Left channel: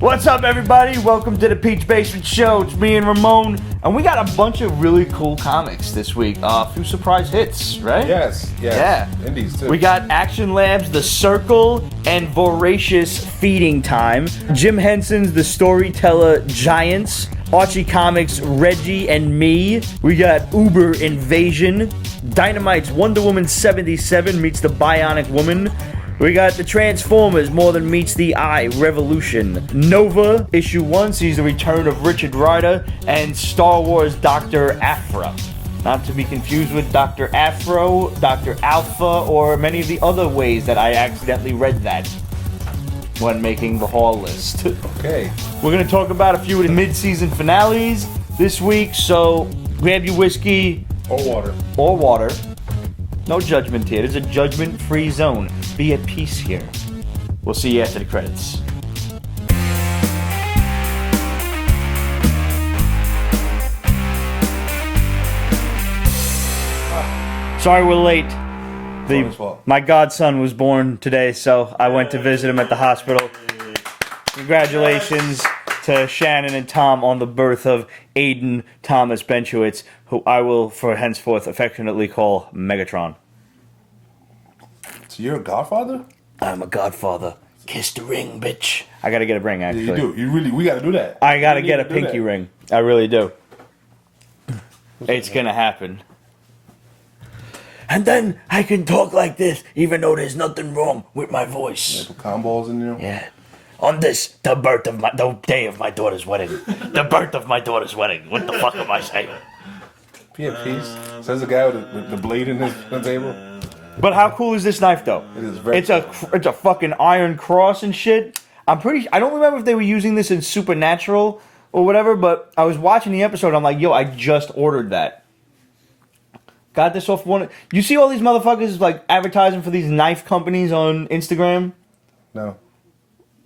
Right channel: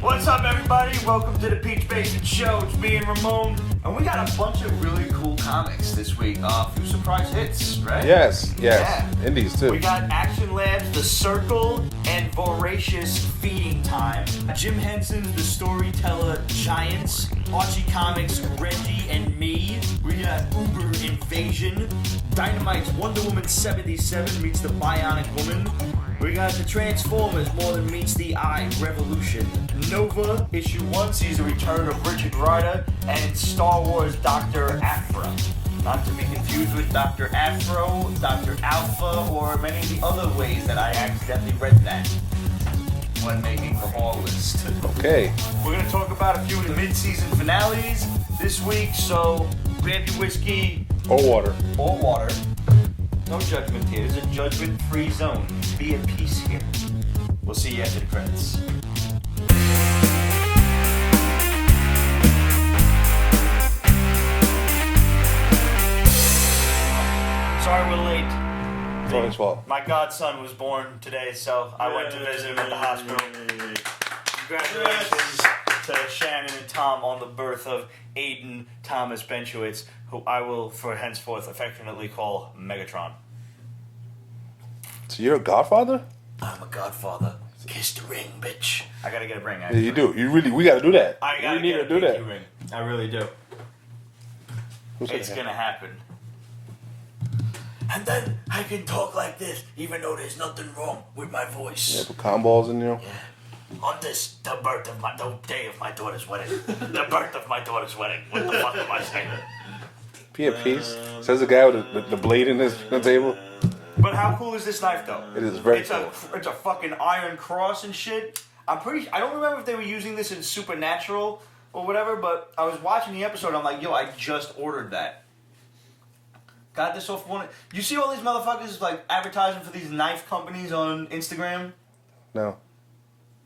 What's up, everybody? Welcome to the Peach Basement Show. It's me and Ramon, and we got a bunch of really cool comics this week. A few surprise hits, right? Yes. Yeah. Indies, too. We got Action Labs' The Circle and Voracious Feeding Time. Jim Henson's The Storyteller Giants. Archie Comics' Reggie and Me. We got Uber Invasion. Dynamite's Wonder Woman 77 meets the Bionic Woman. We got the Transformers More Than Meets the Eye Revolution. Nova Issue 1 sees the return of Richard Rider and Star Wars Dr. Aphra. Not to be confused with Dr. Afro, Dr. Alpha, or many of the other ways that I accidentally read that when making the haul list. Okay. We're going to talk about a few of the mid-season finales this week, so grab your whiskey. Or water. No judgment here. It's a judgment-free zone. Be at peace here. We'll see you after the credits. Sorry we're late. My godson was born today, so I went to visit him at the hospital. Congratulations to Shannon and Tom on the birth of Aiden Thomas Benchowitz, who I will for henceforth affectionately call Megatron. So you're a Godfather? I'm a Godfather. Kiss the ring, bitch. I gotta get a ring, actually. Yeah, you do. We gotta do that. I gotta get a pinky ring. I really do. It's gonna happen. And then I can talk like this, even though there's nothing wrong with my voice. Yeah, put cotton balls in there. Yeah. On this, the day of my daughter's wedding. The birth of my daughter's wedding. What the fuck am I saying? Be at peace. Says the guy with the blade in his table. But how cool is this knife, though? It is very cool. It's a fucking iron cross and shit. I don't remember if they were using this in Supernatural or whatever, but I was watching the episode and I'm like, yo, I just ordered that. Got this off one. You see all these motherfuckers like advertising for these knife companies on Instagram? No.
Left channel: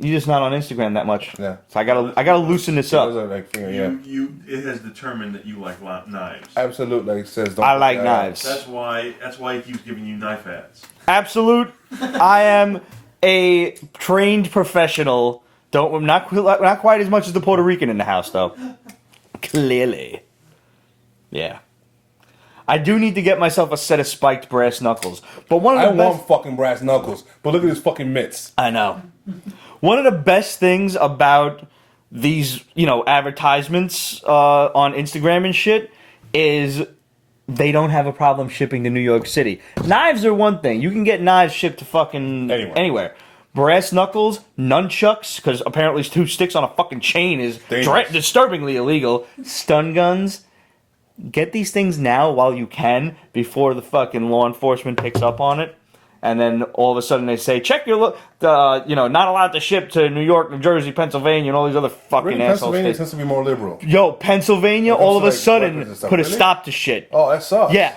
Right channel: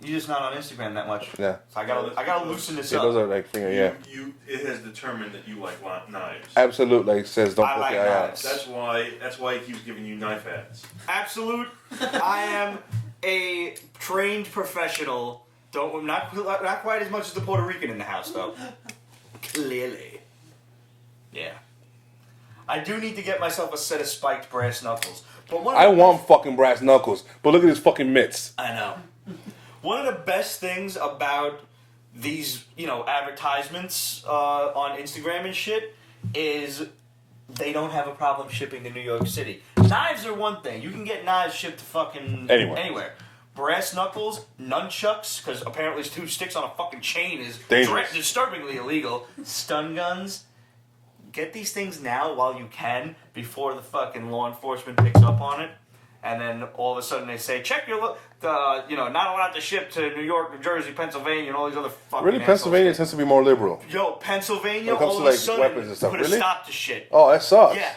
You're just not on Instagram that much. Yeah. So I gotta loosen this up. Those are like It has determined that you like knives. Absolutely. It says don't. I like knives. That's why he keeps giving you knife ads. Absolute. I am a trained professional. Not quite as much as the Puerto Rican in the house though. Clearly. Yeah. I do need to get myself a set of spiked brass knuckles. But I want fucking brass knuckles. But look at his fucking mitts. I know. One of the best things about these, advertisements on Instagram and shit is they don't have a problem shipping to New York City. Knives are one thing. You can get knives shipped to fucking anywhere. Brass knuckles, nunchucks, because apparently 2 sticks on a fucking chain is disturbingly illegal. Stun guns. Get these things now while you can before the fucking law enforcement picks up on it. And then all of a sudden they say, check your not allowed to ship to New York, New Jersey, Pennsylvania, and all these other fucking really, Pennsylvania tends to be more liberal. Yo, Pennsylvania all of a sudden put a stop to shit. Oh, that sucks. Yeah.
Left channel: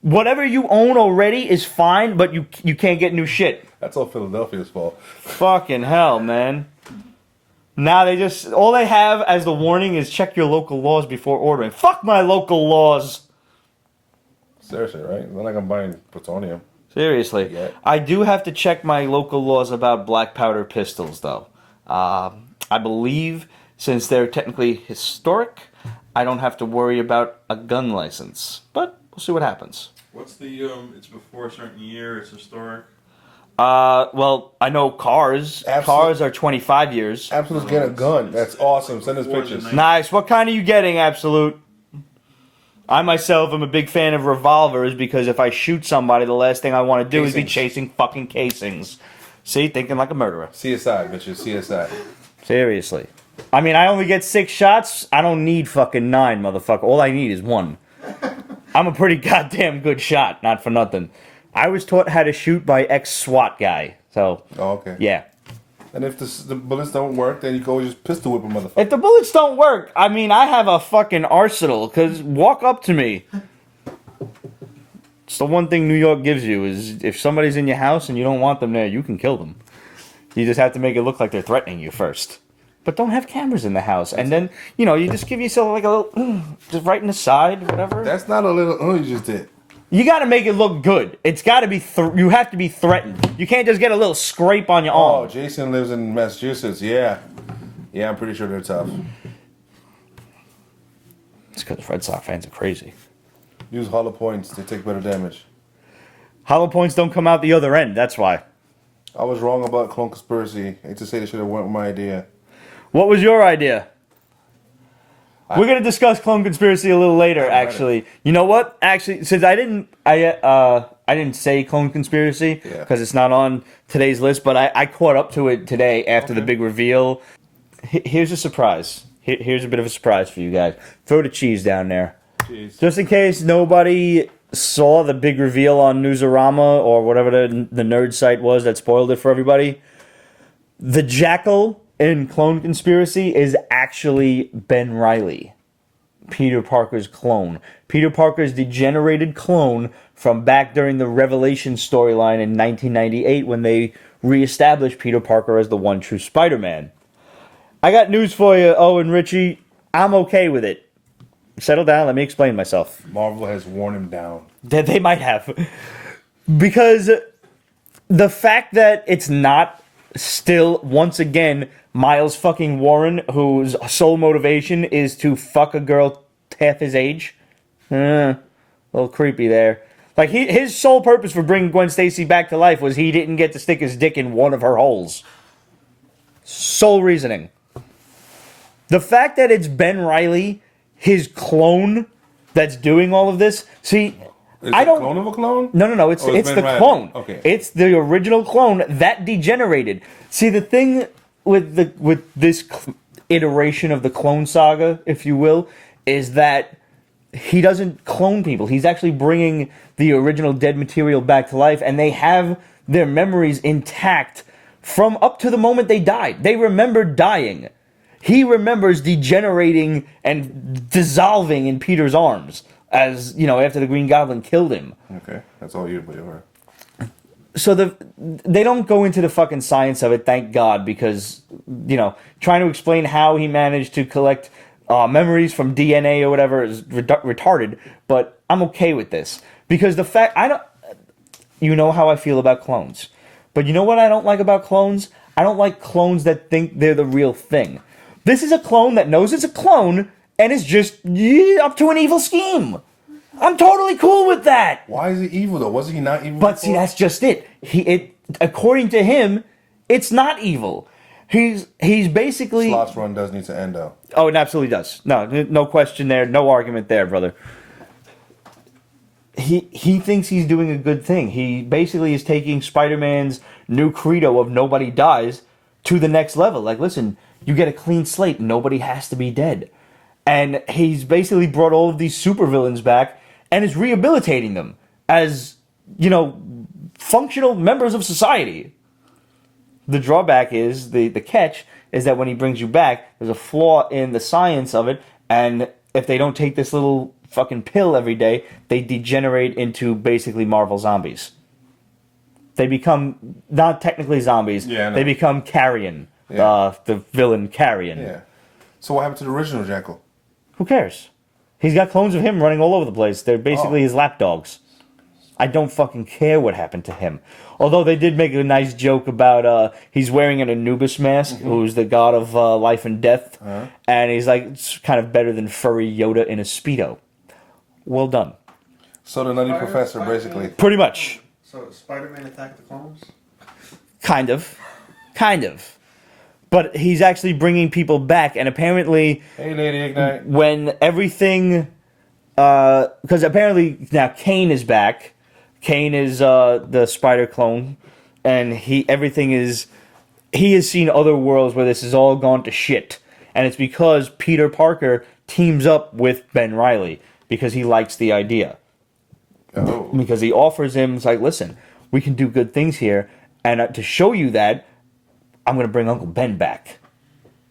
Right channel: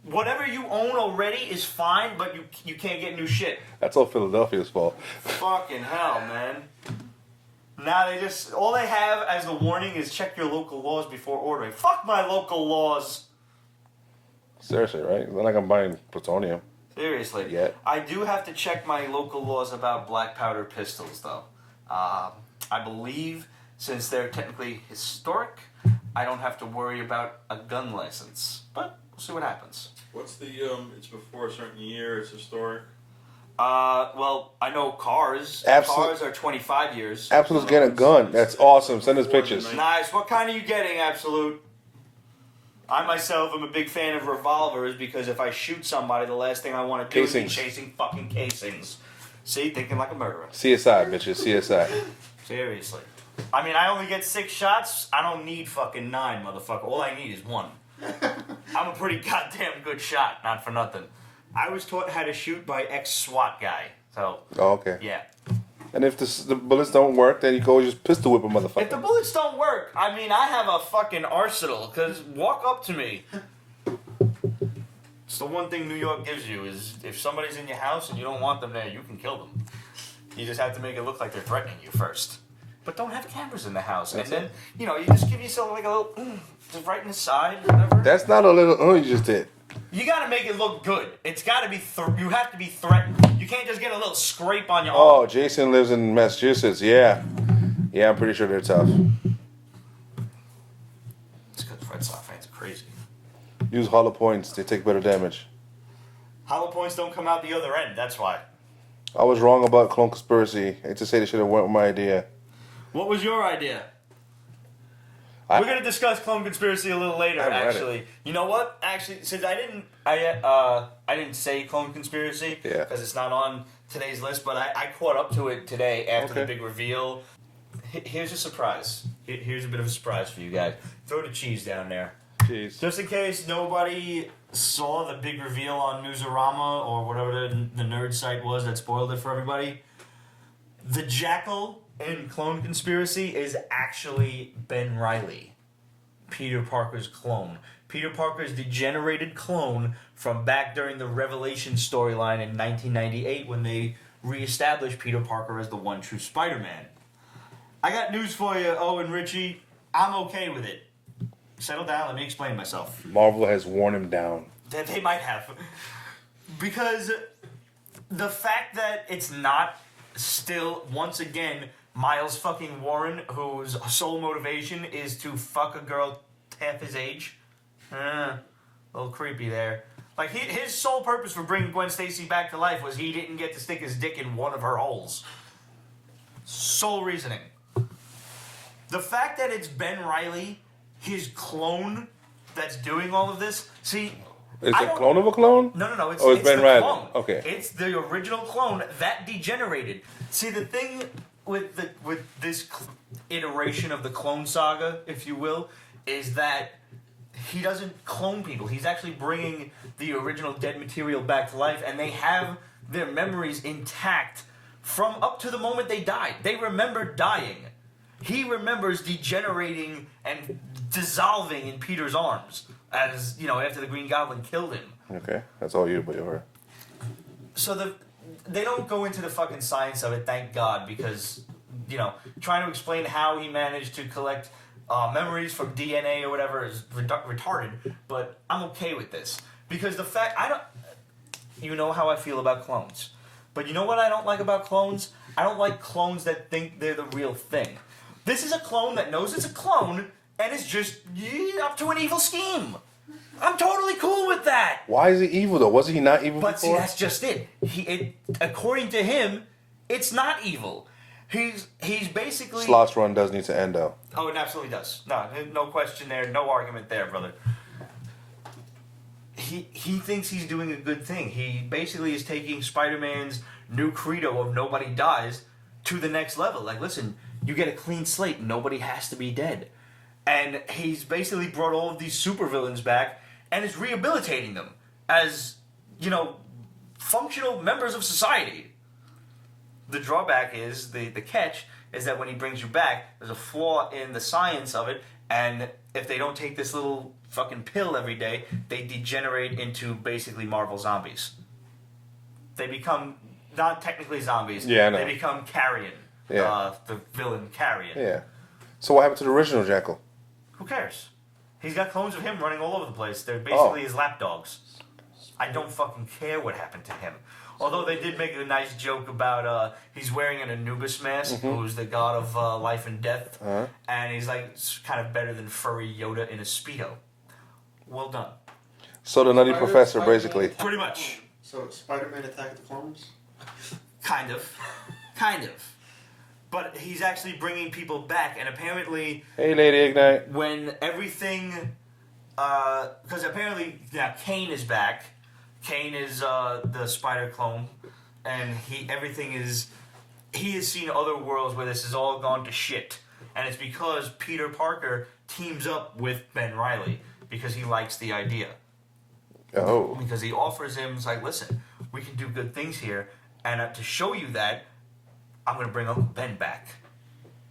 Whatever you own already is fine, but you can't get new shit. That's all Philadelphia's fault. Fucking hell, man. Now all they have as the warning is check your local laws before ordering. Fuck my local laws. Seriously, right? It's not like I'm buying plutonium. Seriously. Yeah. I do have to check my local laws about black powder pistols, though. I believe, since they're technically historic, I don't have to worry about a gun license. But we'll see what happens. What's the, it's before a certain year, it's historic? Well, I know cars. Cars are 25 years. Absolute's getting a gun. That's awesome. Send us pictures. Nice. What kind are you getting, Absolute? I myself am a big fan of revolvers because if I shoot somebody, the last thing I want to do is be chasing fucking casings. See? Thinking like a murderer. CSI, bitches. CSI. Seriously. I mean, I only get 6 shots. I don't need fucking 9, motherfucker. All I need is 1. I'm a pretty goddamn good shot. Not for nothing. I was taught how to shoot by ex-SWAT guy. So, okay. Yeah. And if the bullets don't work, then you go just pistol whip a motherfucker. If the bullets don't work, I mean, I have a fucking arsenal, because walk up to me. It's the one thing New York gives you, is if somebody's in your house and you don't want them there, you can kill them. You just have to make it look like they're threatening you first. But don't have cameras in the house. And then, you just give yourself like a little, just right in the side, whatever. That's not a little, you just did. You got to make it look good. It's got to be. You have to be threatened. You can't just get a little scrape on your arm. Oh, Jason lives in Massachusetts. Yeah, Yeah, I'm pretty sure they're tough. It's because Red Sox fans are crazy. Use hollow points. They take better damage. Hollow points don't come out the other end. That's why. I was wrong about Clone Conspiracy. I hate to say they should have went with my idea. What was your idea? We're gonna discuss Clone Conspiracy a little later. Actually, you know what? Actually, since I didn't say Clone Conspiracy because it's not on today's list, but I caught up to it today after the big reveal. Here's a surprise. Here's a bit of a surprise for you guys. Throw the cheese down there. Jeez. Just in case nobody saw the big reveal on Newsarama or whatever the nerd site was that spoiled it for everybody. The Jackal in Clone Conspiracy is actually Ben Reilly, Peter Parker's clone. Peter Parker's degenerated clone from back during the Revelation storyline in 1998 when they reestablished Peter Parker as the one true Spider-Man. I got news for you, Owen Richie. I'm okay with it. Settle down, let me explain myself. Marvel has worn him down. They might have. Because the fact that it's not still, once again, Miles fucking Warren, whose sole motivation is to fuck a girl half his age. A little creepy there. Like, his sole purpose for bringing Gwen Stacy back to life was he didn't get to stick his dick in one of her holes. Sole reasoning. The fact that it's Ben Reilly, his clone, that's doing all of this. See, Is it a clone of a clone? No. It's Ben the Reilly. clone. Okay. It's the original clone that degenerated. See, the thing with this iteration of the clone saga, if you will, is that he doesn't clone people. He's actually bringing the original dead material back to life, and they have their memories intact from up to the moment they died. They remember dying. He remembers degenerating and dissolving in Peter's arms as, after the Green Goblin killed him. Okay, that's all you, but you're So they don't go into the fucking science of it, thank God, because, trying to explain how he managed to collect memories from DNA or whatever is retarded, but I'm okay with this. Because the fact, you know how I feel about clones. But you know what I don't like about clones? I don't like clones that think they're the real thing. This is a clone that knows it's a clone and is just up to an evil scheme. I'm totally cool with that. Why is he evil though? Wasn't he not evil But before? see, that's just it. According to him, it's not evil. He's basically... Sloth's run does need to end though. Oh, it absolutely does. No question there. No argument there, brother. He thinks he's doing a good thing. He basically is taking Spider-Man's new credo of nobody dies to the next level. Like, listen, you get a clean slate. Nobody has to be dead. And he's basically brought all of these supervillains back and is rehabilitating them as, functional members of society. The drawback is, the catch, is that when he brings you back, there's a flaw in the science of it, and if they don't take this little fucking pill every day, they degenerate into basically Marvel zombies. They become, not technically zombies, they become Carrion, the villain Carrion. Yeah. So what happened to the original Jackal? Who cares? He's got clones of him running all over the place. They're basically his lapdogs. I don't fucking care what happened to him. Although they did make a nice joke about he's wearing an Anubis mask, who's the god of life and death, and he's like, it's kind of better than furry Yoda in a Speedo. Well done. So the Nutty Professor, basically. Pretty much. So Spider-Man attacked the clones? Kind of. But he's actually bringing people back, and apparently... Hey, Lady Ignite. When everything... Because apparently now Kane is back. Kane is the spider clone, and he has seen other worlds where this has all gone to shit, and it's because Peter Parker teams up with Ben Reilly because he likes the idea. Oh. Because he offers him, it's like, listen, we can do good things here, and to show you that, I'm going to bring Uncle Ben back.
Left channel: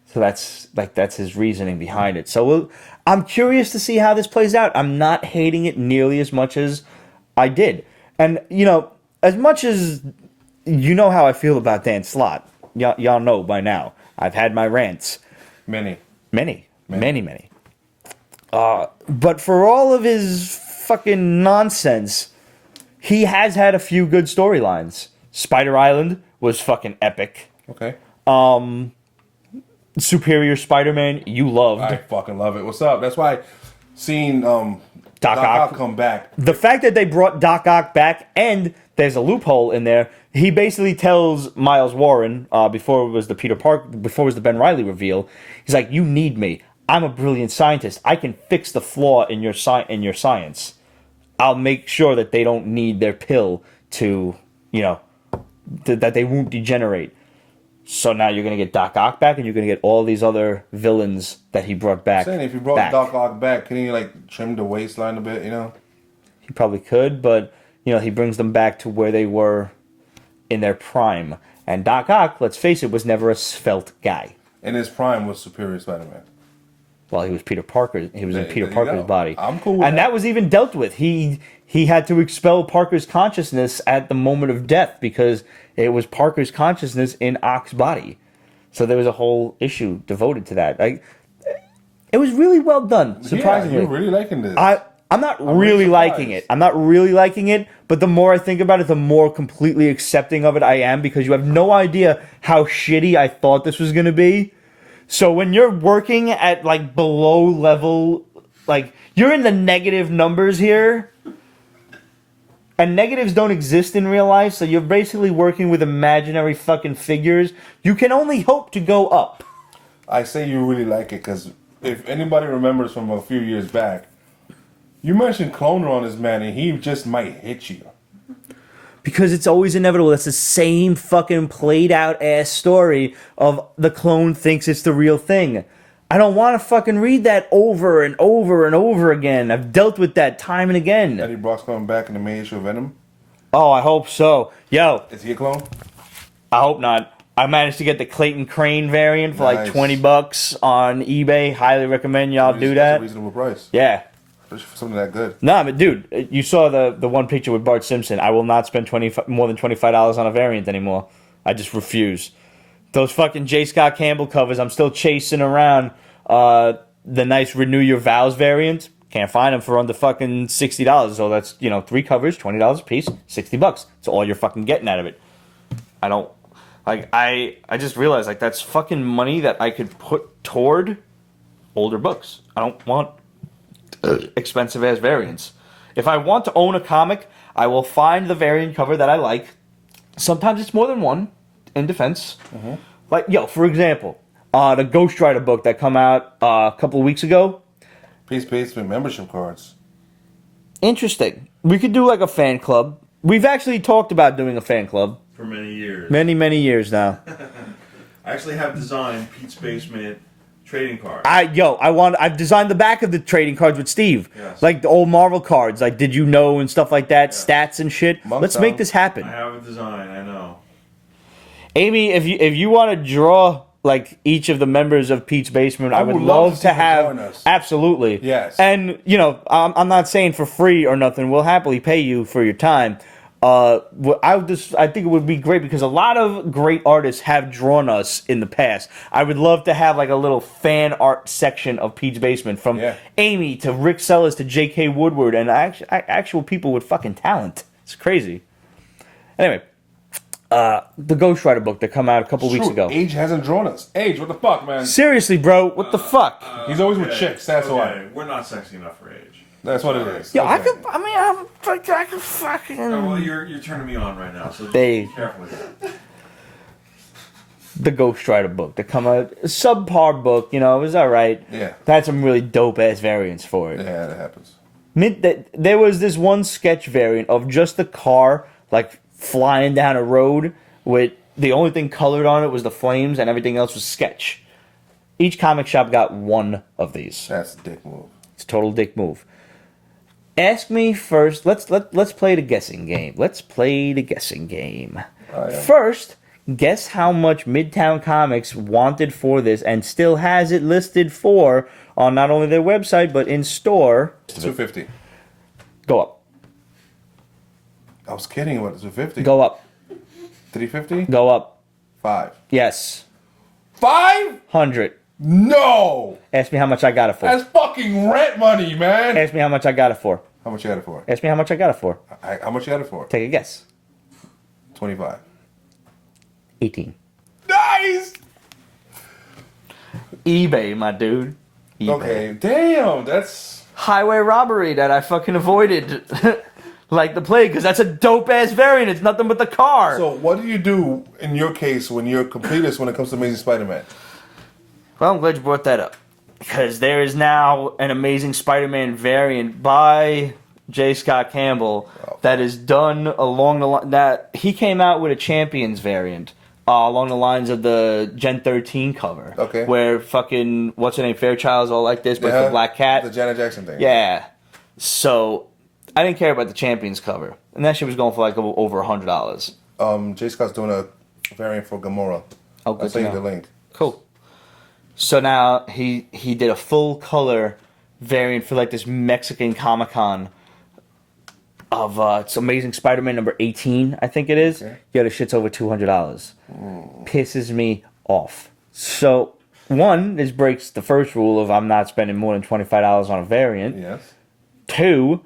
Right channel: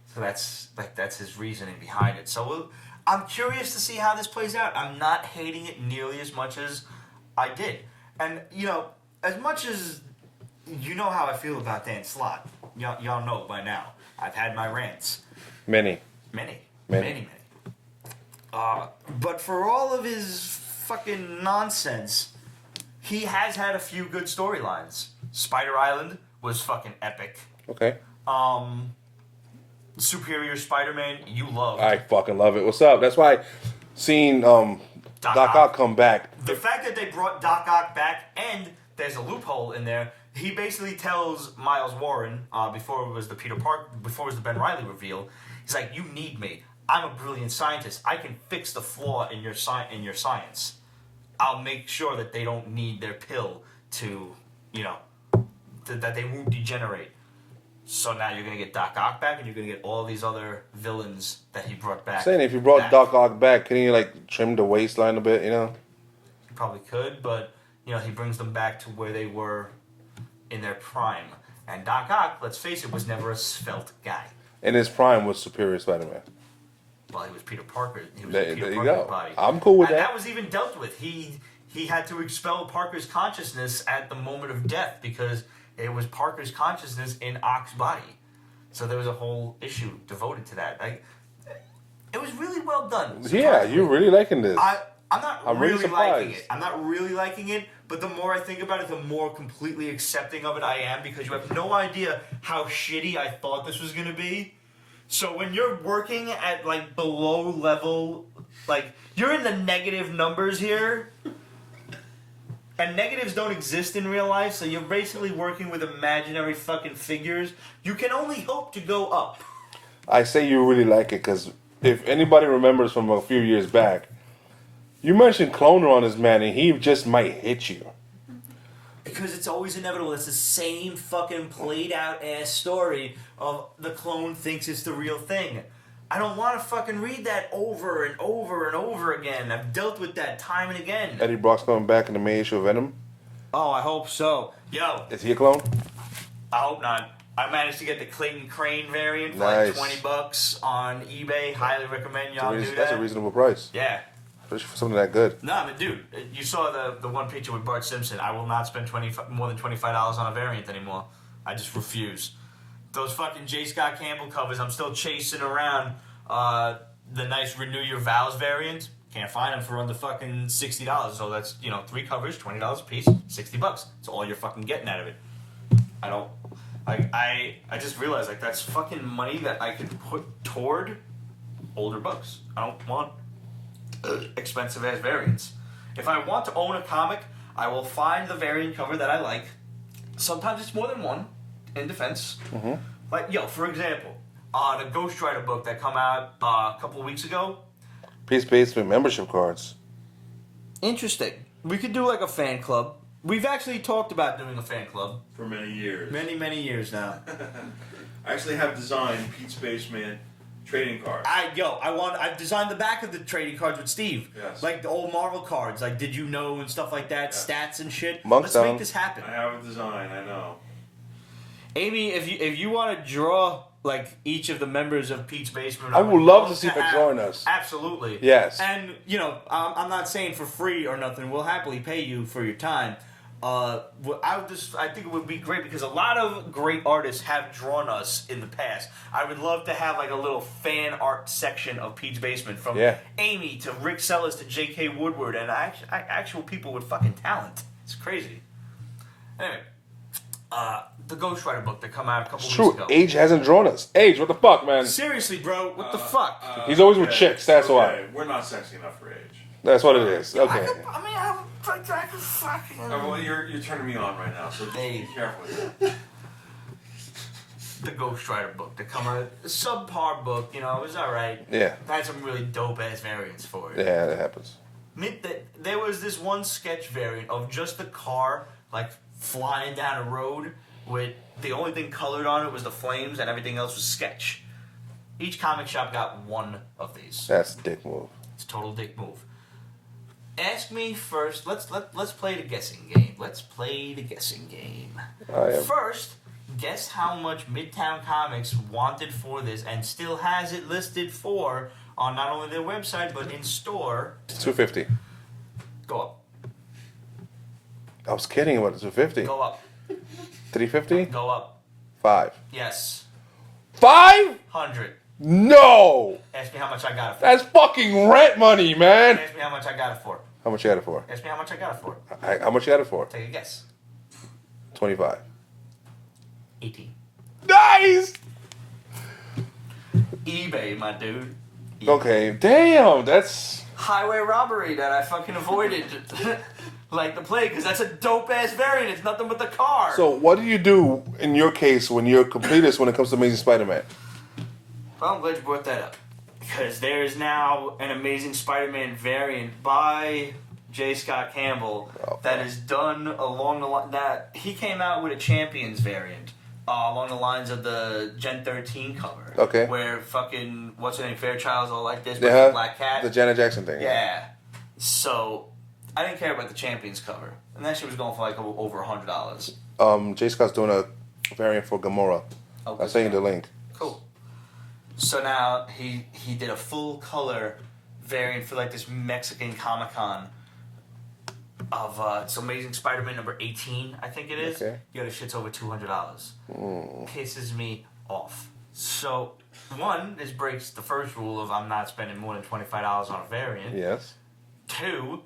So that's his reasoning behind it. So I'm curious to see how this plays out. I'm not hating it nearly as much as I did. And, as much as you know how I feel about Dan Slott, y'all know by now. I've had my rants. Many. But for all of his fucking nonsense, he has had a few good storylines. Spider Island was fucking epic. Okay. Superior Spider-Man, you loved. I fucking love it. What's up? That's why seeing Doc Ock come back. The fact that they brought Doc Ock back, and there's a loophole in there. He basically tells Miles Warren before it was the before it was the Ben Reilly reveal. He's like, "You need me. I'm a brilliant scientist. I can fix the flaw in your science. I'll make sure that they don't need their pill to, that they won't degenerate." So now you're going to get Doc Ock back, and you're going to get all these other villains that he brought back. I'm saying, if you brought back. Doc Ock back, can you trim the waistline a bit? He probably could, but he brings them back to where they were in their prime. And Doc Ock, let's face it, was never a svelte guy. In his prime was Superior Spider-Man. Well, he was Peter Parker. He was in Peter there you Parker's go. body. I'm cool with that. And that was even dealt with. He had to expel Parker's consciousness at the moment of death because it was Parker's consciousness in Ock's body. So there was a whole issue devoted to that. It was really well done. Yeah, you're really liking this. I'm not really liking it. I'm not really liking it, but the more I think about it, the more completely accepting of it I am, because you have no idea how shitty I thought this was going to be. So when you're working at below level, you're in the negative numbers here, and negatives don't exist in real life, so you're basically working with imaginary fucking figures. You can only hope to go up. I say you really like it because if anybody remembers from a few years back, you mentioned Cloner on this man, and he just might hit you. Because it's always inevitable. That's the same fucking played out ass story of the clone thinks it's the real thing. I don't want to fucking read that over and over and over again. I've dealt with that time and again. Eddie Brock's coming back in the main issue of Venom. Oh, I hope so. Yo. Is he a clone? I hope not. I managed to get the Clayton Crane variant for Nice. $20 on eBay. Highly recommend y'all do that. That's a reasonable price. Yeah. Especially for something that good. Nah, but dude, you saw the one picture with Bart Simpson. I will not spend more than $25 on a variant anymore. I just refuse. Those fucking J. Scott Campbell covers, I'm still chasing around the nice Renew Your Vows variant. Can't find them for under fucking $60. So that's, 3 covers, $20 a piece, $60. That's all you're fucking getting out of it. I don't... I just realized, that's fucking money that I could put toward older books. I don't want expensive ass variants. If I want to own a comic, I will find the variant cover that I like. Sometimes it's more than one, in defense. Mm-hmm. For example, the Ghost Rider book that come out a couple of weeks ago. Peace Basement membership cards. Interesting. We could do a fan club. We've actually talked about doing a fan club. For many years. Many years now. I actually have designed Pete's Basement trading cards. I've designed the back of the trading cards with Steve. Yes. The old Marvel cards, Did You Know and stuff like that, stats and shit. Let's make this happen. I have a design, I know. Amy, if you want to draw each of the members of Pete's Basement, I would love to see have them join us. Absolutely. Yes. And I'm not saying for free or nothing. We'll happily pay you for your time. I think it would be great because a lot of great artists have drawn us in the past. I would love to have a little fan art section of Pete's Basement, from Amy to Rick Sellers to J.K. Woodward, and actual people with fucking talent. It's crazy. Anyway, the Ghost Rider book that come out a couple weeks ago. Age hasn't drawn us. Age, what the fuck, man? Seriously, bro, what the fuck? He's always with chicks. That's why. We're not sexy enough for Age. That's what it is. Yo, Okay. I could fucking... Oh, well, you're turning me on right now, so just They- be careful with that. The Ghost Rider book that come out, a subpar book, it was alright. Yeah. Had some really dope ass variants for it. Yeah, that happens. There was this one sketch variant of just the car flying down a road with the only thing colored on it was the flames and everything else was sketch. Each comic shop got one of these. That's a dick move. It's a total dick move. Ask me first. Let's play the guessing game. First, guess how much Midtown Comics wanted for this and still has it listed for on not only their website but in store. $250. Go up. I was kidding about the $250. Go up. $350. Go up. 5. Yes. 500. No. Ask me how much I got it for. That's fucking rent money, man. Ask me how much I got it for. How much you got it for? Ask me how much I got it for. How much you got it for? Take a guess. 25. 18. Nice. eBay, my dude. eBay. Okay, damn, that's Highway robbery that I fucking avoided like the plague, because that's a dope-ass variant. It's nothing but the car. so. What do you do in your case when you're a completist when it comes to Amazing Spider-Man? Well, I'm glad you brought that up. Because there is now an Amazing Spider-Man variant by J. Scott Campbell that is done along the line that he came out with a Champions variant along the lines of the Gen 13 cover. Okay. Where fucking, what's her name, Fairchild's all like this, but it's the Black Cat. The Janet Jackson thing. Yeah. So, I didn't care about the Champions cover. And that shit was going for like over $100. J. Scott's doing a variant for Gamora. Oh, good I'll to send you know. the link. Cool. So now he did a full color variant for like this Mexican Comic-Con of it's Amazing Spider-Man number 18, I think it is. Okay. Yeah, the shit's over $200. Pisses me off. So one, this breaks the first rule of I'm not spending more than $25 on a variant. Yes. Two,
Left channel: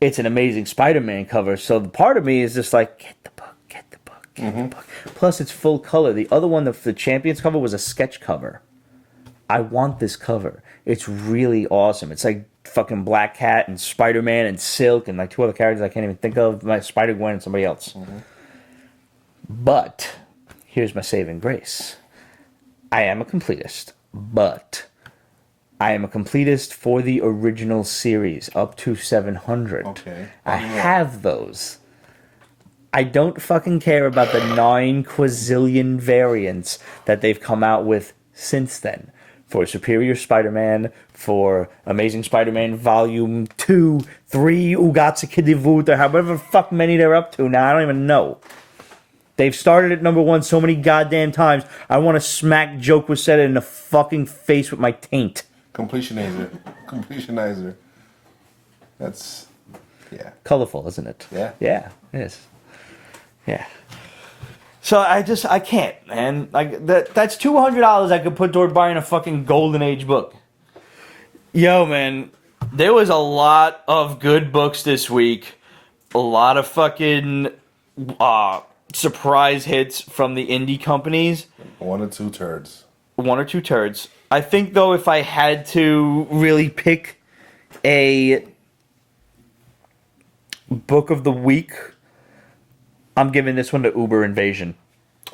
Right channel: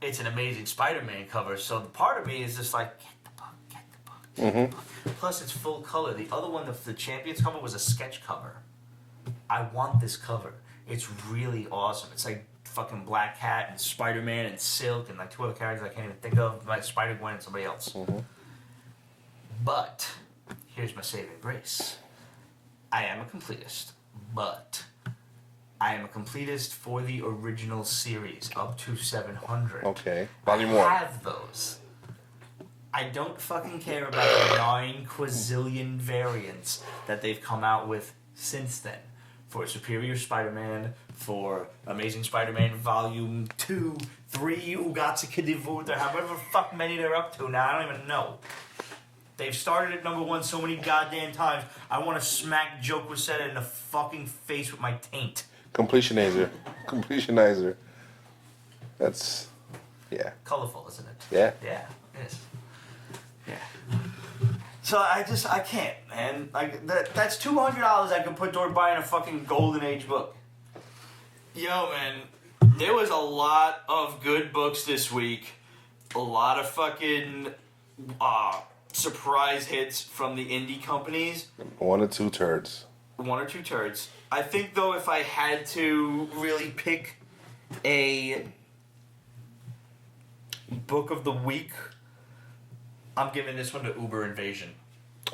it's an Amazing Spider-Man cover, so the part of me is just like, get the book, get the book, get the book. Plus, it's full color. The other one, the Champions cover, was a sketch cover. I want this cover. It's really awesome. It's like fucking Black Cat and Spider-Man and Silk and like two other characters I can't even think of, like Spider-Gwen and somebody else. But here's my saving grace. I am a completist, but I am a completist for the original series up to 700. Okay. I Volume one. have those. I don't fucking care about the 9 quazillion variants that they've come out with since then. For Superior Spider-Man, for Amazing Spider-Man Volume 2, 3, Ugatsuki Devut, or however fuck many they're up to now, I don't even know. They've started at number 1 so many goddamn times, I want to smack Joe Quesada in the fucking face with my taint. Completionizer. Completionizer. That's... yeah. Colorful, isn't it? Yeah. Yeah, it is. Yeah. So I can't, man. Like that's $200 I could put toward buying a fucking Golden Age book. Yo, man, there was a lot of good books this week. A lot of fucking surprise hits from the indie companies. 1 or 2 turds. 1 or 2 turds. I think though, if I had to really pick a book of the week, I'm giving this one to Uber Invasion.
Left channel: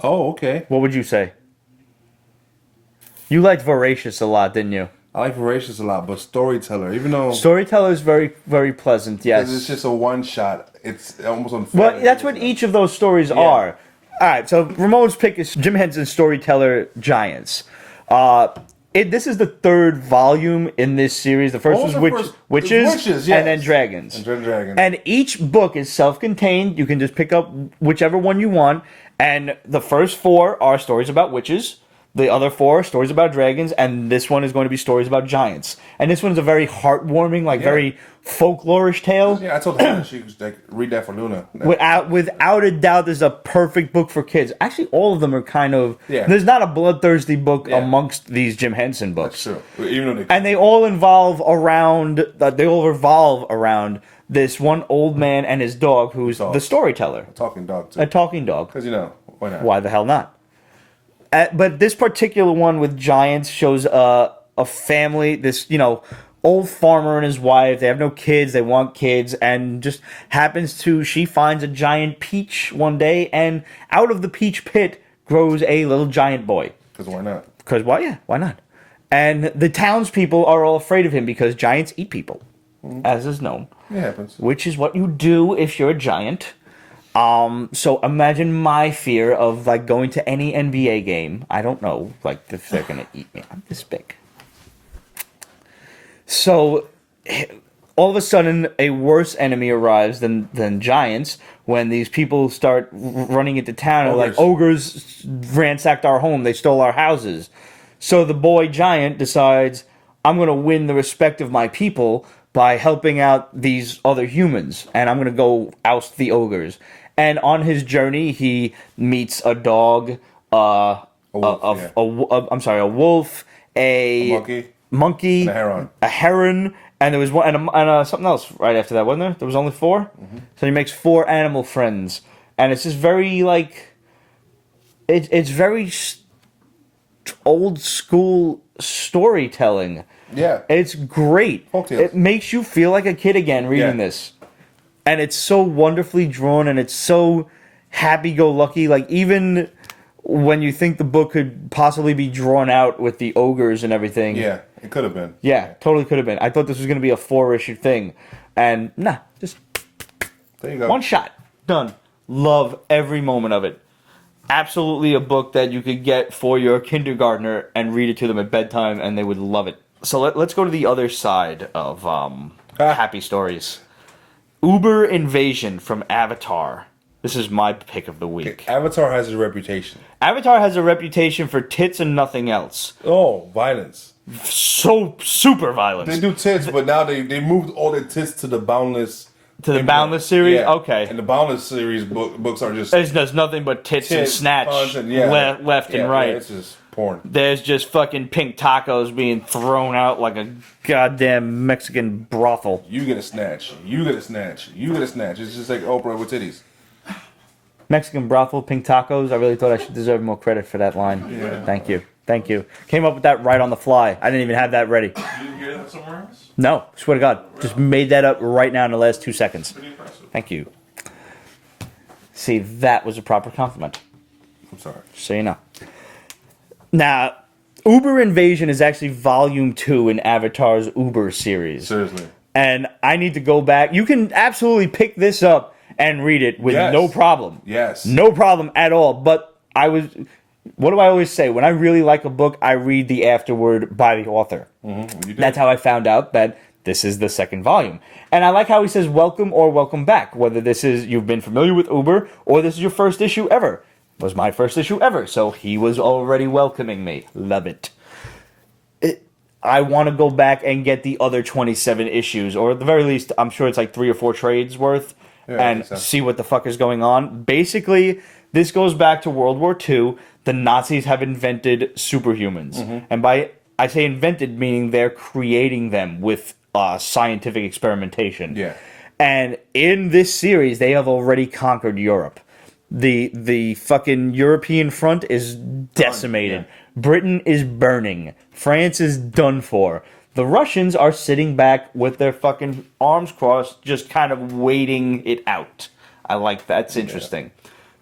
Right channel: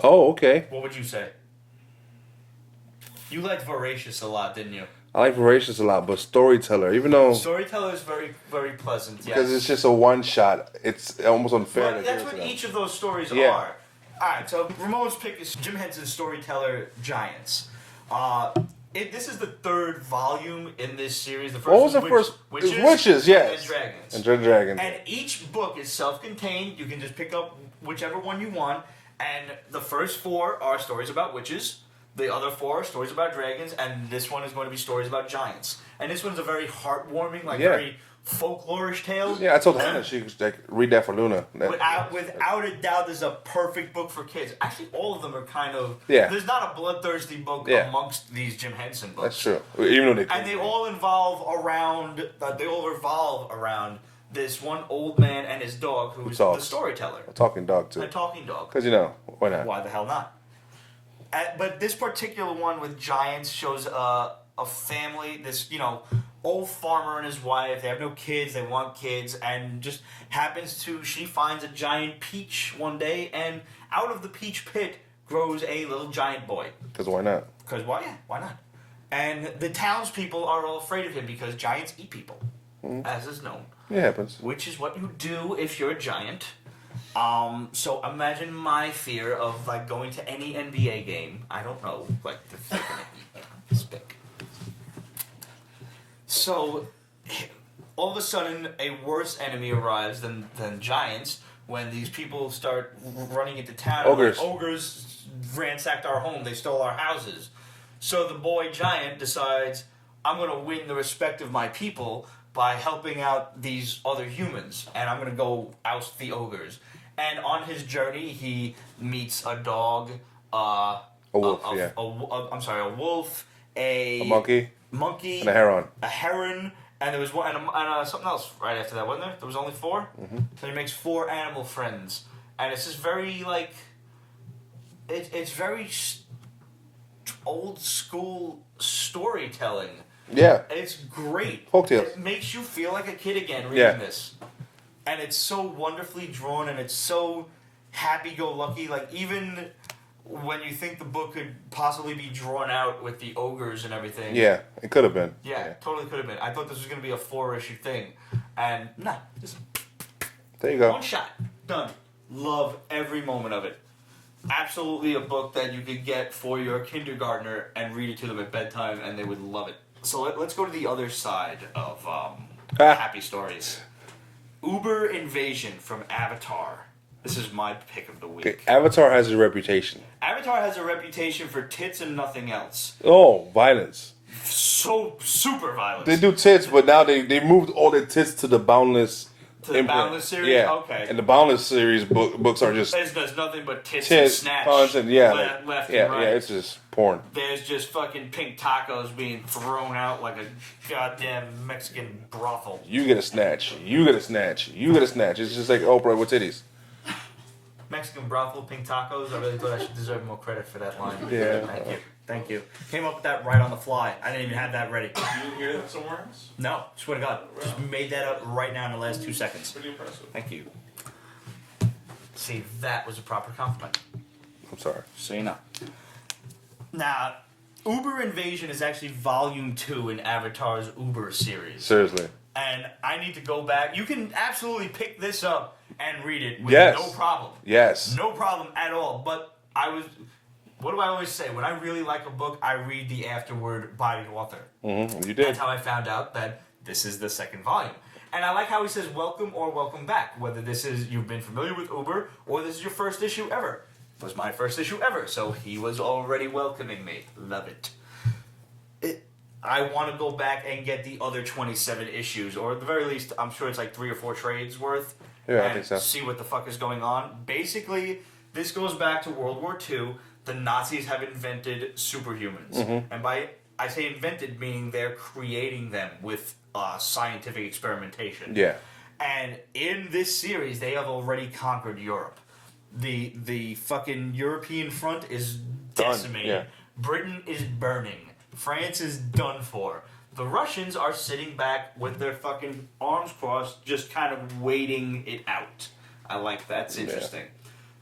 Oh, okay. What would you say? You liked Voracious a lot, didn't you? I like Voracious a lot, but Storyteller, even though... Storyteller is very, very pleasant, yes. Because it's just a one-shot. It's almost unfair. Well, that's what each of those stories are. Alright, so Ramon's pick is Jim Henson's Storyteller Giants. This is the 3rd volume in this series. The first was Witches, yes. and then Dragons. And then Dragons. And each book is self-contained. You can just pick up whichever one you want. And the first 4 are stories about witches. The other 4 are stories about dragons. And this one is going to be stories about giants. And this one's a very heartwarming, very folklorish tale. Yeah, I told Hannah she could like, read that for Luna. Without a doubt, this is a perfect book for kids. Actually, all of them are kind of... Yeah. There's not a bloodthirsty book amongst these Jim Henson books. That's true. Even though And they all revolve around this one old man and his dog who's the storyteller. a talking dog, too. A talking dog. Because, why not? Why the hell not? But this particular one with giants shows a family, this, old farmer and his wife. They have no kids. They want kids. And just she finds a giant peach one day. And out of the peach pit grows a little giant boy. Because why not? Because why not? And the townspeople are all afraid of him because giants eat people, as is known. It happens. Which is what you do if you're a giant. So imagine my fear of going to any NBA game. I don't know, if they're gonna eat me. I'm this big. So all of a sudden, a worse enemy arrives than giants when these people start running into town. Ogres. Ogres ransacked our home. They stole our houses. So the boy giant decides, I'm gonna win the respect of my people by helping out these other humans, and I'm gonna go oust the ogres. And on his journey, he meets a dog, a wolf, a wolf, a monkey, and a heron, and there was one and something else right after that, wasn't there? There was only 4. Mm-hmm. So he makes 4 animal friends, and it's just very it's very old school storytelling. Yeah. It's great. Folktales. It makes you feel like a kid again reading Yeah. this. And it's so wonderfully drawn and it's so happy-go-lucky. Like, even when you think the book could possibly be drawn out with the ogres and everything. Yeah, it could have been. Yeah, totally could have been. I thought this was going to be a 4-issue thing. And, nah, just There you go. one shot. Done. Love every moment of it. Absolutely a book that you could get for your kindergartner and read it to them at bedtime, and they would love it. So let's go to the other side of happy stories. Uber Invasion from Avatar. This is my pick of the week. Okay, Avatar has a reputation. Avatar has a reputation for tits and nothing else. Oh, violence. So super violent. They do tits, but now they moved all their tits to the Boundless. To the Boundless series? Yeah. Okay. And the Boundless series books are just There's nothing but tits and snatch punch, left and right. Yeah, it's just porn. There's just fucking pink tacos being thrown out like a goddamn Mexican brothel. You get a snatch. You get a snatch. You get a snatch. It's just like Oprah with titties. Mexican brothel, pink tacos. I really thought I should deserve more credit for that line. Yeah. Thank you. Came up with that right on the fly. I didn't even have that ready. You didn't hear that somewhere else? No, swear to God. Just made that up right now in the last 2 seconds. Pretty impressive. Thank you. See, that was a proper compliment. I'm sorry. So you know. Now, Uber Invasion is actually volume 2 in Avatar's Uber series. Seriously. And I need to go back. You can absolutely pick this up and read it with Yes. no problem. Yes. No problem at all. But what do I always say? When I really like a book, I read the afterword by the author. Mm-hmm. You did. That's how I found out that this is the second volume. And I like how he says welcome or welcome back. Whether this is you've been familiar with Uber or this is your first issue ever. It was my first issue ever. So he was already welcoming me. Love it. I want to go back and get the other 27 issues. Or at the very least, I'm sure it's like 3 or 4 trades worth. Yeah, I and think so. see what the fuck is going on. Basically, this goes back to World War II. The Nazis have invented superhumans. Mm-hmm. And I say invented, meaning they're creating them with scientific experimentation. Yeah. And in this series, they have already conquered Europe. The fucking European front is decimated. yeah. Britain is burning. France is done for. The Russians are sitting back with their fucking arms crossed, just kind of waiting it out. I like that. It's interesting.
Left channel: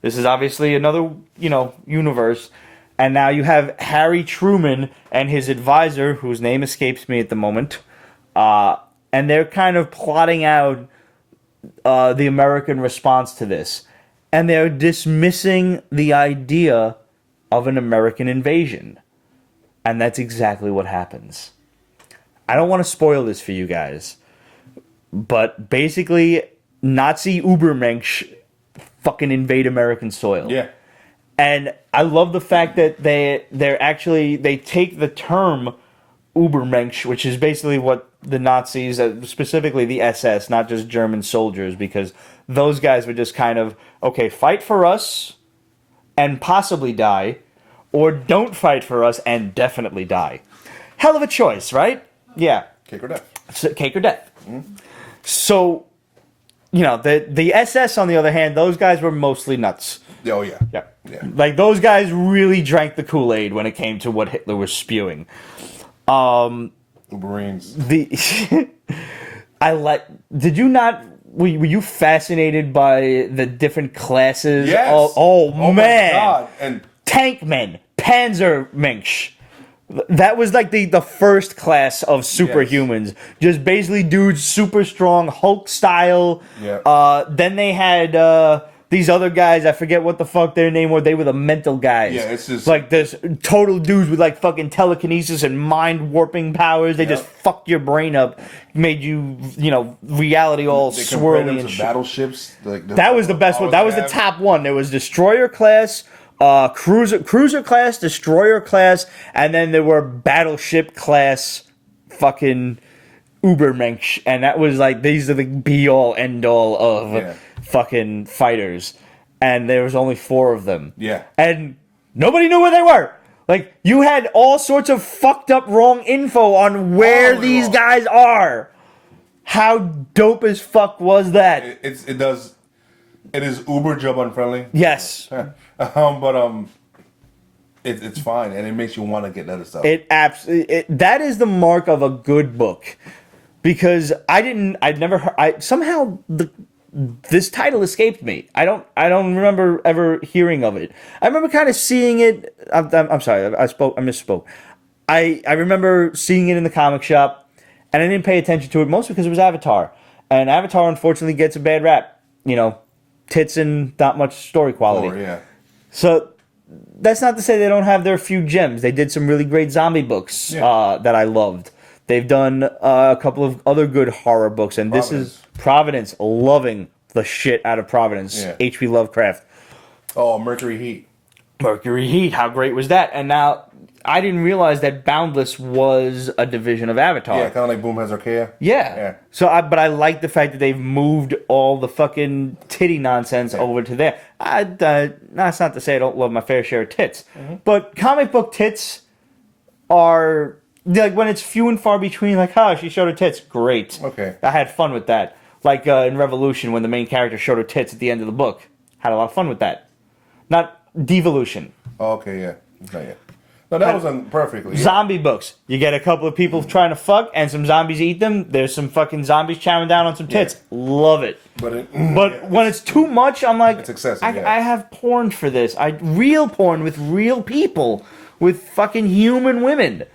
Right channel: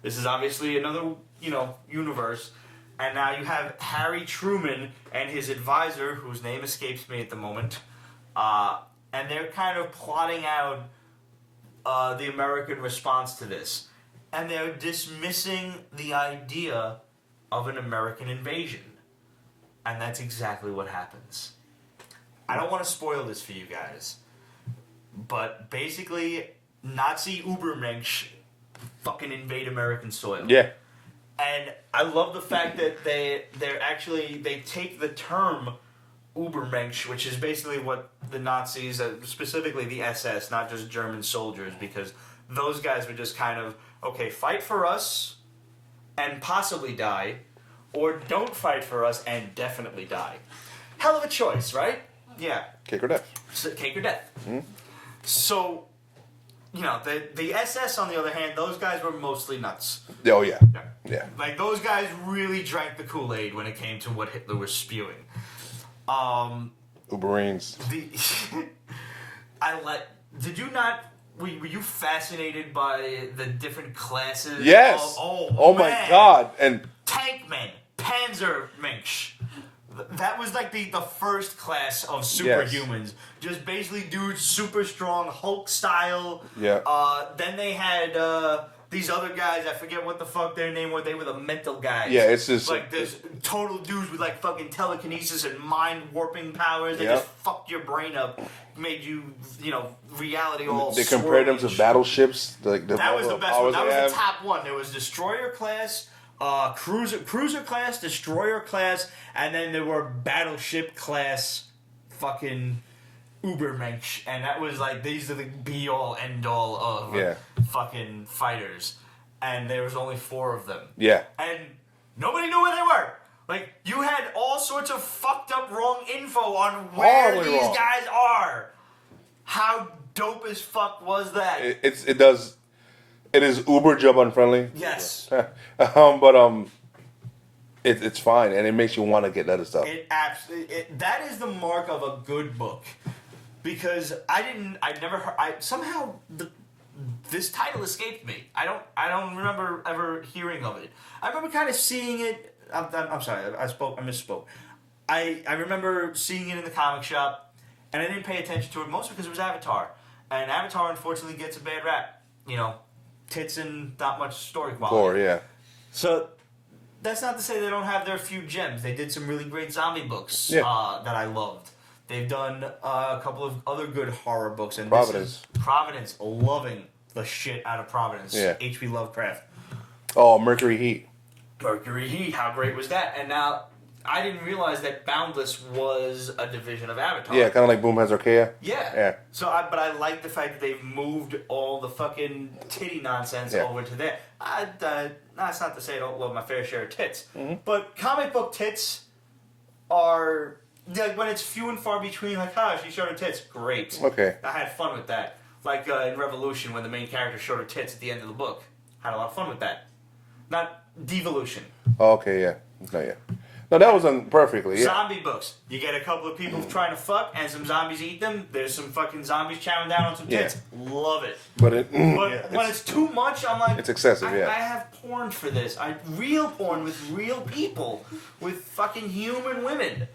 This is obviously another, universe. And now you have Harry Truman and his advisor, whose name escapes me at the moment. And they're kind of plotting out the American response to this. And they're dismissing the idea of an American invasion. And that's exactly what happens. I don't want to spoil this for you guys. But basically, Nazi Ubermensch fucking invade American soil. Yeah. And I love the fact that they take the term Ubermensch, which is basically what the Nazis, specifically the SS, not just German soldiers, because those guys were just kind of, okay, fight for us and possibly die, or don't fight for us and definitely die. Hell of a choice, right? Yeah. Cake or death. Cake or death. So, the SS, on the other hand, those guys were mostly nuts. Oh, yeah. Yeah. Yeah. Like, those guys really drank the Kool-Aid when it came to what Hitler was spewing. Uberines. Did you not, were you fascinated by the different classes? Yes. Oh, man. My God. And Tankmen, Panzermensch. That was like the first class of superhumans. Just basically dudes super strong, Hulk style. Yeah. Then they had these other guys, I forget what the fuck their name was. They were the mental guys. Yeah, it's just like this total dudes with like fucking telekinesis and mind warping powers. They just fucked your brain up, made you, reality all they compared them swirly to and shit. battleships. That was the best one. That was the top one. There was destroyer class, cruiser class, destroyer class, and then there were battleship class fucking Ubermensch, and that was like, these are the be-all, end-all of fucking fighters, and there was only 4 of them. Yeah. And nobody knew where they were. Like, you had all sorts of fucked up wrong info on where these guys are. How dope as fuck was that? It is uber job unfriendly. Yes. But it's fine, and it makes you want to get other stuff. That is the mark of a good book, because I'd never heard. This title escaped me. I don't remember ever hearing of it. I remember kind of seeing it. I'm sorry, I misspoke. I remember seeing it in the comic shop, and I didn't pay attention to it, mostly because it was Avatar, and Avatar unfortunately gets a bad rap. You know, tits and not much story quality. Yeah. So that's not to say they don't have their few gems. They did some really great zombie books that I loved. They've done a couple of other good horror books, and this is Providence. Loving the shit out of Providence. Yeah. H.P. Lovecraft. Oh, Mercury Heat. Mercury Heat. How great was that? And now I didn't realize that Boundless was a division of Avatar. Yeah, kind of like Boom Has Archaea. Yeah. But I like the fact that they've moved all the fucking titty nonsense over to there. That's not to say I don't love my fair share of tits, but comic book tits are. Like, when it's few and far between, like, she showed her tits. Great. Okay. I had fun with that. Like in Revolution, when the main character showed her tits at the end of the book. Had a lot of fun with that. Not Devolution. Oh, okay, yeah. Not yet. No, that was done perfectly. Yeah. Zombie books. You get a couple of people trying to fuck, and some zombies eat them. There's some fucking zombies chowing down on some tits. Yeah. Love it. But when it's too much, I'm like... It's excessive, I have porn for this. Real porn with real people. With fucking human women.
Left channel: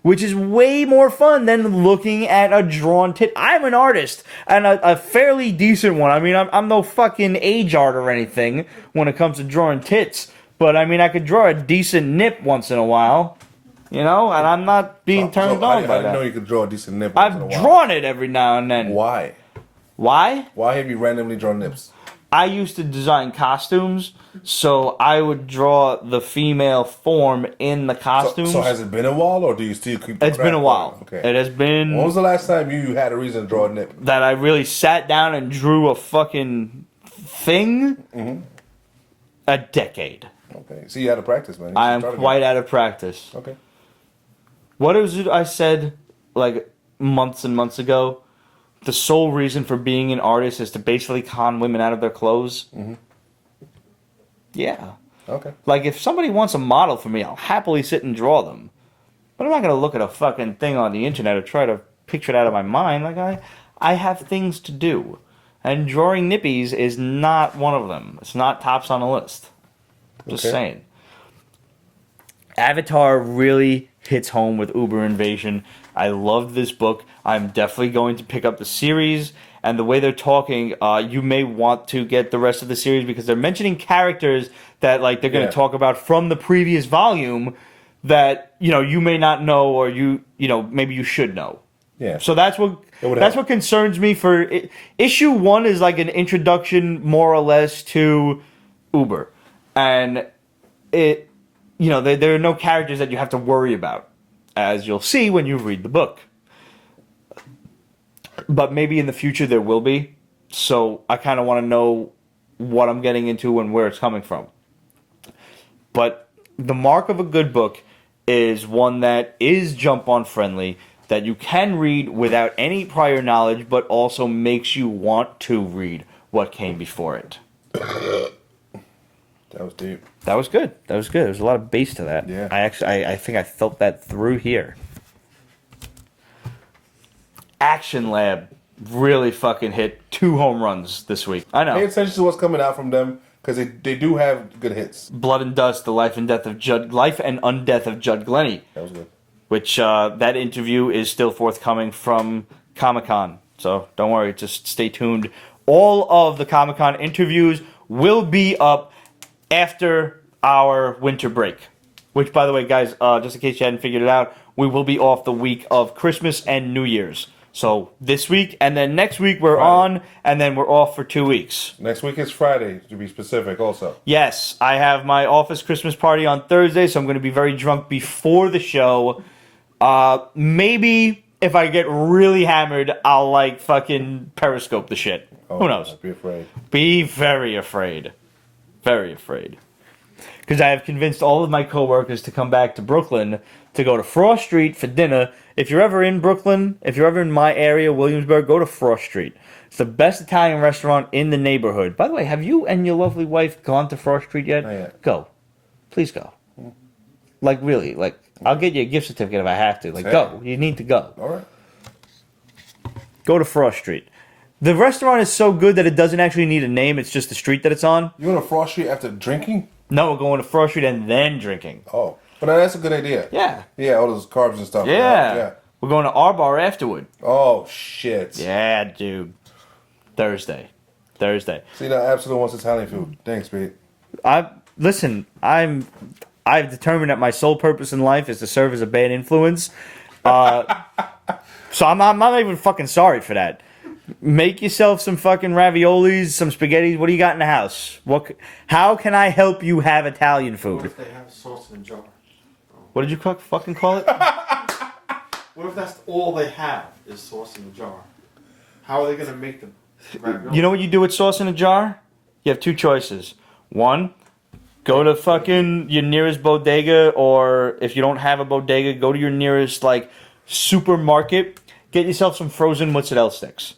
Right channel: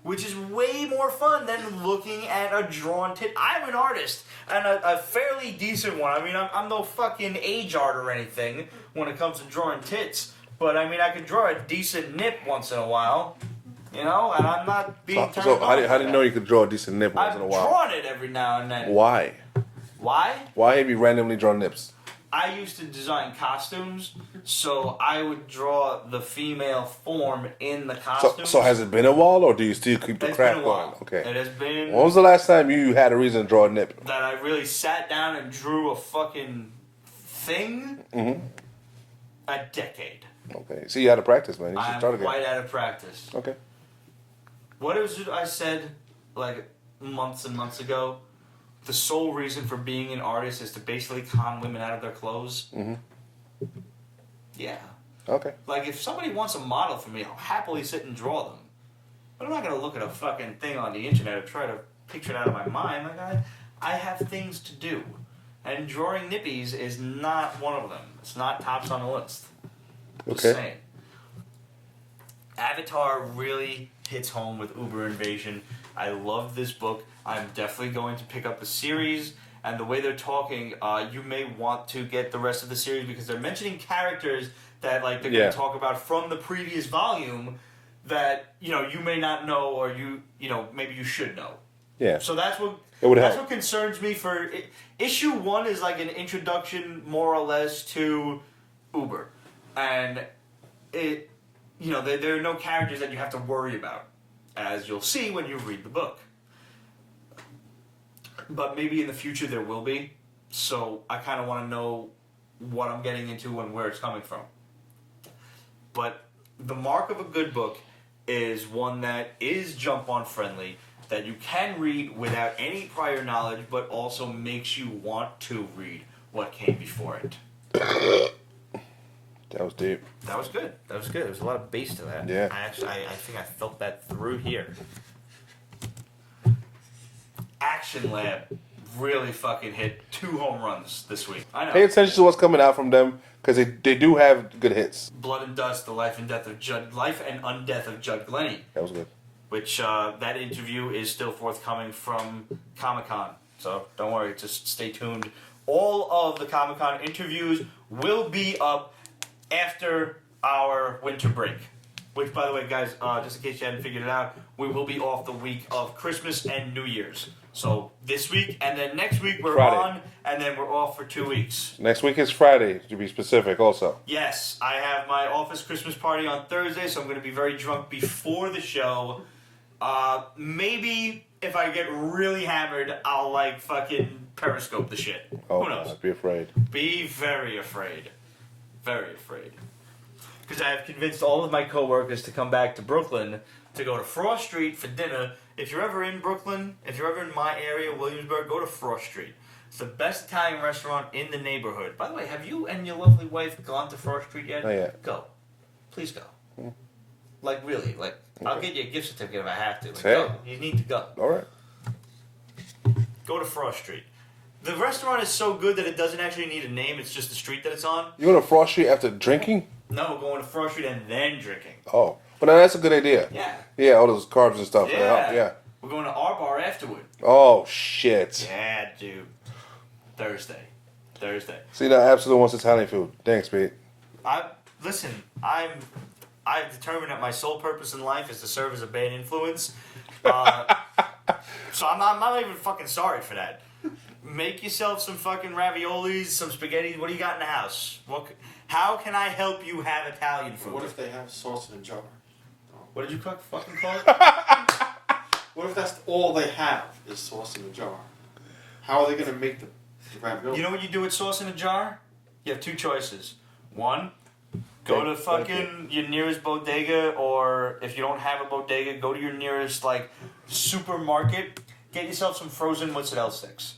Which is way more fun than looking at a drawn tit. I'm an artist, and a fairly decent one. I mean, I'm no fucking age art or anything when it comes to drawing tits. But, I mean, I could draw a decent nip once in a while. You know? And I'm not being turned on by I didn't know you could draw a decent nip once in a while. I've drawn it every now and then. Why? Why? Why have you randomly drawn nips? I used to design costumes. So I would draw the female form in the costumes. So has it been a while, or do you still keep the It's craft been a while. going? Okay. It has been... When was the last time you had a reason to draw a nip? That I really sat down and drew a fucking thing? Mm-hmm. A decade. Okay. See, you out of practice, man. I am quite out of practice. Okay. What was it I said, like, months and months ago? The sole reason for being an artist is to basically con women out of their clothes? Mm-hmm. Yeah. Okay. Like, if somebody wants a model for me, I'll happily sit and draw them. But I'm not going to look at a fucking thing on the internet or try to picture it out of my mind. Like, I have things to do. And drawing nippies is not one of them. It's not tops on the list. Just saying. Avatar really hits home with Uber Invasion. I loved this book. I'm definitely going to pick up the series. And the way they're talking, you may want to get the rest of the series because they're mentioning characters that they're going to talk about from the previous volume that you may not know or maybe you should know. Yeah. So that's what concerns me for issue 1 is like an introduction more or less to Uber, and there are no characters that you have to worry about, as you'll see when you read the book. But maybe in the future there will be. So I kind of want to know what I'm getting into and where it's coming from. But the mark of a good book is one that is jump-on friendly, that you can read without any prior knowledge, but also makes you want to read what came before it. That was deep. That was good. There's a lot of bass to that. Yeah. I think I felt that through here. Action Lab really fucking hit 2 home runs this week. I know. Pay attention to what's coming out from them because they do have good hits. Blood and Dust: The Life and Undeath of Judd Glennie. That was good. Which that interview is still forthcoming from Comic-Con. So don't worry, just stay tuned. All of the Comic-Con interviews will be up after our winter break. Which, by the way, guys, just in case you hadn't figured it out, we will be off the week of Christmas and New Year's. So this week, and then next week we're Friday. on, and then we're off for 2 weeks. Next week is Friday, to be specific, also. Yes, I have my office Christmas party on Thursday, so I'm going to be very drunk before the show. Maybe if I get really hammered, I'll fucking periscope the shit. Oh, who knows? God, be afraid. Be very afraid. Very afraid. Because I have convinced all of my coworkers to come back to Brooklyn to go to Frost Street for dinner. If you're ever in Brooklyn, if you're ever in my area, Williamsburg, go to Frost Street. It's the best Italian restaurant in the neighborhood. By the way, have you and your lovely wife gone to Frost Street yet? Not yet. Go. Please go. Like, really. Like, I'll get you a gift certificate if I have to. Like, Hey. go. You need to go. All right. Go to Frost Street. The restaurant is so good that it doesn't actually need a name. It's just the street that it's on. You go to Frost Street after drinking? No, we're going to Frost Street and then drinking. Oh, but that's a good idea. Yeah. Yeah, all those carbs and stuff. Yeah. Yeah. We're going to our bar afterward. Oh shit. Yeah, dude. Thursday. See, now Absolute wants Italian food. Thanks, Pete. I've determined that my sole purpose in life is to serve as a bad influence. So I'm not even fucking sorry for that. Make yourself some fucking raviolis, some spaghetti. What do you got in the house? How can I help you have Italian What food? if they have sauce in a jar? What did you fucking call it? What if that's all they have is sauce in a jar? How are they gonna make the ravioli? You know what you do with sauce in a jar? You have two choices. One, go to fucking your nearest bodega, or if you don't have a bodega, go to your nearest like supermarket. Get yourself some frozen mozzarella sticks.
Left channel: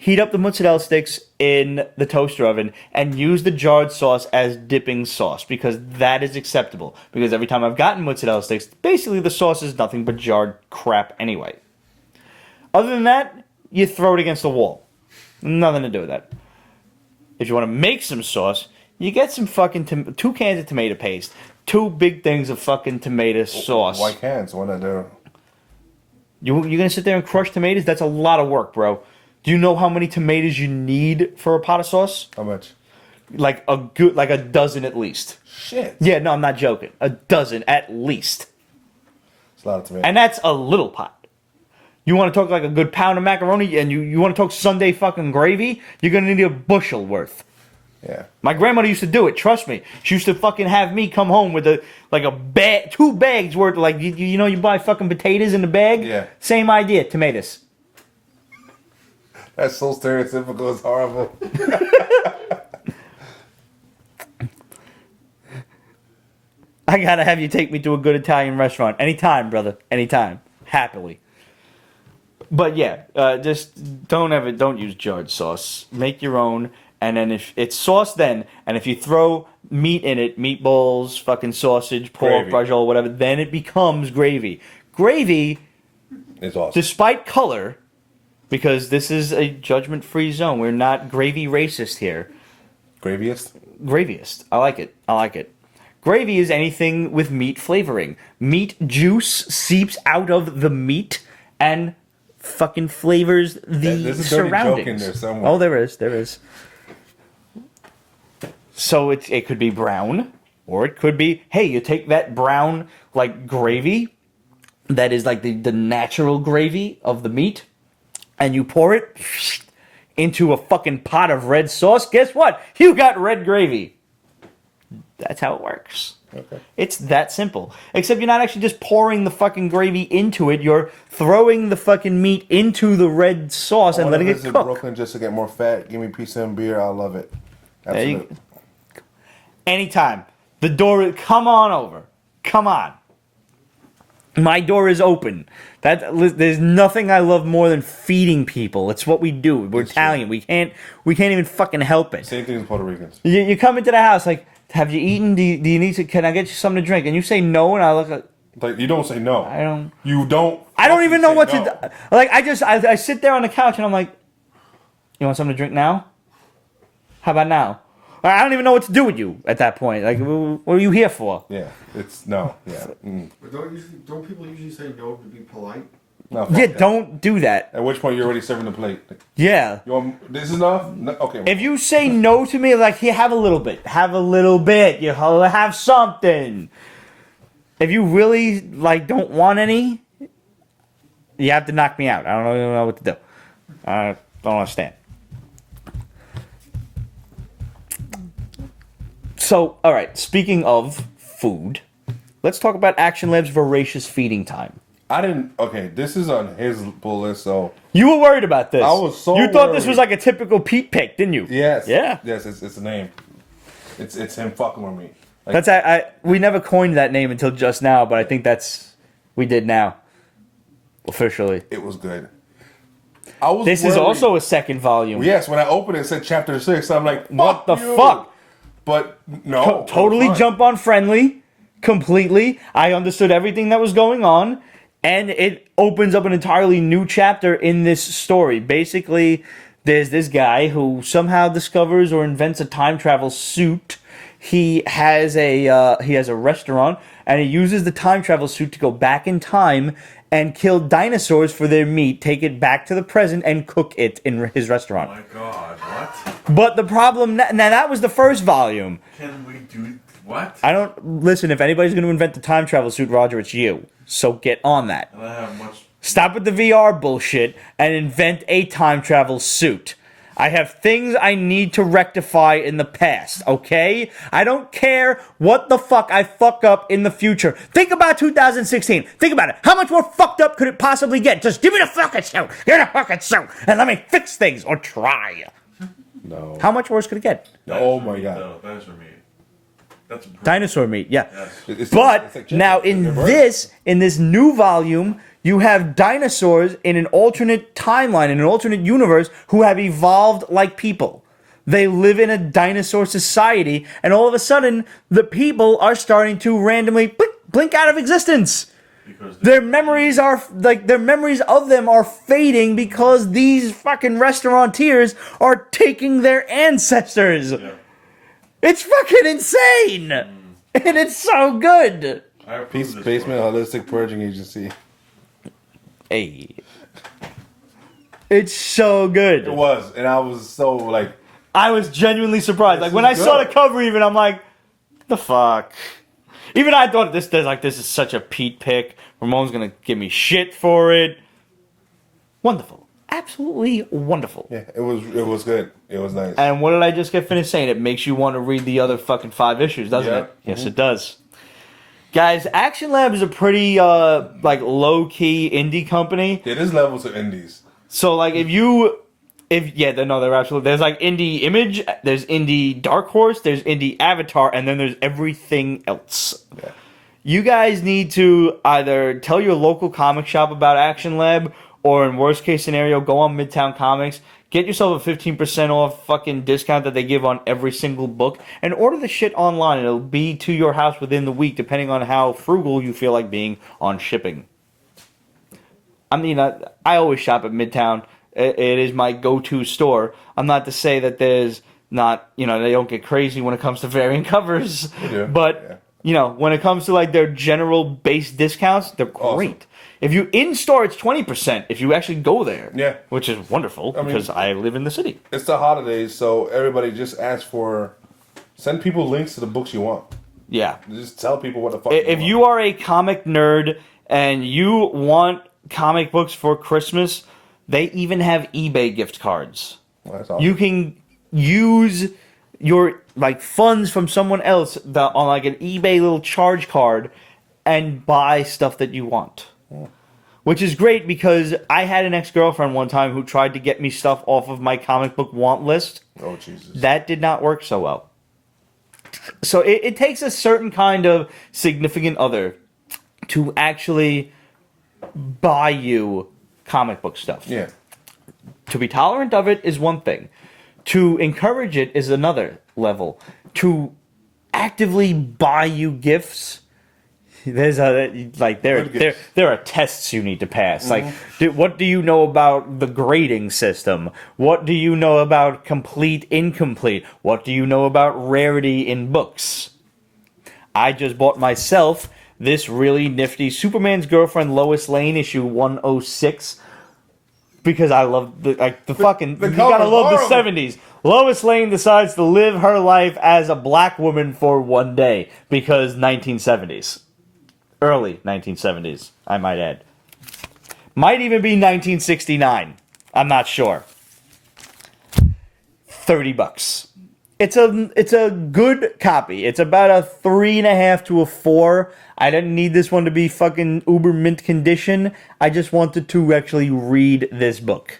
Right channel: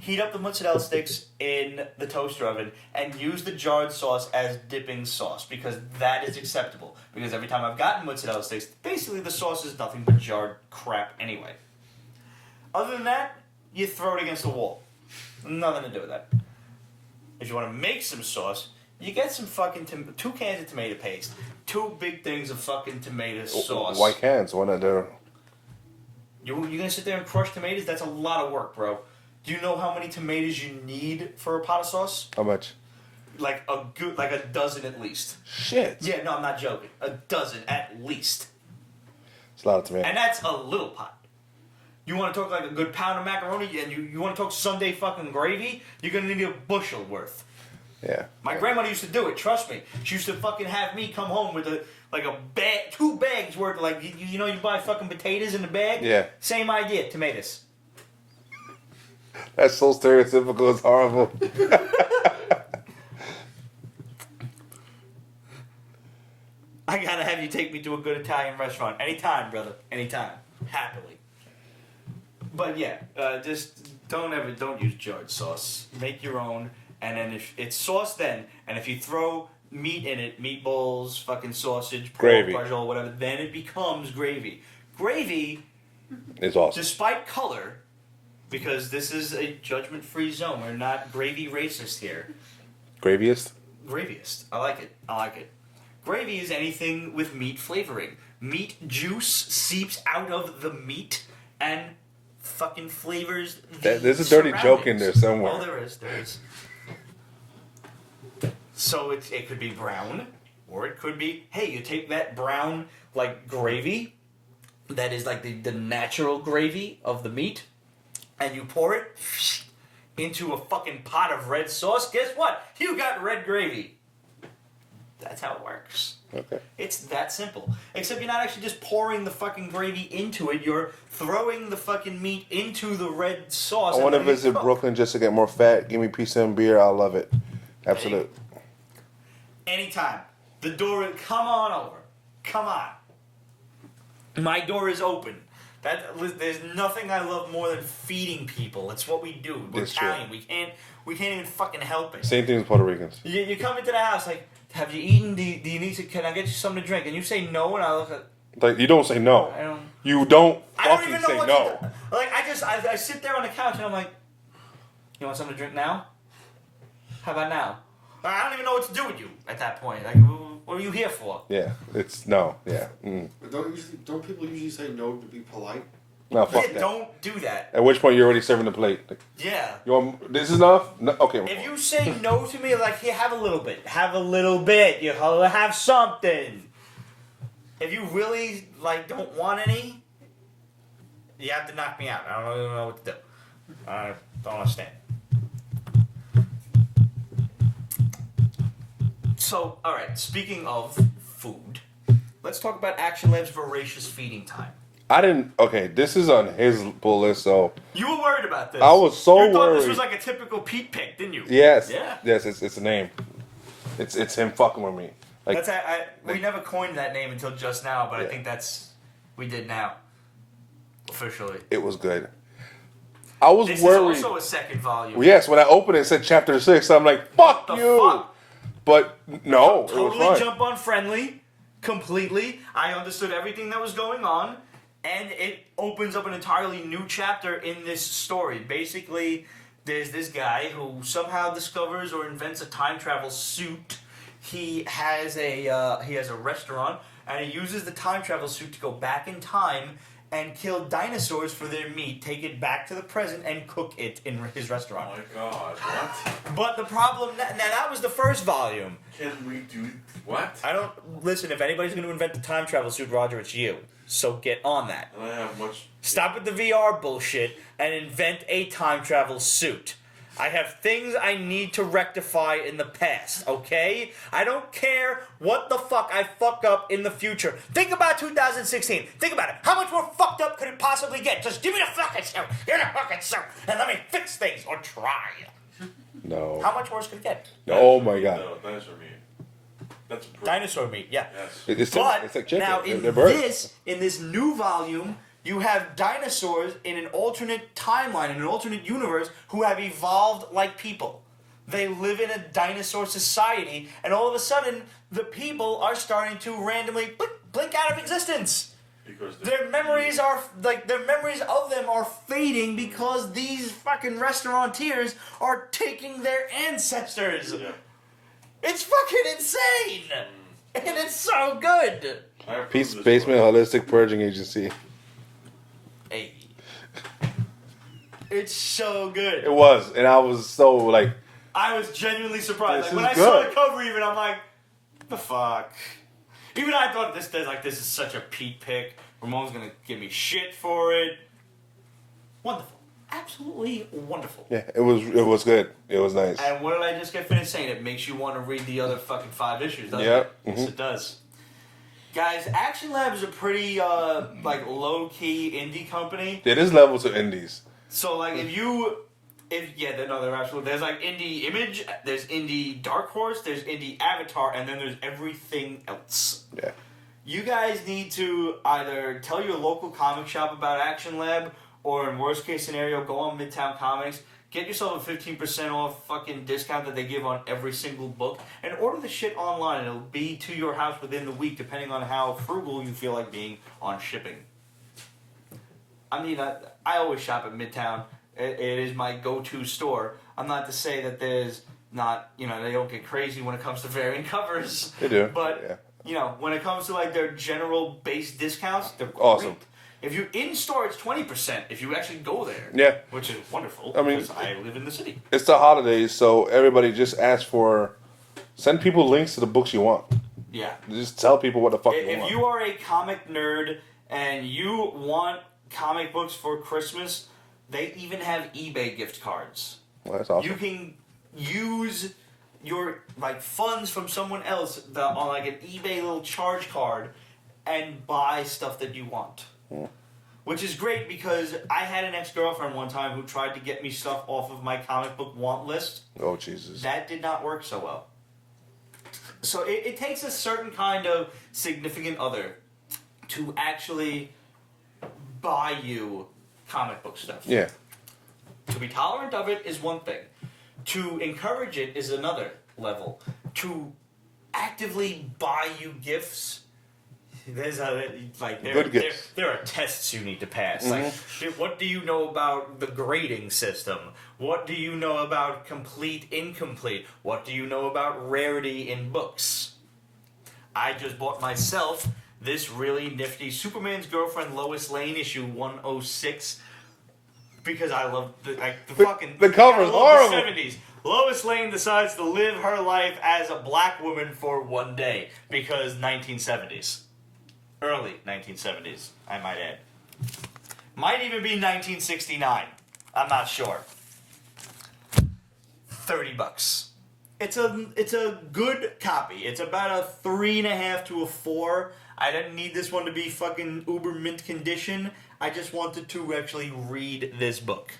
Heat up the mozzarella sticks in the toaster oven and use the jarred sauce as dipping sauce because that is acceptable. Because every time I've gotten mozzarella sticks, basically the sauce is nothing but jarred crap anyway. Other than that, you throw it against the wall. Nothing to do with that. If you want to make some sauce, you get some fucking 2 cans of tomato paste, 2 big things of fucking tomato sauce. White cans. One of their. You're gonna sit there and crush tomatoes? That's a lot of work, bro. Do you know how many tomatoes you need for a pot of sauce? How much? Like a dozen at least. Shit. Yeah, no, I'm not joking. A dozen at least. It's a lot of tomatoes. And that's a little pot. You want to talk like a good pound of macaroni and you want to talk Sunday fucking gravy? You're gonna need a bushel worth. Yeah. My grandmother used to do it. Trust me. She used to fucking have me come home with a bag, 2 bags worth. Like you know, you buy fucking potatoes in the bag. Yeah. Same idea. Tomatoes. That's so stereotypical. It's horrible. I gotta have you take me to a good Italian restaurant anytime, brother. Anytime, happily. But yeah, just don't use jarred sauce. Make your own. And then if it's sauce, and if you throw meat in it, meatballs, fucking sausage, pork, Gravy. brajol, whatever, then it becomes gravy. Gravy, It's awesome. despite color, because this is a judgment-free zone. We're not gravy racist here. Graviest? Graviest. I like it. Gravy is anything with meat flavoring. Meat juice seeps out of the meat and fucking flavors the There's a dirty surroundings. joke in there somewhere. Oh, there is. So it could be brown, or it could be, hey, you take that brown, like, gravy, that is like the natural gravy of the meat, and you pour it into a fucking pot of red sauce. Guess what? You got red gravy. That's how it works. Okay. It's that simple. Except you're not actually just pouring the fucking gravy into it. You're throwing the fucking meat into the red sauce I and want to letting it visit cook. Brooklyn just to get more fat. Give me pizza and beer. I'll love it. There you Absolute. Anytime. The door, come on over. Come on. My door is open. There's nothing I love more than feeding people. It's what we do. We're It's true. Italian. We can't even fucking help it. Same thing with Puerto Ricans. You come into the house like, have you eaten? Do you need to? Can I get you something to drink? And you say no, and I look at. Like, you don't say no. I don't. You don't. I don't even know fucking what say to. no. Like I sit there on the couch and I'm like, you want something to drink now? How about now? I don't even know what to do with you at that point. Like, what are you here for? Yeah, it's no. Yeah. But don't people usually say no to be polite? No, fuck Yeah, that. don't do that. At which point you're already serving the plate. Like, Yeah. you want this is enough? No, okay. If you say no to me, like, here, have a little bit. Have a little bit. You have something. If you really, like, don't want any, you have to knock me out. I don't even know what to do. I don't understand. So, all right, speaking of food, let's talk about Action Lab's Voracious Feeding Time. I didn't. Okay, this is on his pull list, so You were worried about this. I was so You thought this worried. was like a typical Pete pick, didn't you? yes, Yeah. yes, it's a name. It's him fucking with me. Like, That's we never coined that name until just now, but I think we did now. Officially. it was good. I was. This worried. is also a second volume. Yes, when I opened it, it said chapter 6. I'm like, fuck What the you. fuck? But no, it was Totally fine. jump on friendly. completely. I understood everything that was going on, and it opens up an entirely new chapter in this story. Basically, there's this guy who somehow discovers or invents a time travel suit. He has a restaurant, and he uses the time travel suit to go back in time and kill dinosaurs for their meat, take it back to the present, and cook it in his restaurant. Oh my god, what? But the problem now, that was the first volume. Can we do what? I don't listen. If anybody's going to invent the time travel suit, Roger, it's you. So get on that. I don't have much. Stop with the VR bullshit and invent a time travel suit. I have things I need to rectify in the past, okay? I don't care what the fuck I fuck up in the future. Think about 2016. Think about it. How much more fucked up could it possibly get? Just give me the fucking suit. Give me the fucking suit. And let me fix things or try. No. How much worse could it get? Oh my god. No, dinosaur meat. That's Dinosaur meat, yeah. Yes. It's But it's like chicken. now They're birds. in this new volume, you have dinosaurs in an alternate timeline, in an alternate universe, who have evolved like people. They live in a dinosaur society, and all of a sudden, the people are starting to randomly blink out of existence. Because Their memories of them are fading because these fucking restaurateurs are taking their ancestors. yeah. It's fucking insane! And it's so good! I approve Peace this Basement book. Holistic Purging Agency. Hey. It's so good. It was, and I was so like, I was genuinely surprised. This Like when is I saw good. the cover, even I'm like, the fuck. Even I thought this is such a Pete pick. Ramon's gonna give me shit for it. Wonderful, absolutely wonderful. yeah, it was good. It was nice. And what did I just get finished saying? It makes you want to read the other fucking 5 issues, doesn't Yeah. it? Yes, it does. Guys, Action Lab is a pretty low key indie company. It is levels of indies. So like they're absolutely. There's like Indie Image, there's Indie Dark Horse, there's Indie Avatar, and then there's everything else. Yeah. You guys need to either tell your local comic shop about Action Lab, or in worst case scenario, go on Midtown Comics, get yourself a 15% off fucking discount that they give on every single book, and order the shit online. It'll be to your house within the week, depending on how frugal you feel like being on shipping. I mean, I always shop at Midtown. It is my go-to store. I'm not to say that there's not, they don't get crazy when it comes to variant covers. They do, But, yeah. When it comes to like their general base discounts, they're great. Awesome. If you in-store, it's 20% if you actually go there. Yeah. Which is wonderful I mean, because I live in the city. It's the holidays, so everybody just ask for, send people links to the books you want. Yeah. Just tell people what the fuck If want. you are a comic nerd and you want comic books for Christmas, they even have eBay gift cards. Well, that's awesome. You can use your funds from someone else on like an eBay little charge card and buy stuff that you want. Which is great because I had an ex-girlfriend one time who tried to get me stuff off of my comic book want list. Oh, Jesus. That did not work so well. So it takes a certain kind of significant other to actually buy you comic book stuff. Yeah. To be tolerant of it is one thing. To encourage it is another level. To actively buy you gifts, there Good gifts. are tests you need to pass. What do you know about the grading system? What do you know about complete, incomplete? What do you know about rarity in books? I just bought myself this really nifty Superman's Girlfriend Lois Lane issue 106 because I love the fucking. the You gotta cover's love horrible. the 70s. Lois Lane decides to live her life as a black woman for one day because 1970s. Early 1970s, I might add. Might even be 1969. I'm not sure. $30. It's a good copy. It's about a 3.5 to a 4. I didn't need this one to be fucking uber mint condition. I just wanted to actually read this book.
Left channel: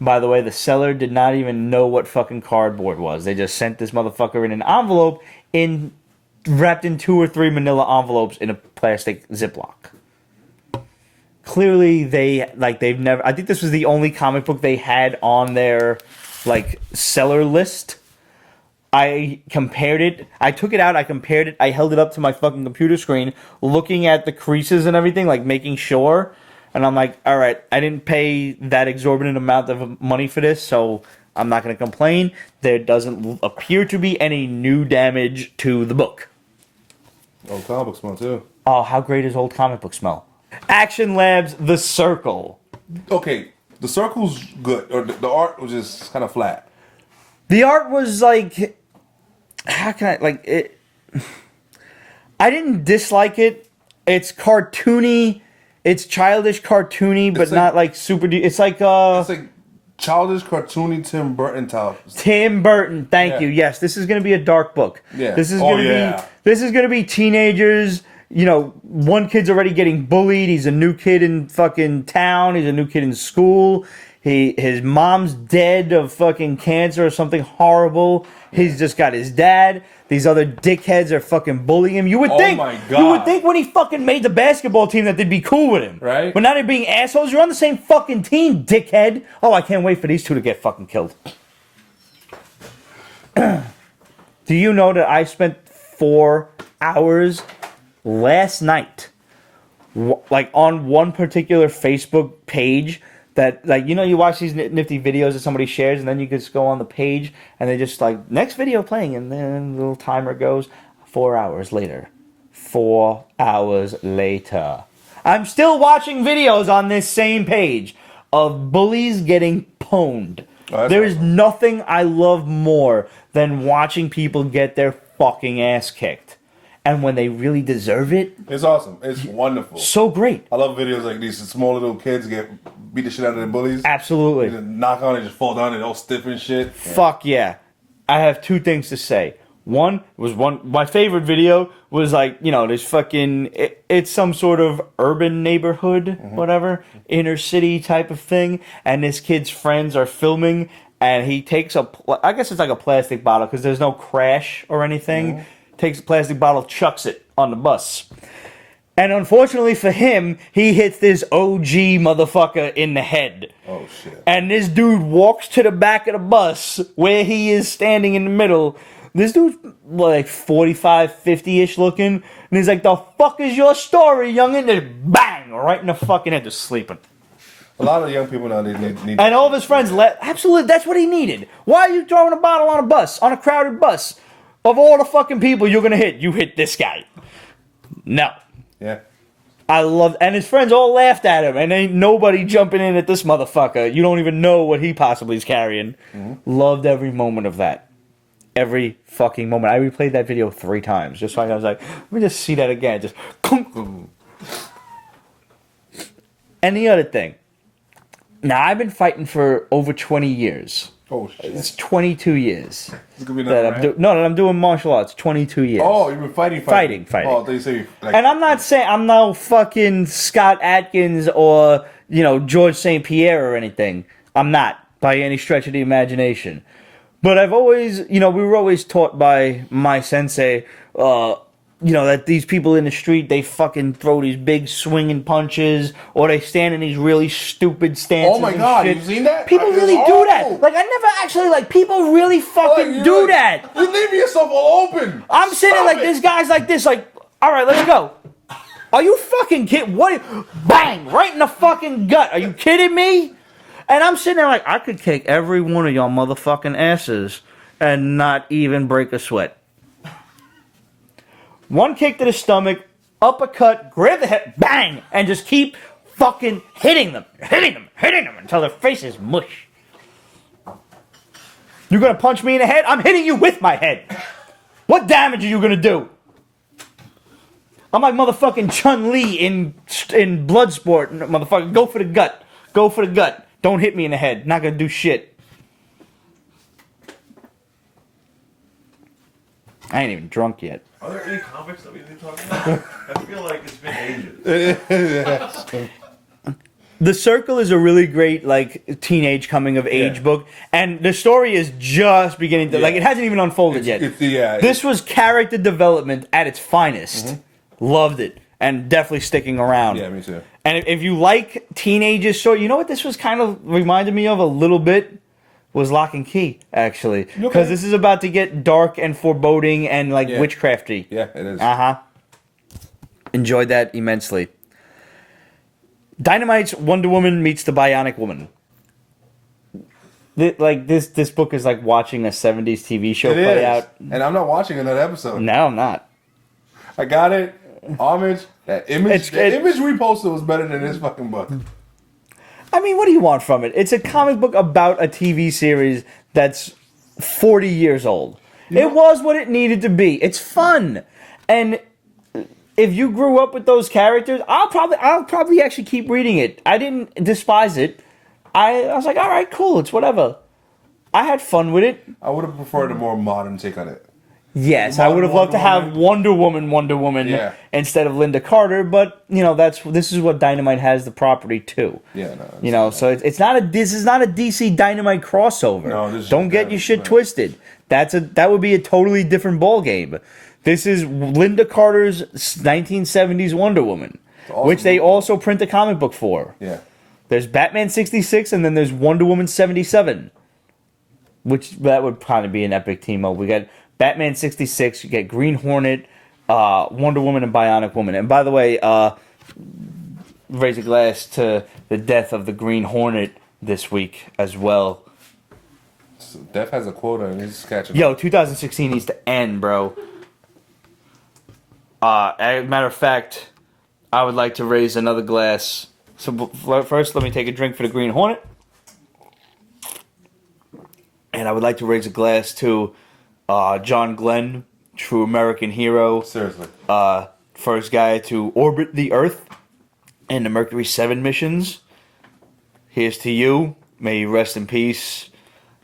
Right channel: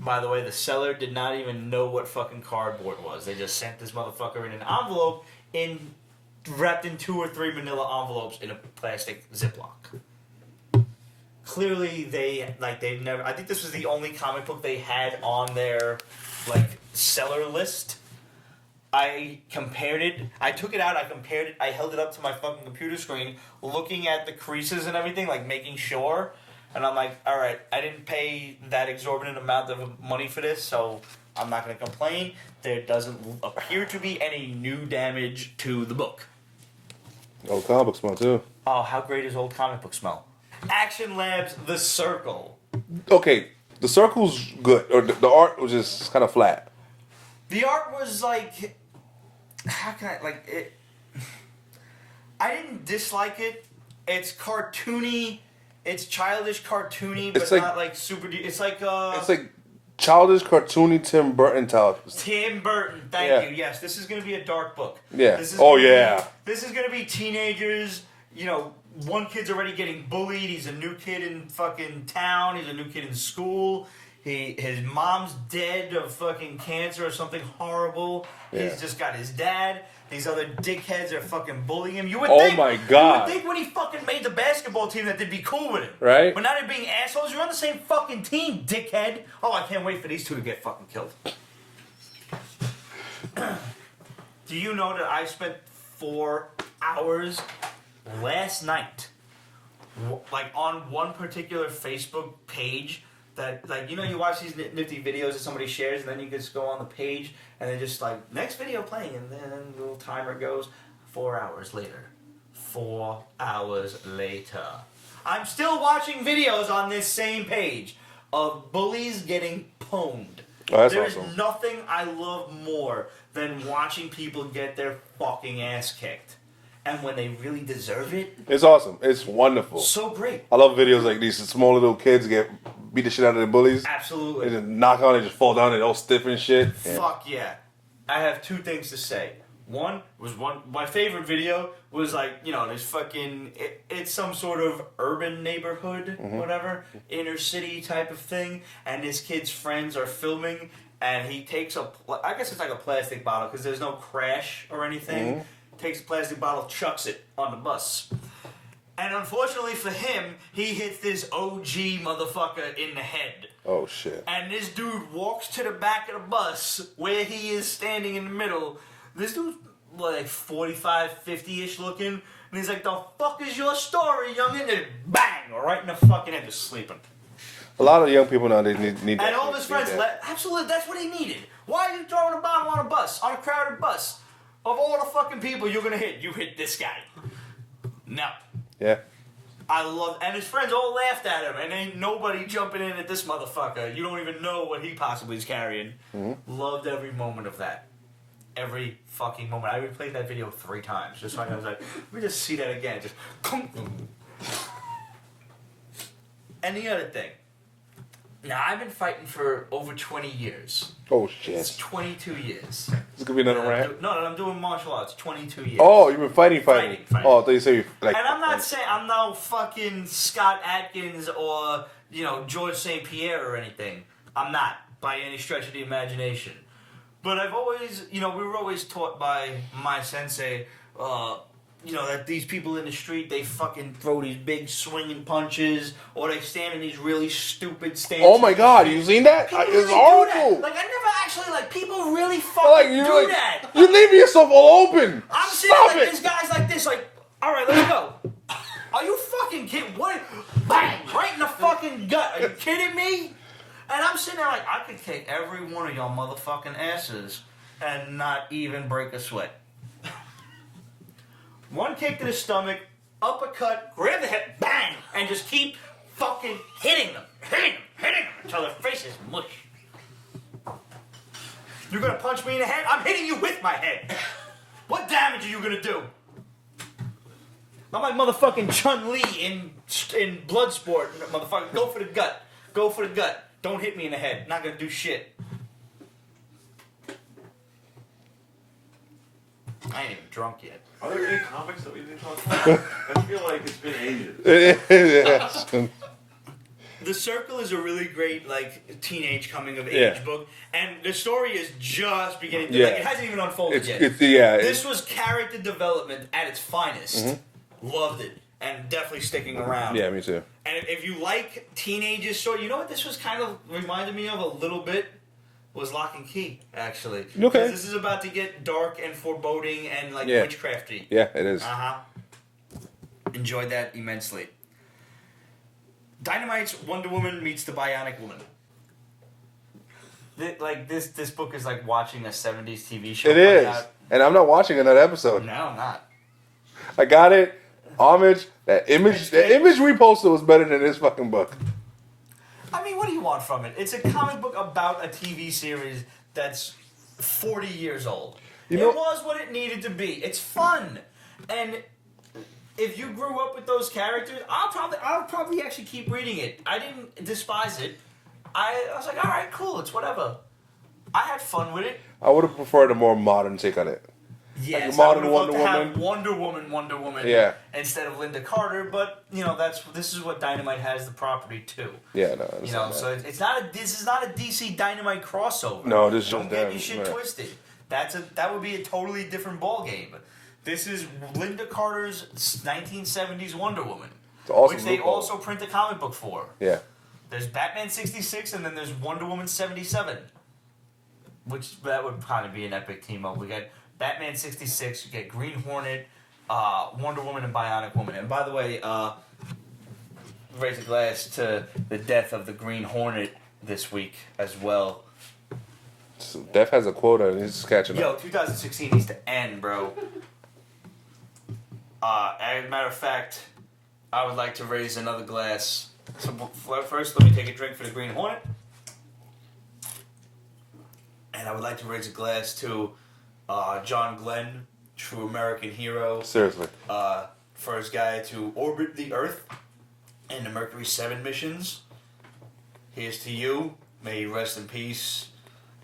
By the way, the seller did not even know what fucking cardboard was. They just sent this motherfucker in an envelope wrapped in 2 or 3 manila envelopes in a plastic Ziploc. Clearly, they've never. I think this was the only comic book they had on their seller list. I compared it. I took it out. I compared it. I held it up to my fucking computer screen, looking at the creases and everything, like making sure. And I'm like, all right, I didn't pay that exorbitant amount of money for this, so I'm not going to complain. There doesn't appear to be any new damage to the book. Old comic book smell too. Oh, how great is old comic book smell? Action Labs, The Circle. Okay, the circle's good, or the art was just kind of flat. The art was like, how can I, like, it, I didn't dislike it. It's cartoony, it's childish cartoony, but It's like- not like super, it's like, It's like childish, cartoony Tim Burton type. Tim Burton, thank Yeah. you. Yes, this is going to be a dark book. Yeah. This is Oh, gonna yeah. This is going to be teenagers. You know, one kid's already getting bullied. He's a new kid in fucking town. He's a new kid in school. His mom's dead of fucking cancer or something horrible. He's just got his dad. These other dickheads are fucking bullying him. You would Oh think, my You would God. think when he fucking made the basketball team that they'd be cool with him, Right. But now they're being assholes. You're on the same fucking team, dickhead. Oh, I can't wait for these two to get fucking killed. Do you know that I spent 4 hours last night, like on one particular Facebook page that, like, you know, you watch these nifty videos that somebody shares, and then you just go on the page and they just like, next video playing, and then the little timer goes. 4 hours later. 4 hours later. I'm still watching videos on this same page of bullies getting pwned. Oh, that's There is awesome. nothing I love more than watching people get their fucking ass kicked. And when they really deserve it, It's awesome. It's wonderful. so great. I love videos like these. Small little kids get beat the shit out of the bullies. They Absolutely. just knock on it, just fall down, and all stiff and shit. Fuck yeah. I have 2 things to say. My favorite video was like, you know, there's fucking, it's some sort of urban neighborhood, whatever, inner city type of thing, and this kid's friends are filming, and he takes I guess it's like a plastic bottle, because there's no crash or anything, takes a plastic bottle, chucks it on the bus. And unfortunately for him, he hits this OG motherfucker in the head. Oh shit. And this dude walks to the back of the bus where he is standing in the middle. This dude's like 45, 50-ish looking. And he's like, the fuck is your story, youngin'? And bang! Right in the fucking head, just sleeping. A lot of young people now they need. And all of his friends left. Absolutely, that's what he needed. Why are you throwing a bottle on a bus, on a crowded bus? Of all the fucking people you're gonna hit, you hit this guy. No. Yeah. I love, and his friends all laughed at him, and ain't nobody jumping in at this motherfucker. You don't even know what he possibly is carrying. Loved every moment of that. Every fucking moment. I replayed that video 3 times, just so I was like, let me just see that again. Just. And the other thing. Now, I've been fighting for over 20 years. Oh shit. It's 22 years. It's gonna be another That rant. I'm doing martial arts. 22 years. Oh, you've been fighting. Fighting. Oh, I thought you said you like. And I'm not saying I'm no fucking Scott Atkins or, you know, George St. Pierre or anything. I'm not, by any stretch of the imagination. But I've always, you know, we were always taught by my sensei, you know, that these people in the street, they fucking throw these big swinging punches, or they stand in these really stupid stances. Oh my and god, shit. you seen that? People It's really do horrible. that. Like, I never actually, like, people really fucking Like, do that. You're leaving yourself all open. I'm sitting there Stop like, it. this guy's like this, like, all right, let's go. Are you fucking kidding? What? Bang! Right in the fucking gut. Are you kidding me? And I'm sitting there like, I could kick every one of y'all motherfucking asses and not even break a sweat. One kick to the stomach, uppercut, grab the head, bang, and just keep fucking hitting them until their face is mush. You're gonna punch me in the head? I'm hitting you with my head. What damage are you gonna do? I'm like motherfucking Chun-Li in Bloodsport, motherfucker. Go for the gut. Go for the gut. Don't hit me in the head. Not gonna do shit. I ain't even drunk yet. Are there any comics that we need to talk about? I feel like it's been ages. The Circle is a really great, like, teenage coming of age Yeah. book, and the story is just beginning to, like, it hasn't even unfolded yet. This was character development at its finest. Loved it, and definitely sticking around. Yeah, me too. And if you like teenagers, so you know what this was kind of reminded me of a little bit? was Lock and Key, actually. Okay. Because this is about to get dark and foreboding and, like, Yeah. witchcrafty. Yeah, it is. Uh-huh. Enjoyed that immensely. Dynamite's Wonder Woman meets the Bionic Woman. This book is like watching a 70s TV show It play is. out. And I'm not watching another episode. No, I'm not. I got it. Homage. That image It's- image we posted was better than this fucking book. I mean, what do you want from it? It's a comic book about a TV series that's 40 years old. know- It was what it needed to be. It's fun. And if you grew up with those characters, I'll probably actually keep reading it. I didn't despise it. I was like, all right, cool, it's whatever. I had fun with it. I would have preferred a more modern take on it. Yes, Modern I would have loved to Wonder have Wonder Woman Yeah. instead of Linda Carter, but you know this is what Dynamite has the property to. Yeah, no. You know, so this is not a DC Dynamite crossover. No, this is don't just get them, your shit right. twisted. That would be a totally different ball game. This is Linda Carter's 1970s Wonder Woman, awesome which they book. also print a comic book for. Yeah. There's Batman 66 and then there's Wonder Woman 77. Which that would probably be an epic team up. We got Batman 66, you get Green Hornet, Wonder Woman, and Bionic Woman. And by the way, raise a glass to the death of the Green Hornet this week as well. So Def has a quota and he's catching Yo, up. 2016 needs to end, bro. As a matter of fact, I would like to raise another glass. So first, let me take a drink for the Green Hornet. And I would like to raise a glass to John Glenn, true American hero. Seriously. First guy to orbit the Earth in the Mercury 7 missions. Here's to you. May you rest in peace.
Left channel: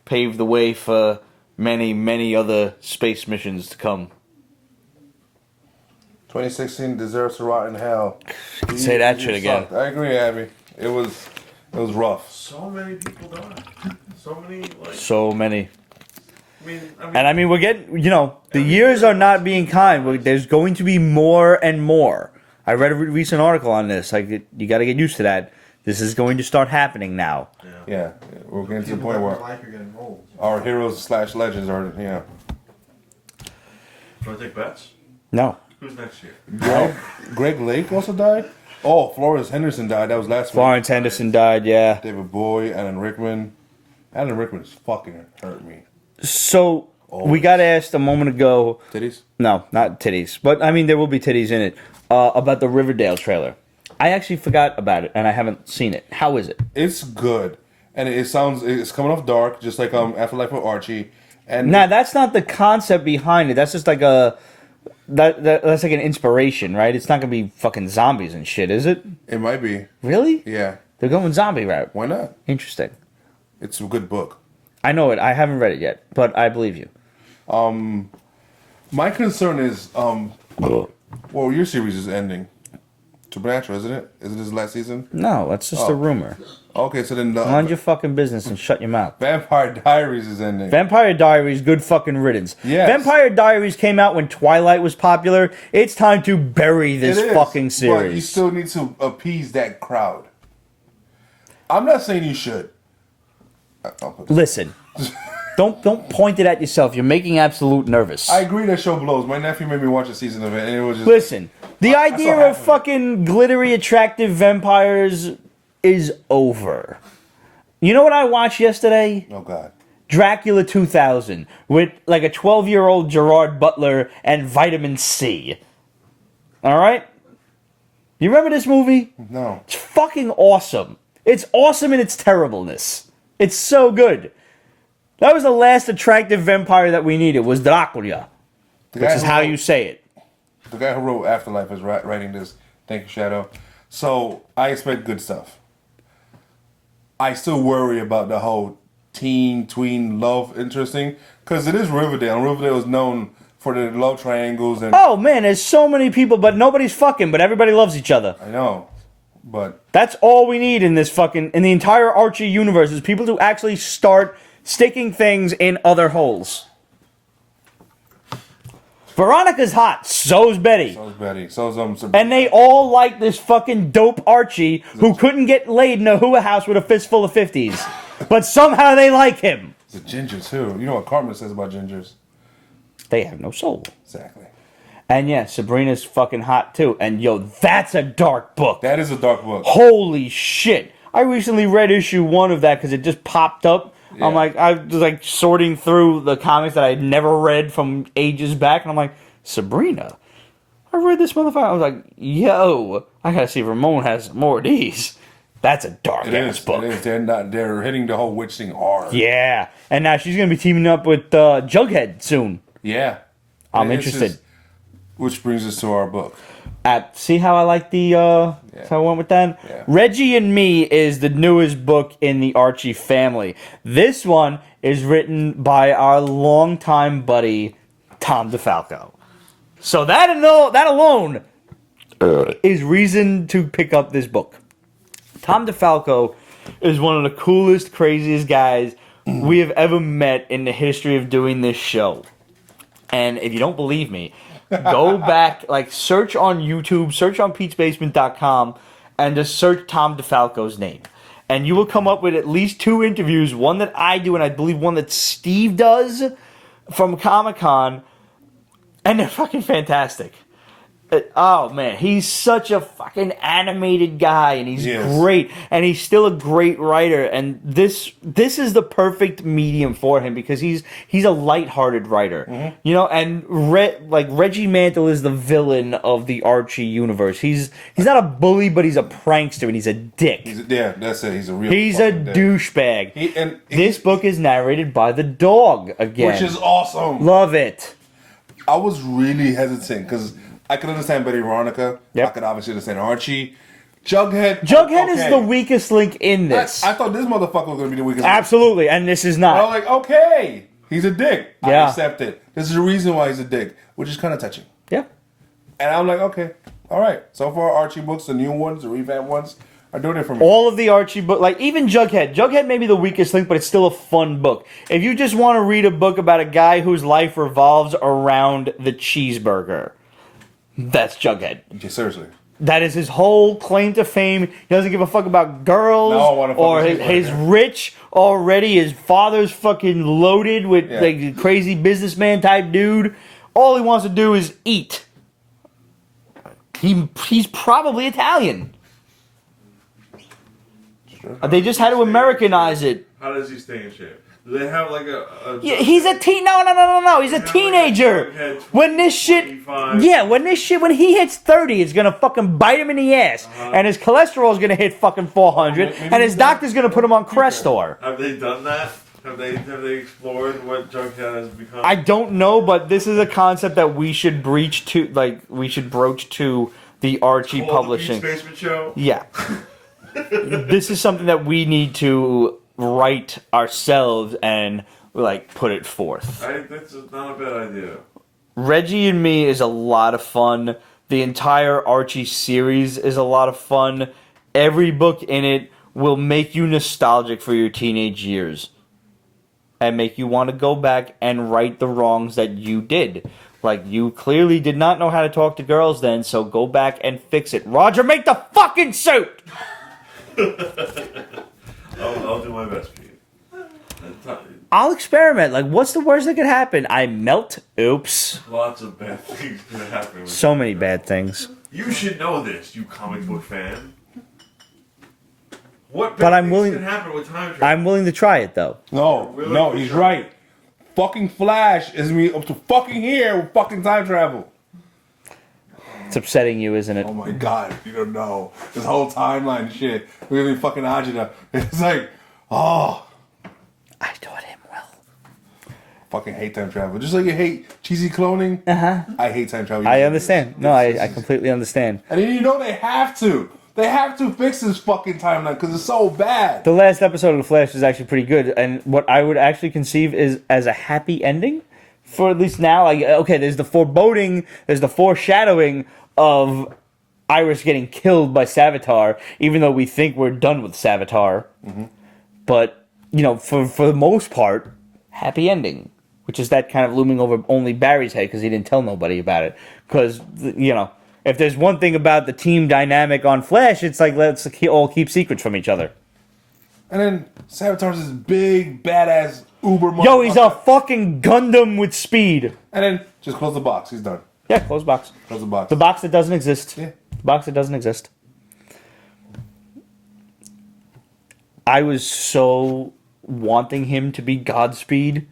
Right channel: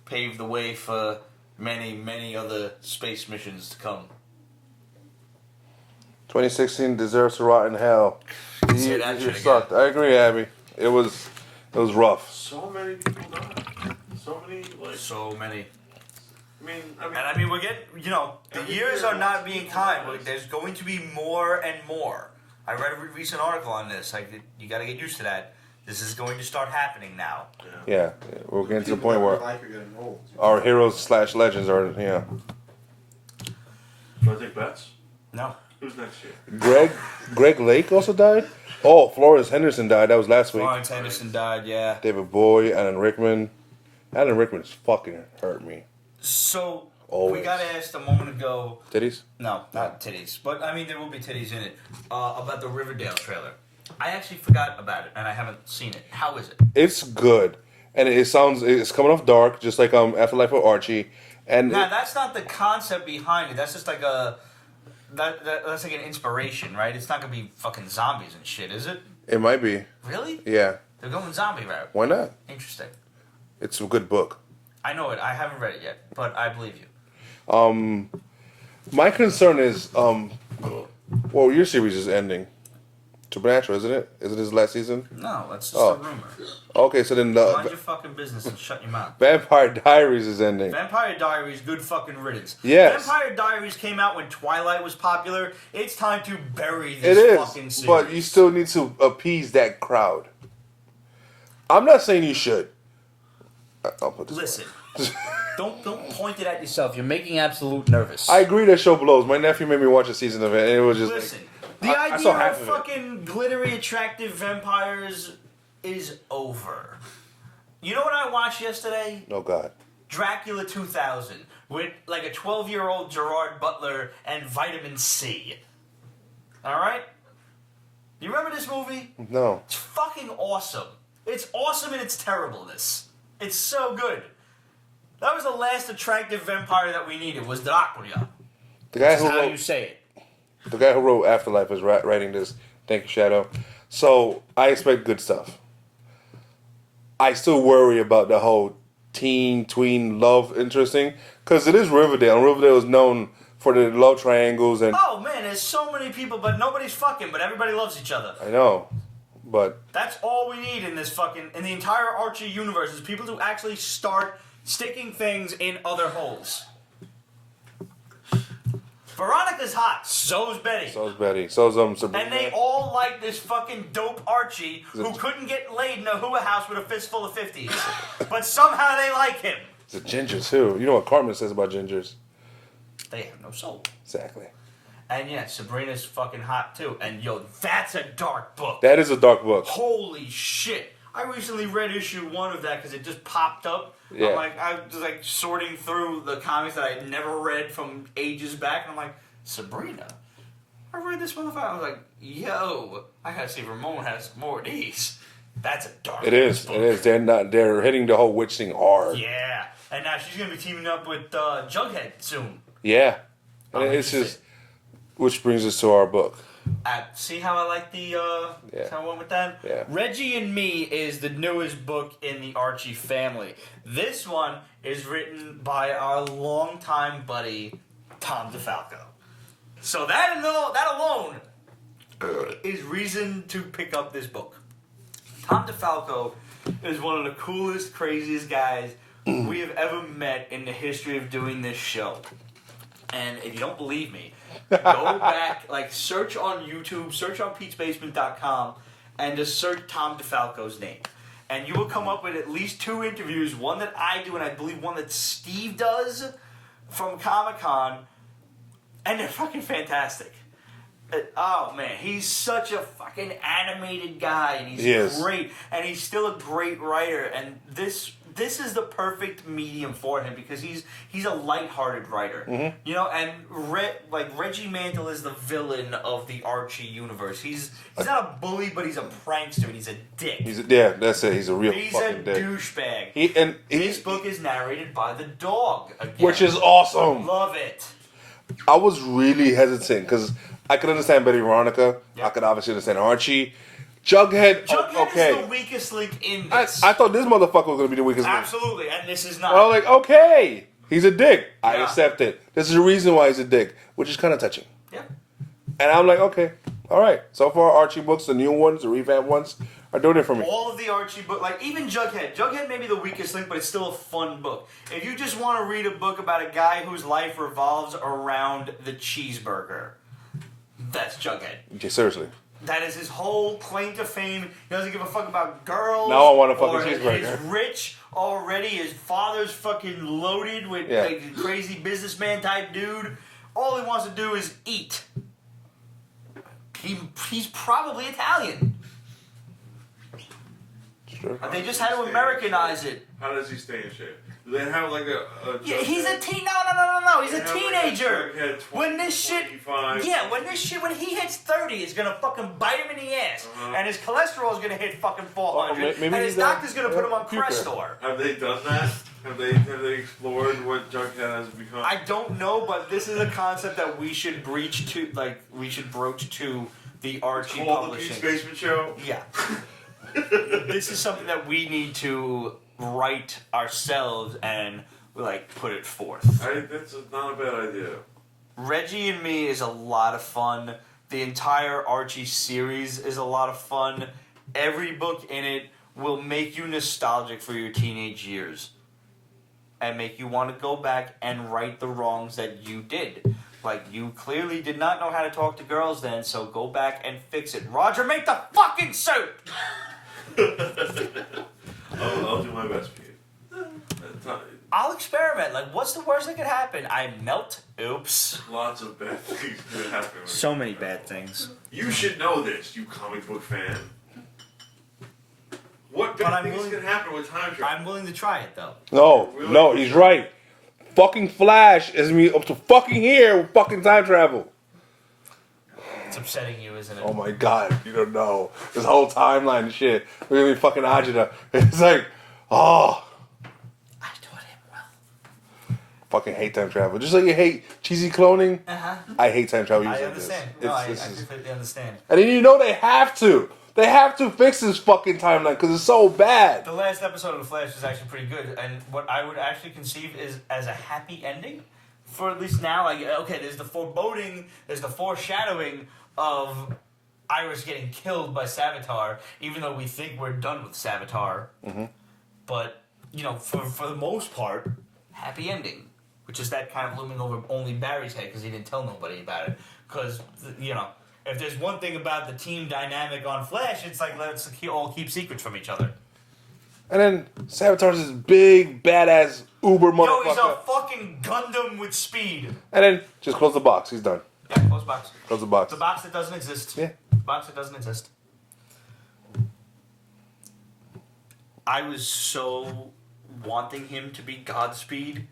Pave the way for many, many other space missions to come. 2016 deserves to rot in hell. You say that shit again. sucked. I agree, Abby. It was rough. So many people died. So many, like. So many. I mean, We're getting, the years are not being kind. There's going to be more and more. I read a recent article on this. You got to get used to that. This is going to start happening now. Yeah, we're getting to the point where Life are getting old. our heroes / legends are, do you want to take bets? No. Who's next year? Greg Lake also died? Oh, Flores Henderson died. That was last week. Florence Henderson died, yeah. David Bowie, Alan Rickman. Alan Rickman's fucking hurt me. So, we Always. got asked a moment ago. Titties? No, not titties. But, there will be titties in it. About the Riverdale trailer. I actually forgot about it, and I haven't seen it. How is it? It's good. And it's coming off dark, just like Afterlife with Archie. And Now, that's not the concept behind it. That's just like that's like an inspiration, right? It's not going to be fucking zombies and shit, is it? it might be. Really? Yeah. They're going zombie route. Why not? Interesting. It's a good book. I know it. I haven't read it yet, but I believe you. My concern is, well, your series is ending. Supernatural, isn't it? Is it his last season? No, that's just Oh. a rumor. Okay, so then Mind your fucking business and shut your mouth. Vampire Diaries is ending. Vampire Diaries, good fucking riddance. Yes. Vampire Diaries came out when Twilight was popular. It's time to bury this It is, fucking series. but you still need to appease that crowd. I'm not saying you should. I'll put this. Listen, don't point it at yourself. You're making Absolute nervous. I agree that show blows. My nephew made me watch a season of it, and it was just Listen, the I saw idea half of of it. fucking glittery, attractive vampires is over. You know what I watched yesterday? Oh God. Dracula 2000 with like a 12-year-old Gerard Butler and vitamin C. All right? You remember this movie? No. It's fucking awesome. It's awesome in its terribleness. It's so good. That was the last attractive vampire that we needed, was Dracula. The Which is who how wrote- you say it. The guy who wrote Afterlife is writing this. Thank you, Shadow. So I expect good stuff. I still worry about the whole tween love interesting because it is Riverdale. And Riverdale is known for the love triangles and Oh man, there's so many people, but nobody's fucking, but everybody loves each other. I know, but That's all we need in this fucking, in the entire Archie universe, is people to actually start sticking things in other holes. Veronica's hot, so's Betty. so's Betty, so's Sabrina. And they all like this fucking dope Archie who couldn't get laid in a hua house with a fistful of 50s. But somehow they like him. The ginger too. You know what Cartman says about gingers? They have no soul. Exactly. And yeah, Sabrina's fucking hot too. And yo, that's a dark book. That is a dark book. Holy shit. I recently read issue 1 of that because it just popped up. Yeah. I was like sorting through the comics that I had never read from ages back, and I'm like, Sabrina? I read this motherfucker. I was like, yo, I gotta see if Ramon has more of these. That's a dark book. It is. They're hitting the whole witch thing hard. Yeah. And now she's gonna be teaming up with Jughead soon. Yeah. I'm interested. Which brings us to our book. See how I like the how I went with that? Yeah. Reggie and Me is the newest book in the Archie family. This one is written by our longtime buddy Tom DeFalco. So that alone is reason to pick up this book. Tom DeFalco is one of the coolest, craziest guys we have ever met in the history of doing this show. And if you don't believe me, go back, search on YouTube, search on Pete'sBasement.com, and just search Tom DeFalco's name. And you will come up with at least 2 interviews, one that I do, and I believe one that Steve does from Comic-Con, and they're fucking fantastic. Oh, man, he's such a fucking animated guy, and he's great, and he's still a great writer, and this is the perfect medium for him, because he's a lighthearted writer, you know, and Reggie Mantle is the villain of the Archie universe. He's not a bully, but he's a prankster, and he's a dick. That's it. He's a real douchebag. This book is narrated by the dog, again. Which is awesome. Love it. I was really hesitant, because I could understand Betty Veronica. Yep. I could obviously understand Archie. Jughead is the weakest link in this. I thought this motherfucker was going to be the weakest link. Absolutely, and this is not. I was like, okay, he's a dick. Yeah. I accept it. This is the reason why he's a dick, which is kind of touching. Yeah. And I'm like, okay, all right. So far, Archie books, the new ones, the revamped ones, are doing it for me. All of the Archie books, even Jughead may be the weakest link, but it's still a fun book. If you just want to read a book about a guy whose life revolves around the cheeseburger, that's Jughead. Yeah, seriously. That is his whole claim to fame. He doesn't give a fuck about girls. No, I want to or his rich already. His father's fucking loaded with like crazy businessman type dude. All he wants to do is eat. He's probably Italian. Sure. They just had to Americanize it. How does he stay in shape? Do they have like a Yeah, he's a teen. No. He's a teenager. When this shit, 25. when he hits 30, it's gonna fucking bite him in the ass, and his cholesterol is gonna hit fucking 400, and his doctor's gonna put him on Crestor. Have they done that? Have they explored what Jughead has become? I don't know, but this is a concept that we should broach to the Archie publishing. The Basement Show? Yeah. This is something that we need to write ourselves and put it forth. That's not a bad idea. Reggie and Me is a lot of fun. The entire Archie series is a lot of fun. Every book in it will make you nostalgic for your teenage years and make you want to go back and right the wrongs that you did. You clearly did not know how to talk to girls then, so go back and fix it. Roger, make the fucking suit! I'll do my best for you. I'll experiment. What's the worst that could happen? I melt? Oops. Lots of bad things could happen. With So many bad things. You should know this, you comic book fan. What bad But I'm things willing- can happen with time travel? I'm willing to try it, though. No, he's right. Fucking Flash is me up to fucking here with fucking time travel. It's upsetting you, isn't it? Oh my god, you don't know. This whole timeline and shit. We're gonna be fucking Ajita. It's like, oh. I taught him well. Fucking hate time travel. Just like you hate cheesy cloning, I hate time travel. I understand. No, I completely understand. And then you know they have to. They have to fix this fucking timeline because it's so bad. The last episode of The Flash was actually pretty good, and what I would actually conceive is as a happy ending, for at least now. There's the foreboding, there's the foreshadowing of Iris getting killed by Savitar, even though we think we're done with Savitar. Mm-hmm. But, for the most part, happy ending, which is that kind of looming over only Barry's head because he didn't tell nobody about it. Because, if there's one thing about the team dynamic on Flash, it's let's all keep secrets from each other. And then Savitar's this big, badass uber Yo, he's a motherfucker. fucking Gundam with speed. And then just close the box. He's done. Yeah, close box. Close the box. The box that doesn't exist. Yeah. The box that doesn't exist. I was so wanting him to be Godspeed.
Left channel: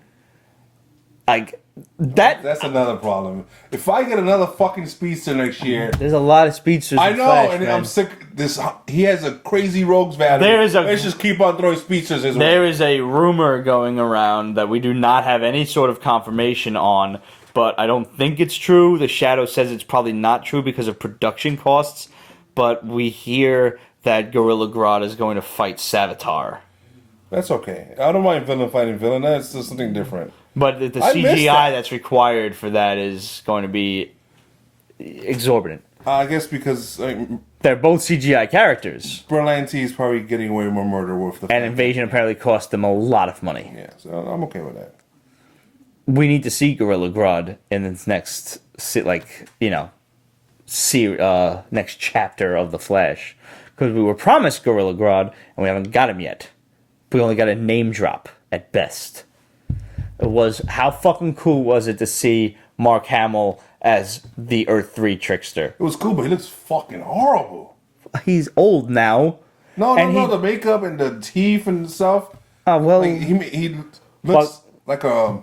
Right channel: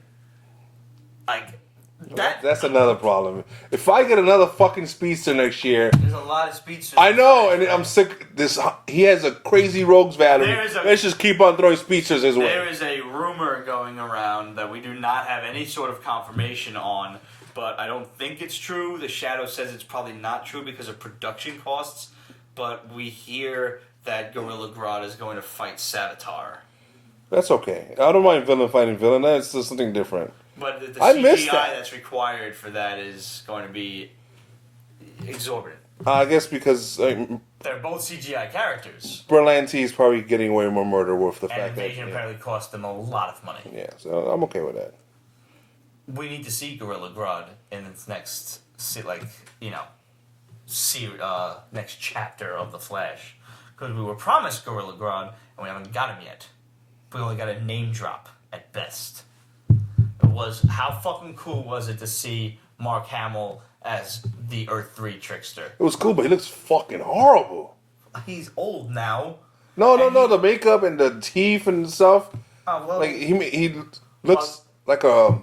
Like, That's another problem. If I get another fucking speedster next year, there's a lot of speedsters. I in know, Flash, and man. I'm sick. He has a crazy rogues battery. Let's just keep on throwing speedsters his way. There is a rumor going around that we do not have any sort of confirmation on, but I don't think it's true. The Shadow says it's probably not true because of production costs, but we hear that Gorilla Grodd is going to fight Savitar. That's okay. I don't mind villain fighting villain. That's just something different. But the I missed CGI that. that's required for that is going to be exorbitant. I guess because They're both CGI characters. Berlanti is probably getting away with more murder with the And fact Invasion that- apparently cost them a lot of money. Yeah, so I'm okay with that. We need to see Gorilla Grodd in this next, next chapter of The Flash. Because we were promised Gorilla Grodd, and we haven't got him yet. We only got a name drop, at best. How fucking cool was it to see Mark Hamill as the Earth 3 trickster? It was cool, but he looks fucking horrible. He's old now. No, And the makeup and the teeth and stuff. Oh, well... Like he looks like a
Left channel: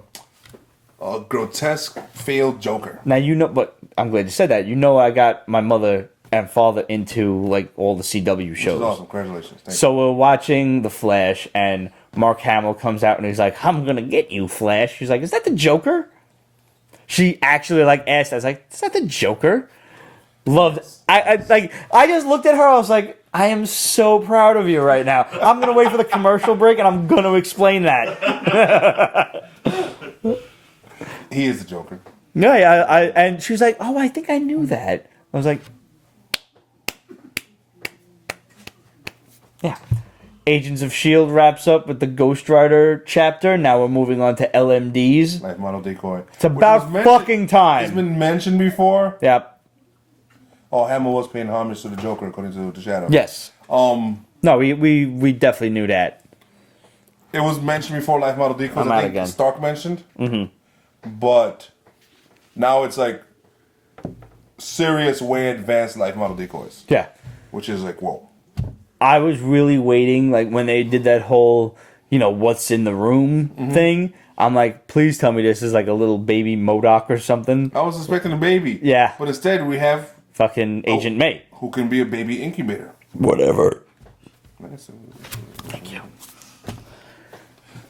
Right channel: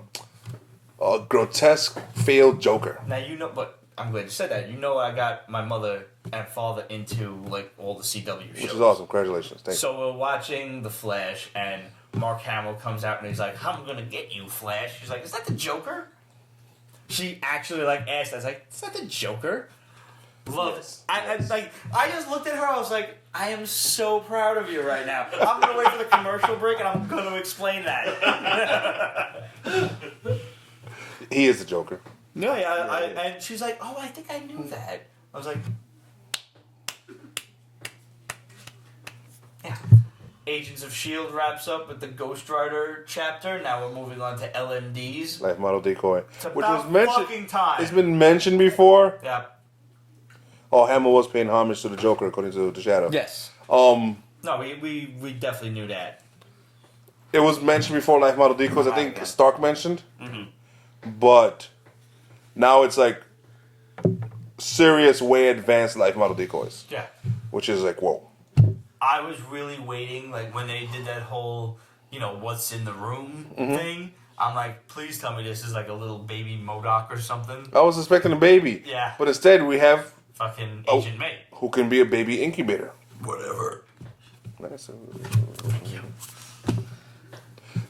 grotesque failed Joker. Now, but I'm glad you said that. I got my mother and father into, all the CW shows. Which is awesome. Congratulations. Thank you. So we're watching The Flash, and Mark Hamill comes out, and he's like, I'm gonna get you, Flash. She's like, is that the Joker? She actually, asked. I was like, is that the Joker? Loved I just looked at her, I was like, I am so proud of you right now. I'm gonna wait for the commercial break, and I'm gonna explain that. He is the Joker. Yeah, and she was like, oh, I think I knew that. I was like, yeah. Agents of S.H.I.E.L.D. wraps up with the Ghost Rider chapter. Now we're moving on to LMDs. Life model decoy. It's about fucking time. It's been mentioned before. Yep. Oh, Hamill was paying homage to the Joker, according to the Shadow. Yes. No, we definitely knew that. It was mentioned before, Life model decoys. I'm I out think again. Stark mentioned. Mm-hmm. But now it's serious, way advanced life model decoys. Yeah. Which is whoa. I was really waiting, when they did that whole, what's in the room thing. I'm like, please tell me this is a little baby MODOK or something. I was expecting a baby. Yeah. But instead we have Fucking Agent May. who can be a baby incubator. Whatever. Nice. Thank you.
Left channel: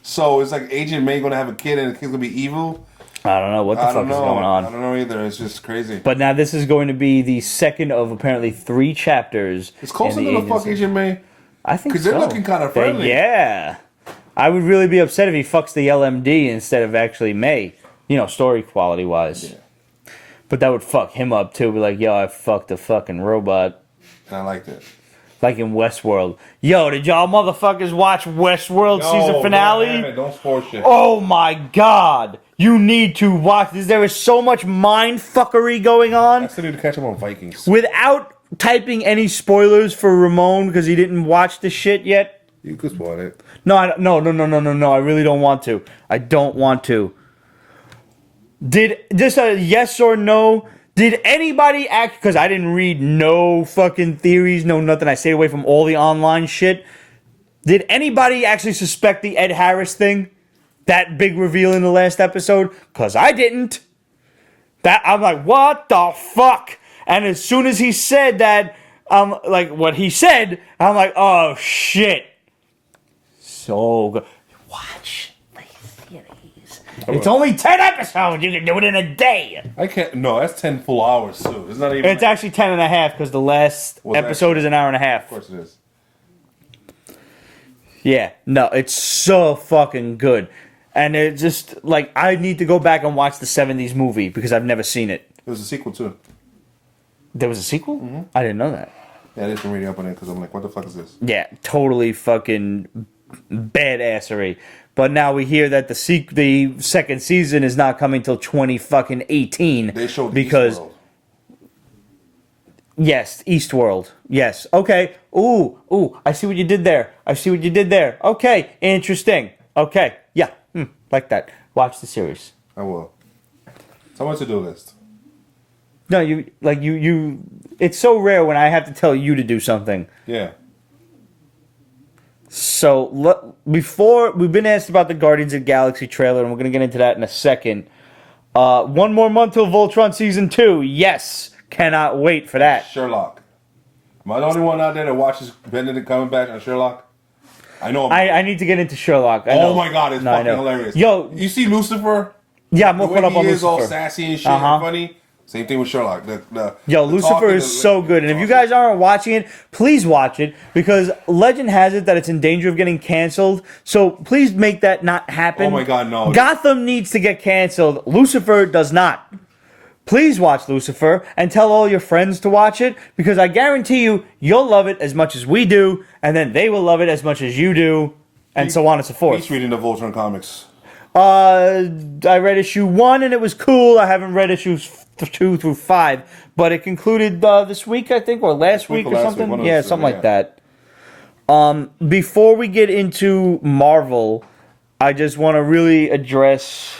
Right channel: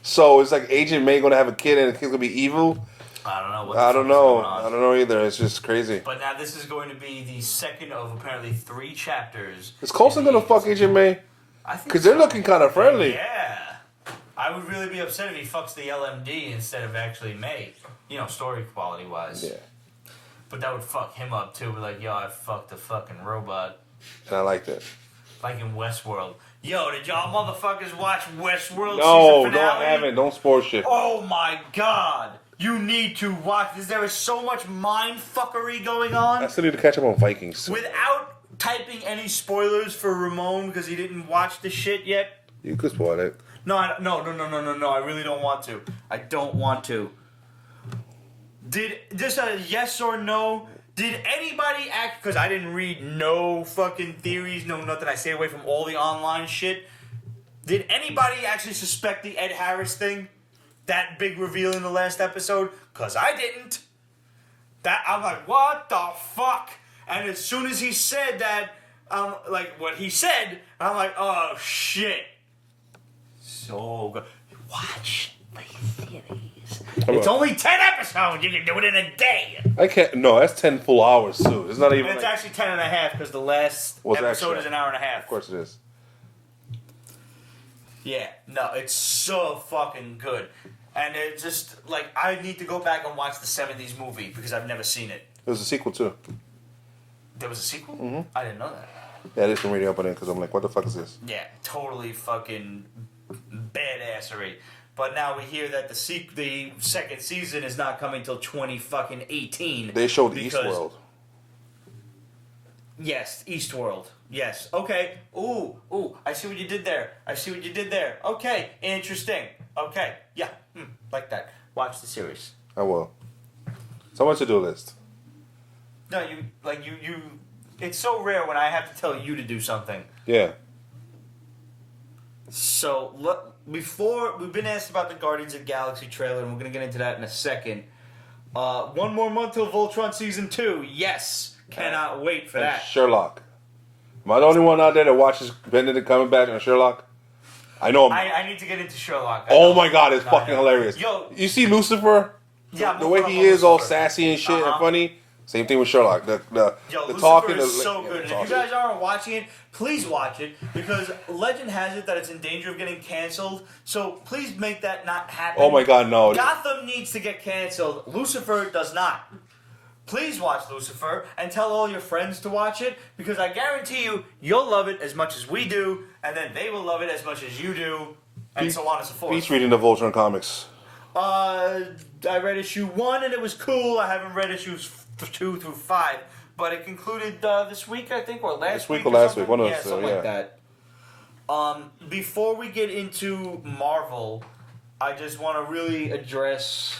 So it's Agent May gonna have a kid and the kid's gonna be evil? I don't know what the fuck is going on. I don't know either. It's just crazy. But now this is going to be the second of apparently 3 chapters. Is Coulson in the gonna fuck agency. Agent May? I think Because they're looking kind of friendly. Yeah. I would really be upset if he fucks the LMD instead of actually May. Story quality wise. Yeah. But that would fuck him up too. Be like, yo, I fucked a fucking robot. And I like that. Like in Westworld. Yo, did y'all motherfuckers watch Westworld season finale? No, I haven't. Don't spoil shit. Oh my god. You need to watch this. There is so much mind fuckery going on. I still need to catch up on Vikings. Without typing any spoilers for Ramon because he didn't watch the shit yet. You could spoil it. No. I really don't want to. I don't want to. Did just a yes or no? Did anybody act? Because I didn't read no fucking theories, no nothing. I stayed away from all the online shit. Did anybody actually suspect the Ed Harris thing? That big reveal in the last episode? Because I didn't. I'm like, what the fuck? And as soon as he said that, what he said, I'm like, oh shit. So good. Watch the series. It's only 10 episodes. You can do it in a day. I can't. No, that's 10 full hours too. It's not even. It's actually 10 and a half because the last episode is an hour and a half. Of course it is. Yeah, no, it's so fucking good. And it just, I need to go back and watch the 70s movie because I've never seen it. There was a sequel too. There was a sequel? Mm-hmm. I didn't know that. Yeah, I just been reading up on it because I'm like, what the fuck is this? Yeah, totally fucking badassery. But now we hear that the second season is not coming till 2018. They showed because Eastworld. Yes, Eastworld. Yes. Okay. Ooh, I see what you did there. Okay, interesting. Okay, yeah. Like that. Watch the series. I will. It's on my to-do list. No, you it's so rare when I have to tell you to do something. Yeah. So, before, we've been asked about the Guardians of the Galaxy trailer, and we're going to get into that in a second. 1 more month till Voltron Season 2. Yes. Cannot wait for that. Sherlock. Am I the only one out there that watches Benedict Cumberbatch on Sherlock? I know. I need to get into Sherlock. Oh my god, it's fucking hilarious. Yo. You see Lucifer? Yeah, I'm the more way caught up he on is, Lucifer. all sassy and shit and funny. Same thing with Sherlock. The Lucifer talking, is so good. And if you guys aren't watching it, please watch it. Because legend has it that it's in danger of getting canceled. So please make that not happen. Oh my god, no. Gotham needs to get canceled. Lucifer does not. Please watch Lucifer and tell all your friends to watch it. Because I guarantee you, you'll love it as much as we do. And then they will love it as much as you do. And so on and so forth. He's reading the Voltron comics. I read issue 1 and it was cool. I haven't read issues 2 through 5, but it concluded this week, I think, or last week or something. Yeah, something like that. Before we get into Marvel, I just want to really address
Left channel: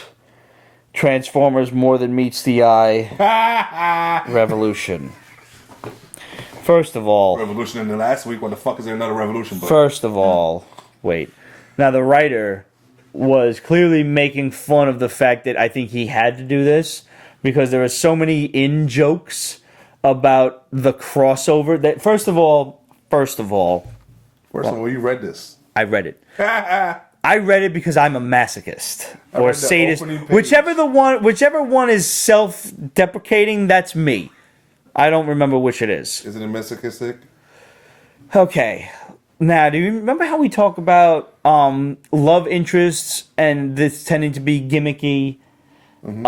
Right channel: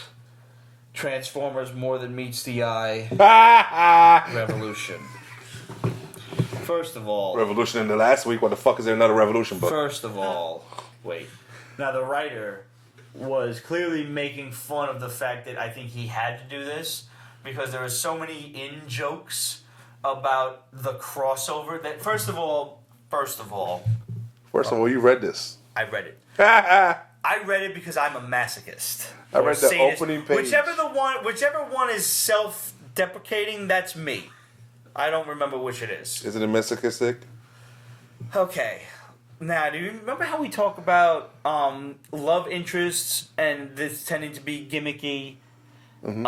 Transformers More Than Meets the Eye Revolution. First of all, Revolution in the last week. What the fuck is there another Revolution book? First of all, wait. Now the writer was clearly making fun of the fact that I think he had to do this because there are so many in-jokes about the crossover that first of all, you read this. I read it. I read it because I'm a masochist or read the sadist. opening page. Whichever one is self-deprecating, that's me. I don't remember which it is. Is it a masochistic? Okay. Now, do you remember how we talk about love interests and this tending to be gimmicky? Mm-hmm.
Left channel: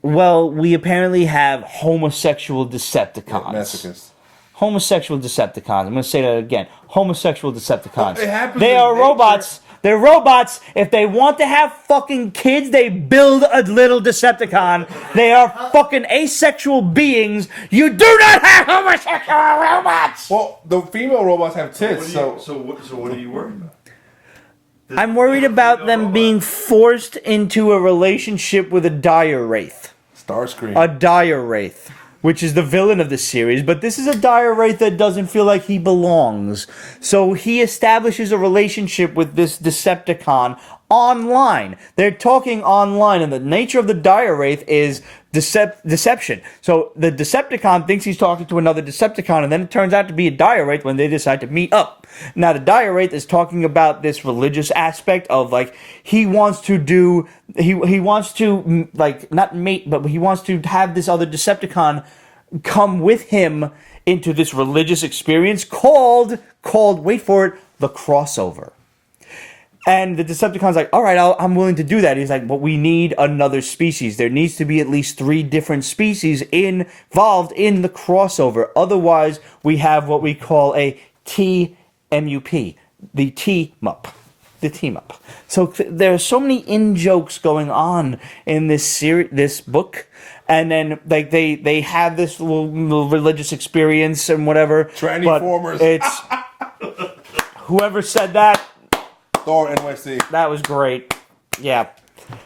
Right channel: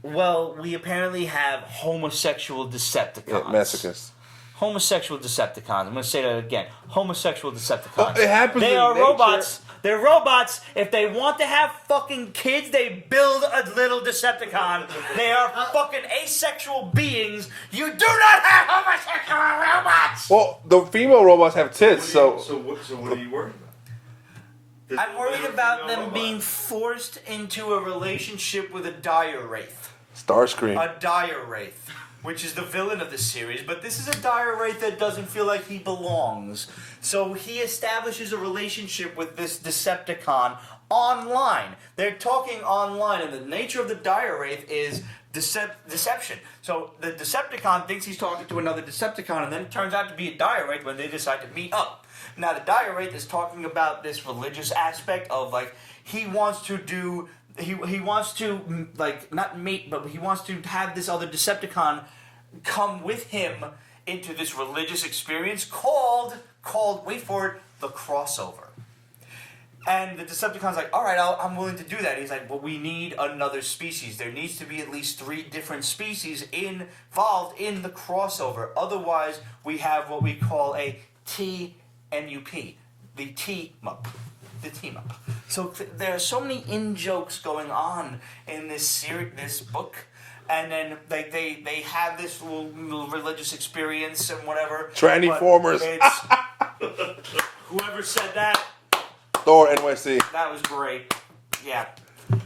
Well, we apparently have homosexual Decepticons. Yeah, masochists. Homosexual Decepticons. I'm going to say that again. Homosexual Decepticons. It happens They in are nature. robots. They're robots. If they want to have fucking kids, they build a little Decepticon. They are fucking asexual beings. You do not have homosexual robots. Well, the female robots have tits, So what are you worried about? I'm worried about them being forced into a relationship with a dire wraith. Starscream. A dire wraith, which is the villain of the series, but this is a dire wraith that doesn't feel like he belongs. So he establishes a relationship with this Decepticon online. They're talking online, and the nature of the dire wraith is deception. So the Decepticon thinks he's talking to another Decepticon, and then it turns out to be a dire wraith when they decide to meet up. Now the dire wraith is talking about this religious aspect of like he wants to like not mate, but he wants to have this other Decepticon come with him into this religious experience called wait for it, the crossover. And the Decepticon's like, all right, I'm willing to do that. He's like, but we need another species. There needs to be at least 3 different species involved in the crossover. Otherwise, we have what we call a TMUP, the team-up. The team-up. So there are so many in-jokes going on in this book. And then like they have this little religious experience and whatever. Transformers. It's whoever said that. Thor NYC. That was great. Yeah.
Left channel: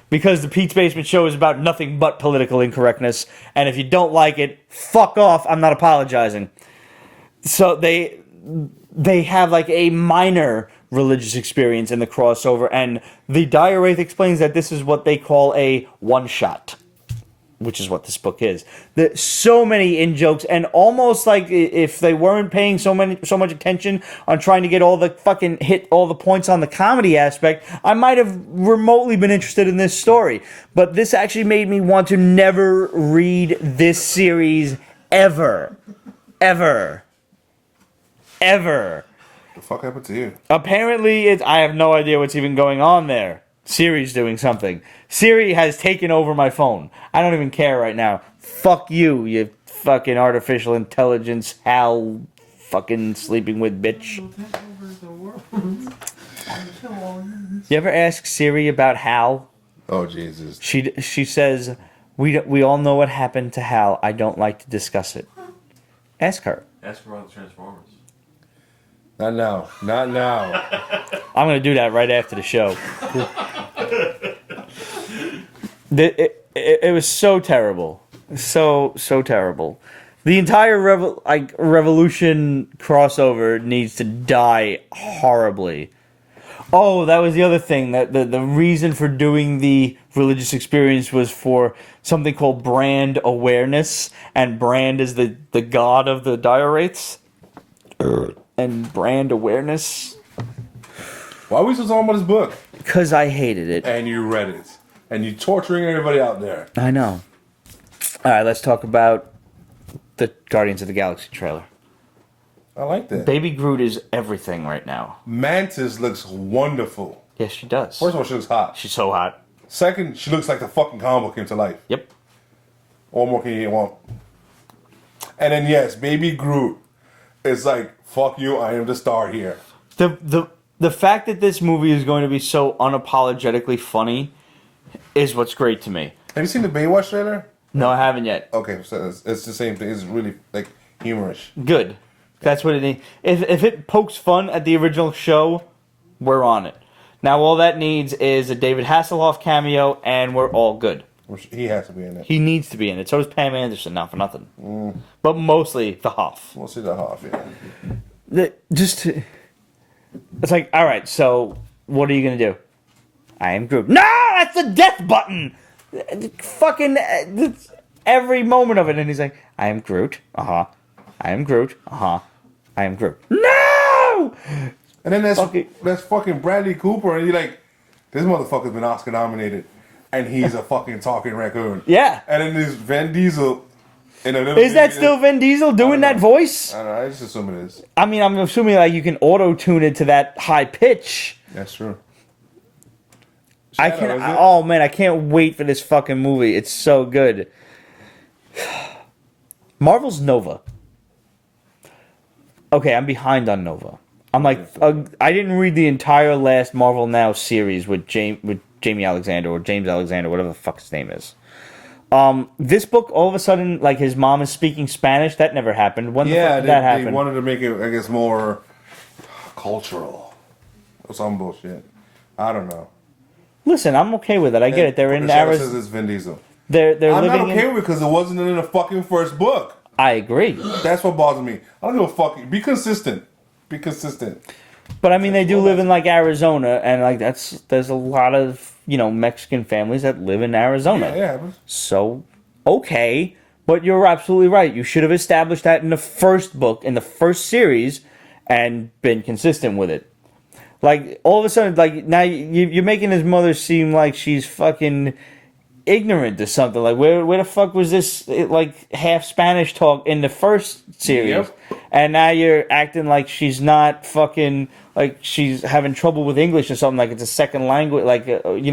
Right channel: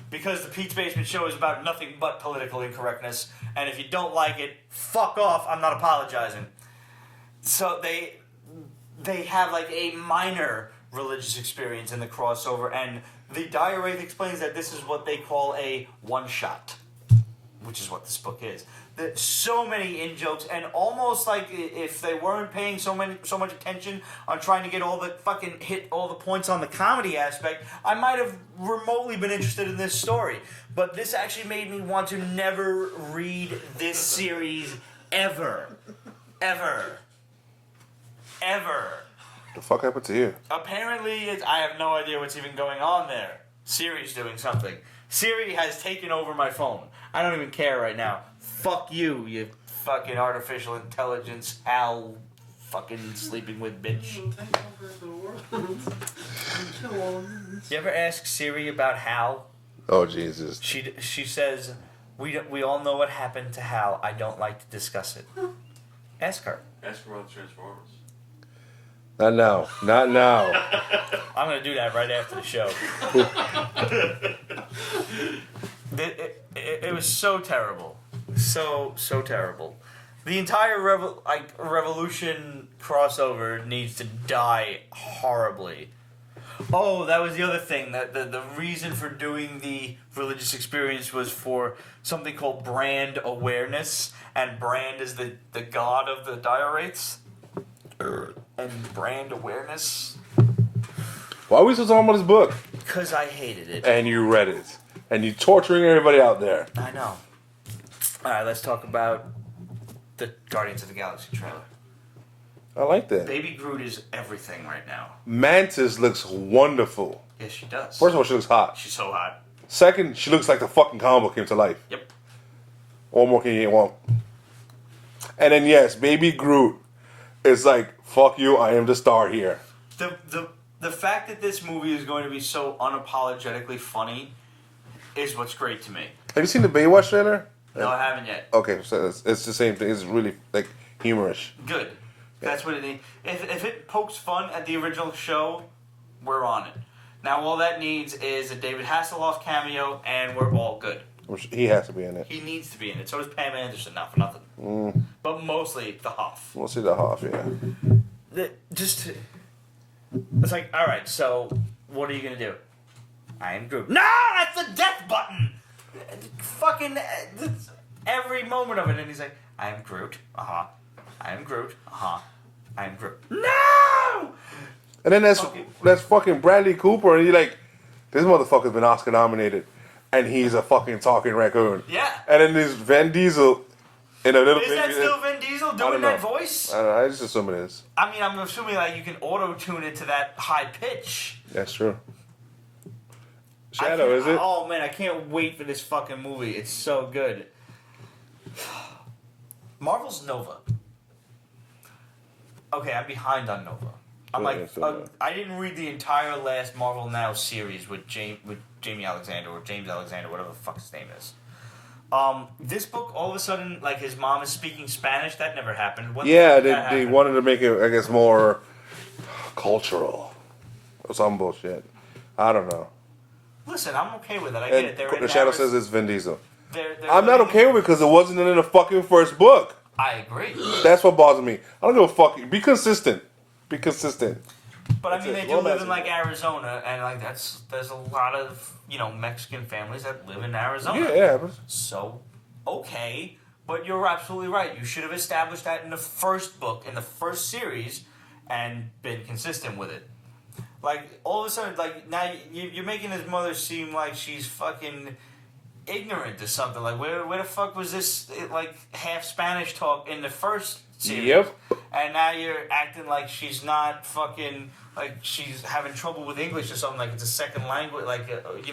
Because the Pete's Basement Show is about nothing but political incorrectness. And if you don't like it, fuck off. I'm not apologizing. So they have like a minor religious experience in the crossover. And the Dire Wraith explains that this is what they call a one-shot. Which is what this book is. There's so many in-jokes, and almost like if they weren't paying so much attention on trying to get all the fucking hit all the points on the comedy aspect, I might have remotely been interested in this story. But this actually made me want to never read this series ever. Ever. Ever. The fuck happened to you? Apparently, I have no idea what's even going on there. Siri's doing something. Siri has taken over my phone. I don't even care right now. Fuck you, you fucking artificial intelligence, Hal fucking sleeping with bitch. You ever ask Siri about Hal? Oh, Jesus. She says, we all know what happened to Hal. I don't like to discuss it. Ask her. Ask about the Transformers. Not now. Not now. I'm going to do that right after the show. It was so terrible. So terrible. The entire Revolution crossover needs to die horribly. Oh, that was the other thing. That the reason for doing the religious experience was for something called brand awareness, and Brand is the god of the dire wraiths. And brand awareness. Why are we still talking about this book? Because I hated it. And you read it. And you're torturing everybody out there. I know. Alright, let's talk about the Guardians of the Galaxy trailer. I like that. Baby Groot is everything right now. Mantis looks wonderful. Yes, she does. First of all, she looks hot. She's so hot. Second, she looks like the fucking comic book came to life. Yep. What more can you want? And then yes, Baby Groot is like, fuck you, I am the star here. The fact that this movie is going to be so unapologetically funny is what's great to me. Have you seen the Baywatch trailer? No, I haven't yet. Okay, so it's the same thing. It's really like humorous. Good. That's what it needs. If it pokes fun at the original show, we're on it. Now all that needs is a David Hasselhoff cameo, and we're all good. He has to be in it. He needs to be in it. So does Pam Anderson, not for nothing. But mostly the Hoff. We'll see the Hoff, yeah. It's like, all right, so what are you going to do? I am Groot. No, that's the death button! Fucking every moment of it. And he's like, I am Groot. Uh-huh. I am Groot. Uh-huh. I am Groot. No! And then that's fucking Bradley Cooper, and you're like, this motherfucker's been Oscar nominated, and he's a fucking talking raccoon. Yeah. And then there's Vin Diesel in a little. Is that still Vin Diesel doing that voice? I don't know. I just assume it is. I mean, I'm assuming like you can auto tune it to that high pitch. That's true. Shadow, is it? Oh man, I can't wait for this fucking movie. It's so good. Marvel's Nova. Okay, I'm behind on Nova. I'm like, I didn't read the entire last Marvel Now series with Jamie Alexander or James Alexander, whatever the fuck his name is. This book, all of a sudden, like his mom is speaking Spanish. That never happened. When they wanted to make it, I guess, more cultural or some bullshit. I don't know. Listen, I'm okay with it. I get it. They're in Shadow says it's Vin Diesel. I'm not okay with it because it wasn't in the fucking first book. I agree. That's what bothers me. I don't give a fuck. Be consistent. Be consistent. But I mean, they do live in like Arizona, and like there's a lot of Mexican families that live in Arizona. Yeah. So okay, but you're absolutely right. You should have established that in the first book, in the first series, and been consistent with it. Like all of a sudden, like now you're making his mother seem like she's fucking ignorant to something. Like where the fuck was this like half Spanish talk in the first series? Yep. And now you're acting like she's not fucking like she's having trouble with English or something. Like it's a second language. Like I don't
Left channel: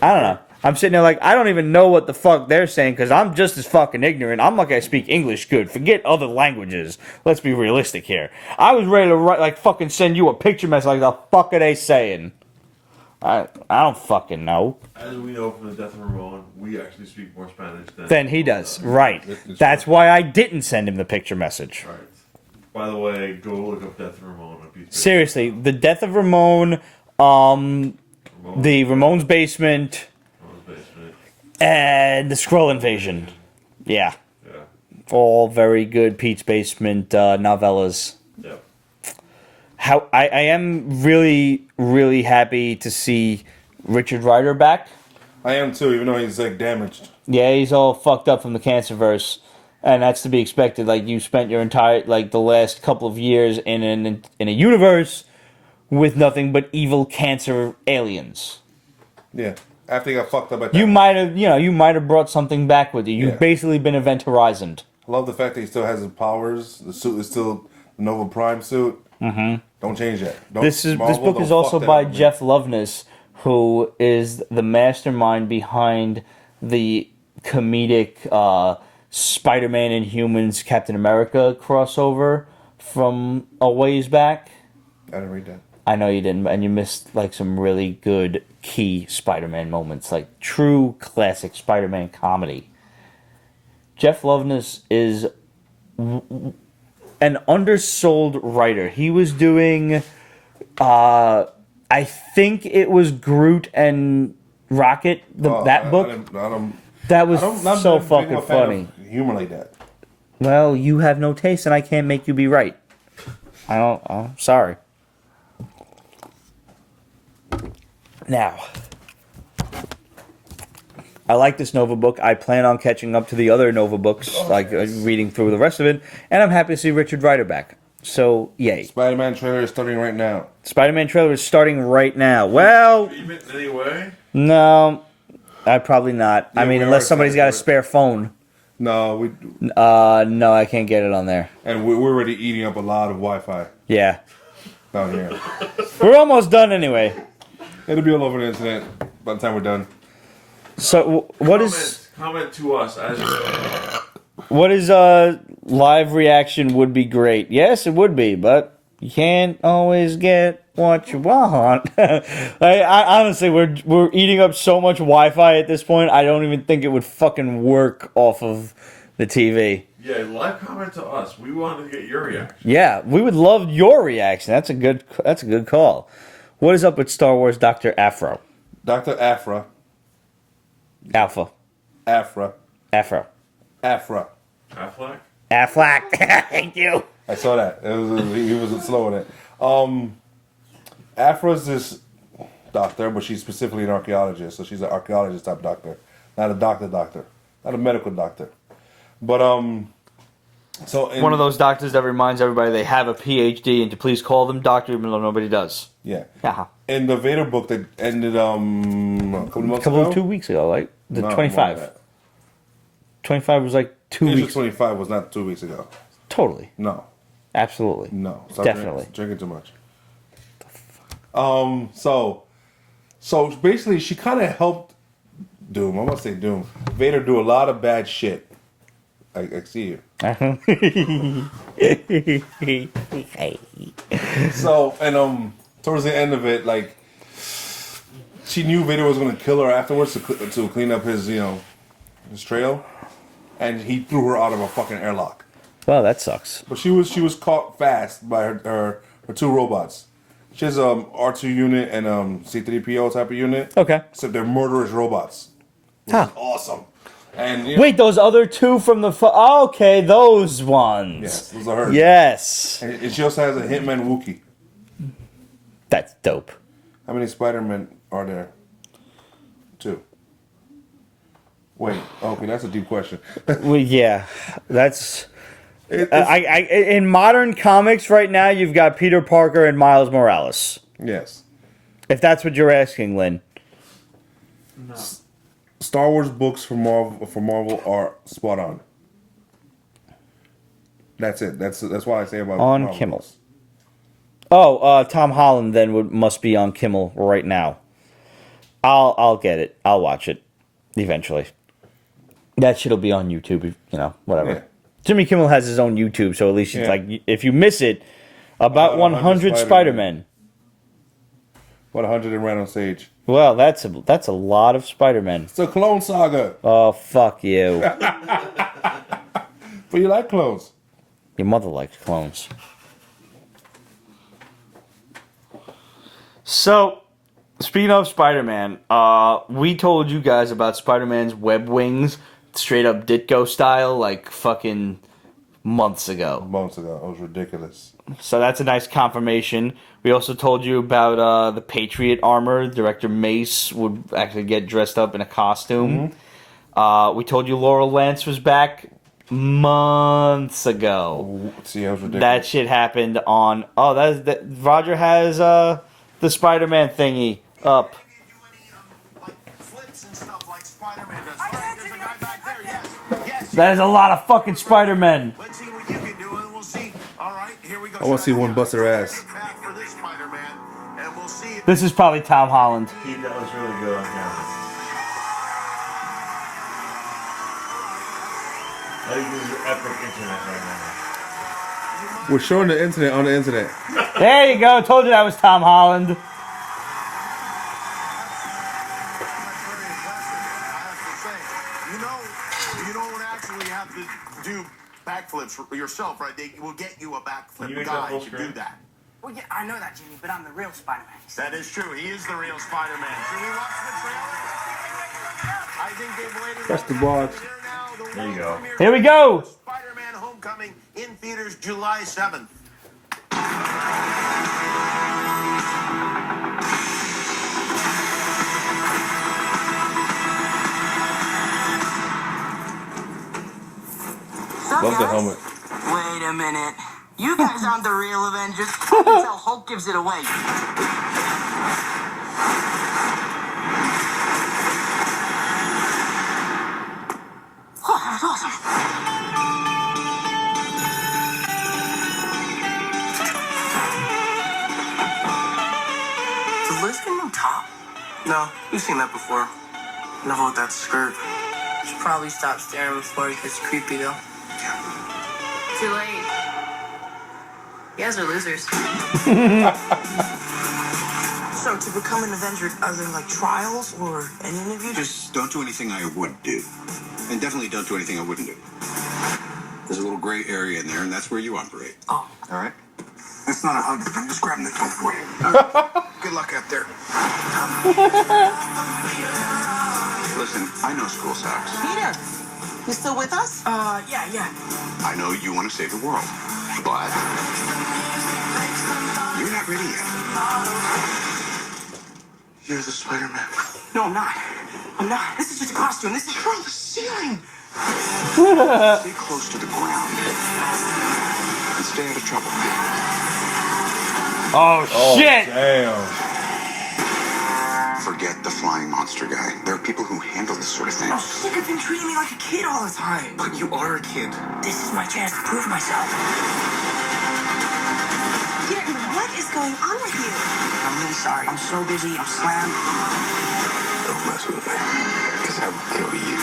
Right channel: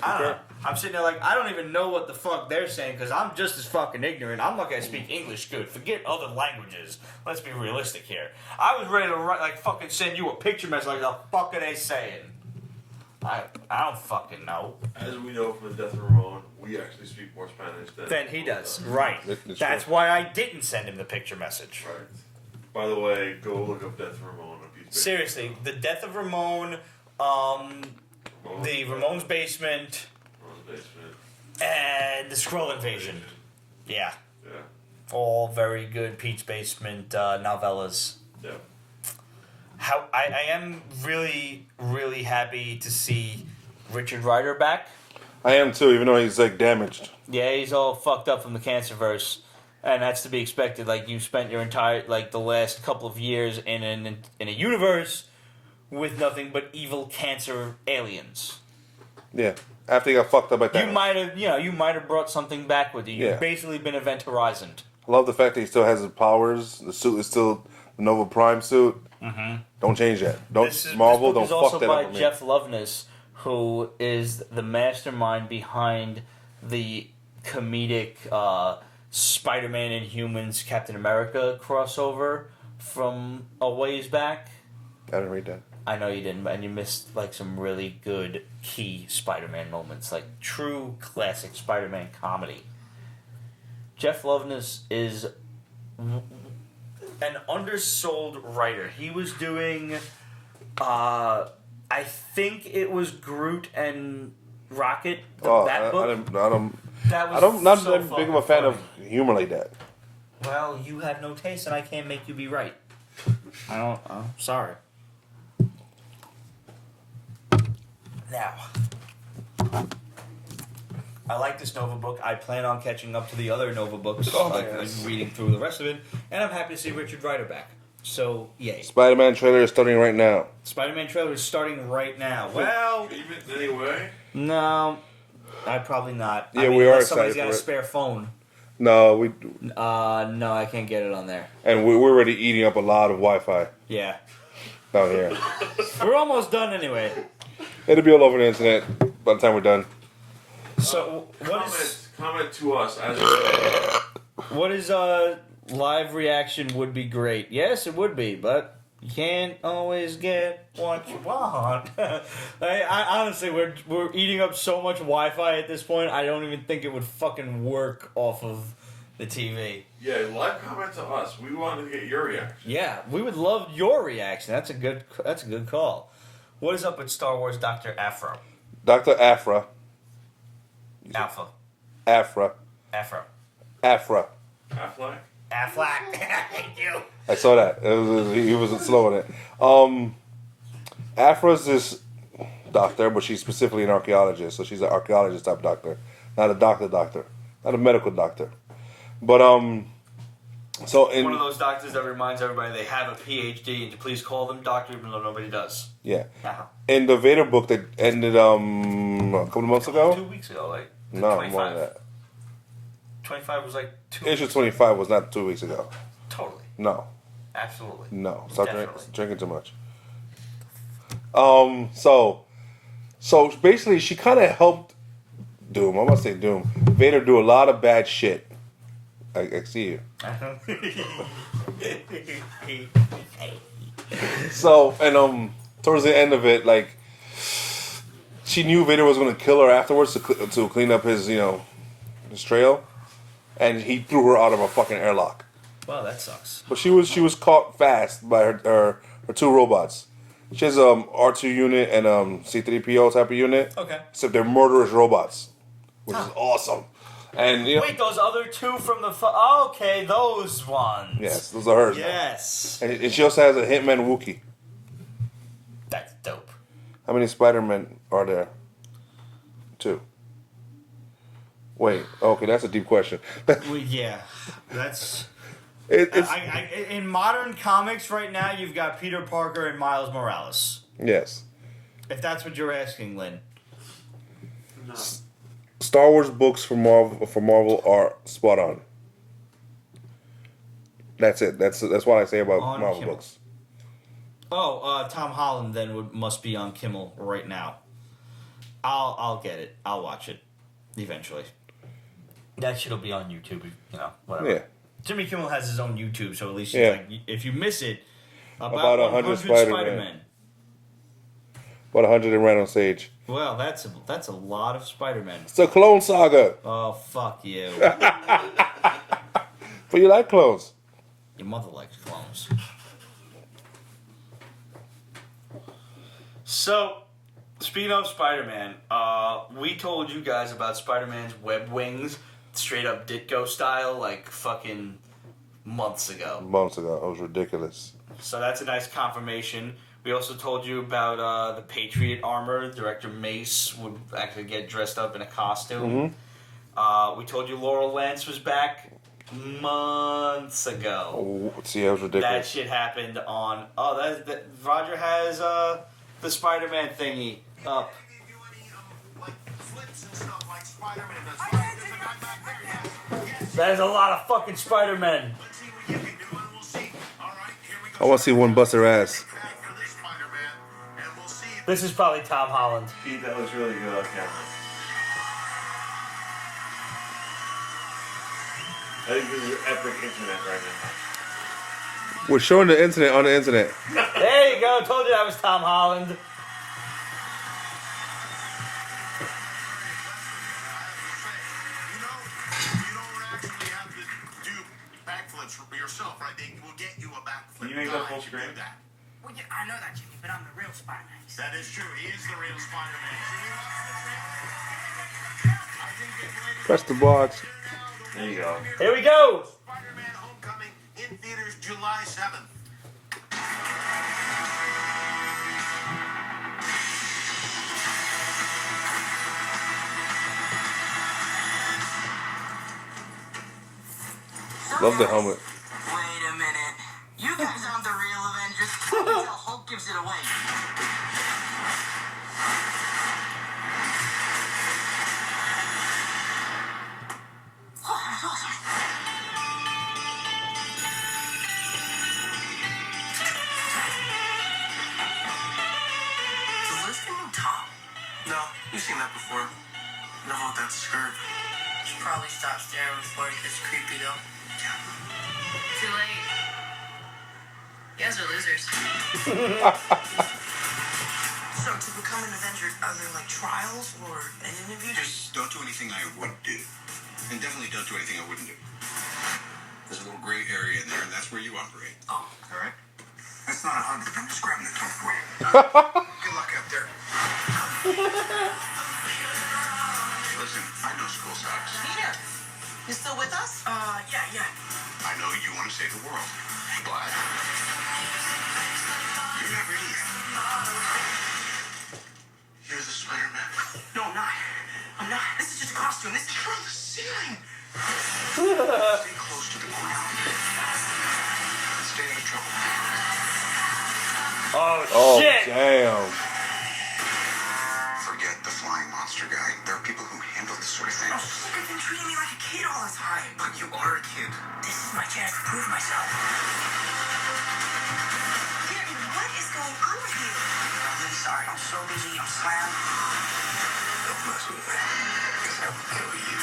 know. I'm sitting there like I don't even know what the fuck they're saying because I'm just as fucking ignorant. I'm not gonna speak English good. Forget other languages. Let's be realistic here. I was ready to write like fucking send you a picture message like the fuck are they saying? I don't fucking know. As we know from the death of Ramon, we actually speak more Spanish than he does. Right. That's why I didn't send him the picture message. Right. By the way, go look up Death of Ramon. Seriously, the death of Ramon, the Ramon's Basement, and the Skrull Invasion. Yeah. All very good Pete's Basement novellas. Yeah. How I am really, really happy to see Richard Rider back. I am too, even though he's like damaged. Yeah, he's all fucked up from the Cancerverse, and that's to be expected. Like you spent your entire the last couple of years in a universe with nothing but evil cancer aliens. Yeah, after he got fucked up at that. You might have brought something back with you. You've basically been Event Horizon. I love the fact that he still has his powers. The suit is still the Nova Prime suit. Mm-hmm. Don't change that. This book is also by Jeff Loveness, who is the mastermind behind the comedic Spider-Man and Humans Captain America crossover from a ways back. I didn't read that. I know you didn't, and you missed like some really good key Spider-Man moments, like true classic Spider-Man comedy. Jeff Loveness is an undersold writer. He was doing I think it was Groot and Rocket, that book. That was not so big of fucking a fan funny. of humor like that. Well, you have no taste, and I can't make you be right. I don't. I'm sorry. Now, I like this Nova book. I plan on catching up to the other Nova books, reading through the rest of it, and I'm happy to see Richard Rider back. So, yay. Spider-Man trailer is starting right now. Spider-Man trailer is starting right now. Well, Anyway, no, probably not. Yeah, I mean, we are unless somebody's excited got a for it. spare phone. No, No, I can't get it on there. and we're already eating up a lot of Wi-Fi Yeah. down here. We're almost done anyway. It'll be all over the internet by the time we're done. So, what is comment to us as live reaction would be great. Yes, it would be, but you can't always get what you want. I honestly, we're eating up so much Wi-Fi at this point. I don't even think it would fucking work off of the TV. yeah, live comment to us. We want to get your reaction. Yeah, we would love your reaction. That's a good call. What is up with Star Wars Dr. Aphra? Dr. Aphra. Alpha. Aphra. Aphra. Aphra. Affleck? Affleck. Thank you. I saw that. He was slow on it. Aphra's this doctor, but she's specifically an archaeologist, so she's an archaeologist type doctor, not a doctor, not a medical doctor. But so One of those doctors that reminds everybody they have a PhD and to please call them doctor even though nobody does. yeah, Uh-huh. in the Vader book that ended a couple of months ago. 2 weeks ago, like the No, more than 25. that. 25 was like 2 Issue weeks. 25 was not 2 weeks ago. Totally. No, Absolutely. no, stop Definitely. drinking too much. So basically, she kind of helped Doom. I'm gonna say Doom. Vader do a lot of bad shit. I see you. So and towards the end of it, like she knew Vader was gonna kill her afterwards to clean up his his trail, and he threw her out of a fucking airlock. Well, that sucks. But she was caught fast by her two robots. She has R2 unit and C3PO type of unit. Okay. Except they're murderous robots, which is awesome. And Wait, those other two from the... okay, those ones. yes, those are hers. Yes. And she also has a Hitman Wookiee. That's dope. How many Spider-Men are there? 2. Wait, okay, that's a deep question. Well, yeah, that's... It's, in modern comics right now, you've got Peter Parker and Miles Morales. yes. If that's what you're asking, Lynn. No. Star Wars books for Marvel are spot on. That's it. That's what I say about On Marvel Kimmel. books. Oh, Tom Holland then must be on Kimmel right now. I'll get it. I'll watch it eventually. That shit'll be on YouTube. Whatever. Yeah. Jimmy Kimmel has his own YouTube, so at least it's Yeah. like if you miss it, about 100 Spider-Man. Spider-Men. About 100 in Ran on Stage. Well, that's a lot of Spider-Men. It's a clone saga. Oh, fuck you. But you like clones. Your mother likes clones. So, speaking of Spider-Man, we told you guys about Spider-Man's web wings, straight up Ditko style, like fucking months ago. Months ago. It was ridiculous. So that's a nice confirmation. We also told you about the Patriot armor. Director Mace would actually get dressed up in a costume. We told you Laurel Lance was back months ago. Oh, see, that was ridiculous. That shit happened on... Oh, that Roger has the Spider-Man thingy up. That is a lot of fucking Spider-Men. I want to see one bust her ass. This is probably Tom Holland. He does really good on camera. I think this is epic internet right now. We're showing the internet on the internet. There you go. Told you that was Tom Holland. You don't actually have to do backflips yourself, right? They will get you a backflip Can you make that guy full to screen? do that. Well, yeah, I know that, Jimmy, but I'm the real Spider-Man. That is true. He is the real Spider-Man. Should we watch the trailer? I think they've waited. Press the box. There you go. Here we go. Spider-Man Homecoming in theaters July 7th. Love the helmet. Wait a minute. You guys aren't the real Avengers. I can tell Hulk gives it away. Oh, that was awesome. Does Liz get no top? No, you've seen that before. Enough with that skirt. Should probably stop staring before it gets creepy, though. Too late. You guys are losers. So, to become an Avenger, are there like trials or an interview? Just don't do anything I would do. And definitely don't do anything I wouldn't do. There's a little gray area in there, and that's where you operate. Oh, All right? That's not a hug. I'm just grabbing the toe for you. good luck out there. Listen, I know school sucks. Peter, you still with us? Yeah. I know you want to save the world. But you're not ready yet. You're the Spider-Man. No, I'm not. I'm not. This is just a costume. This is From the ceiling. Stay close to the ground. And stay out of trouble. Oh, shit. Damn. Forget the flying monster guy. There are people who handle this sort of thing. I'm sick of him treating me like a kid all the time. But you are a kid. This is my chance to prove myself. Peter, what is going on with you? I'm really sorry. I'm so busy. I'm slammed. Don't mess with me. Because I will kill you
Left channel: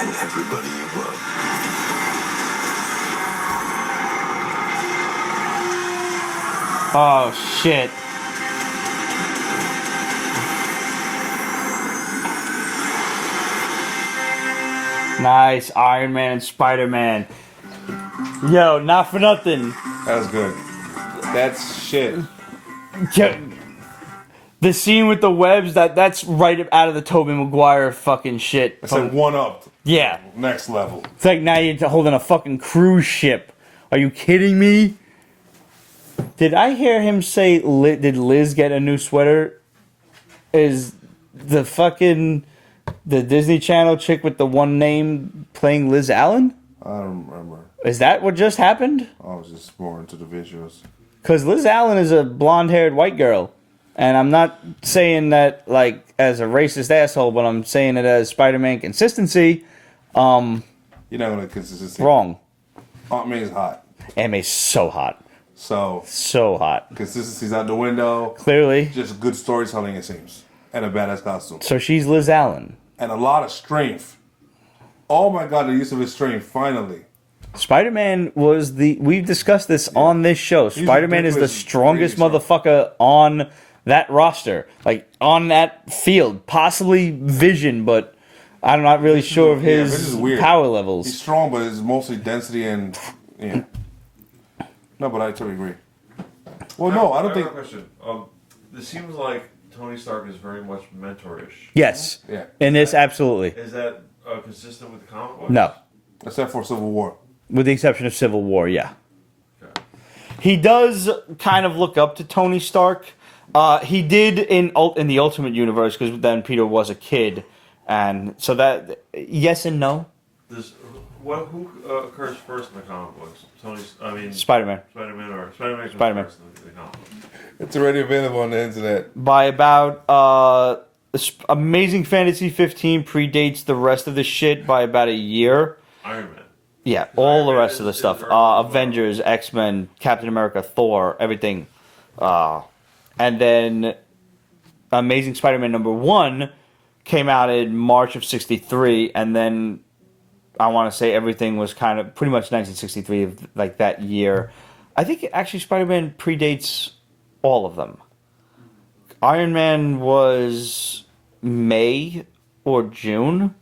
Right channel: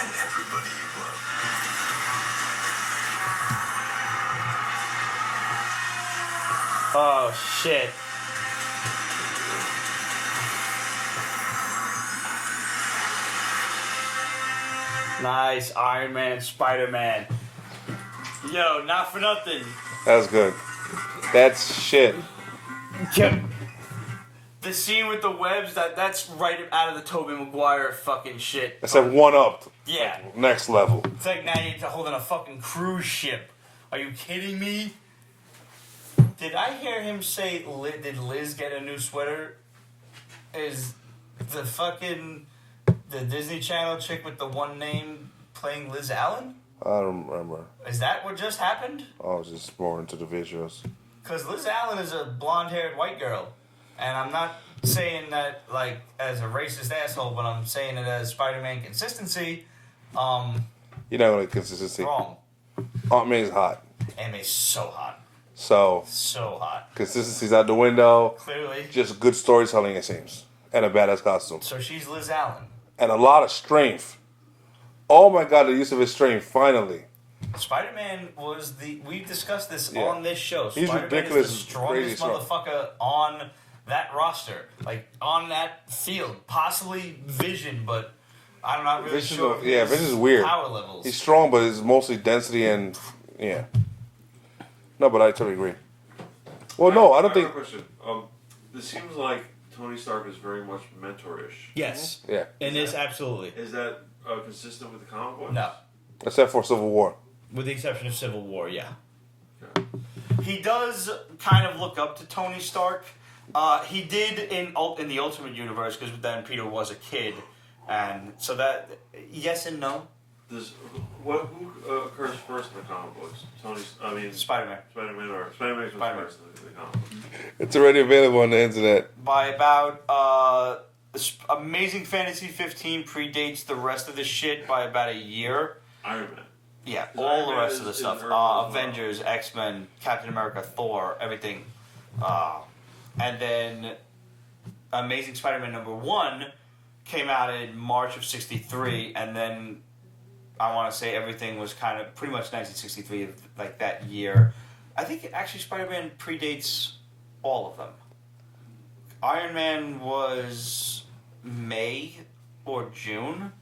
and everybody you love. Oh, shit. Nice. Iron Man and Spider-Man. Yo, not for nothing. That was good. That's shit. Yo, the scene with the webs, that's right out of the Tobey Maguire fucking shit. I said one up. Yeah. Next level. It's like now you're holding a fucking cruise ship. Are you kidding me? Did I hear him say, did Liz get a new sweater? Is the fucking, the Disney Channel chick with the one name playing Liz Allen? I don't remember. Is that what just happened? I was just more into the visuals. Because Liz Allen is a blonde-haired white girl. And I'm not saying that, like, as a racist asshole, but I'm saying it as Spider-Man consistency. You're not going to consistency. Wrong. Aunt May's hot. Aunt May's so hot. So, So hot. consistency's out the window. Clearly. Just good storytelling, it seems. And a badass costume. So she's Liz Allen. And a lot of strength. Oh my god, the use of his strength, finally. Spider-Man was we've discussed this on this show. He's Spider-Man is the ridiculous, strongest crazy strong. motherfucker on that roster. Like, on that field. Possibly Vision, but I'm not really sure of Vision his is weird. power levels. He's strong, but it's mostly density and, yeah. No, but I totally agree. Well, no, I don't think... have a question. This seems like Tony Stark is very much mentor-ish. Yes. Yeah. In this, absolutely. Is that consistent with the comic books? No. Except for Civil War. With the exception of Civil War, yeah. Okay. He does kind of look up to Tony Stark. He did in the Ultimate Universe, because then Peter was a kid. And so that, yes and no. Who occurs first in the comic books? Spider-Man. Spider-Man or Spider-Man. Spider-Man. First in the comic books. It's already available on the internet. By about Amazing Fantasy 15 predates the rest of the shit by about a year. Iron Man. Yeah, all the Iron rest Man of the is stuff. early. Avengers, X-Men, Captain America, Thor, everything. And then Amazing Spider-Man #1 came out in March of '63, and then I want to say everything was kind of pretty much 1963, like that year. I think actually Spider-Man predates all of them. Iron Man was May or June.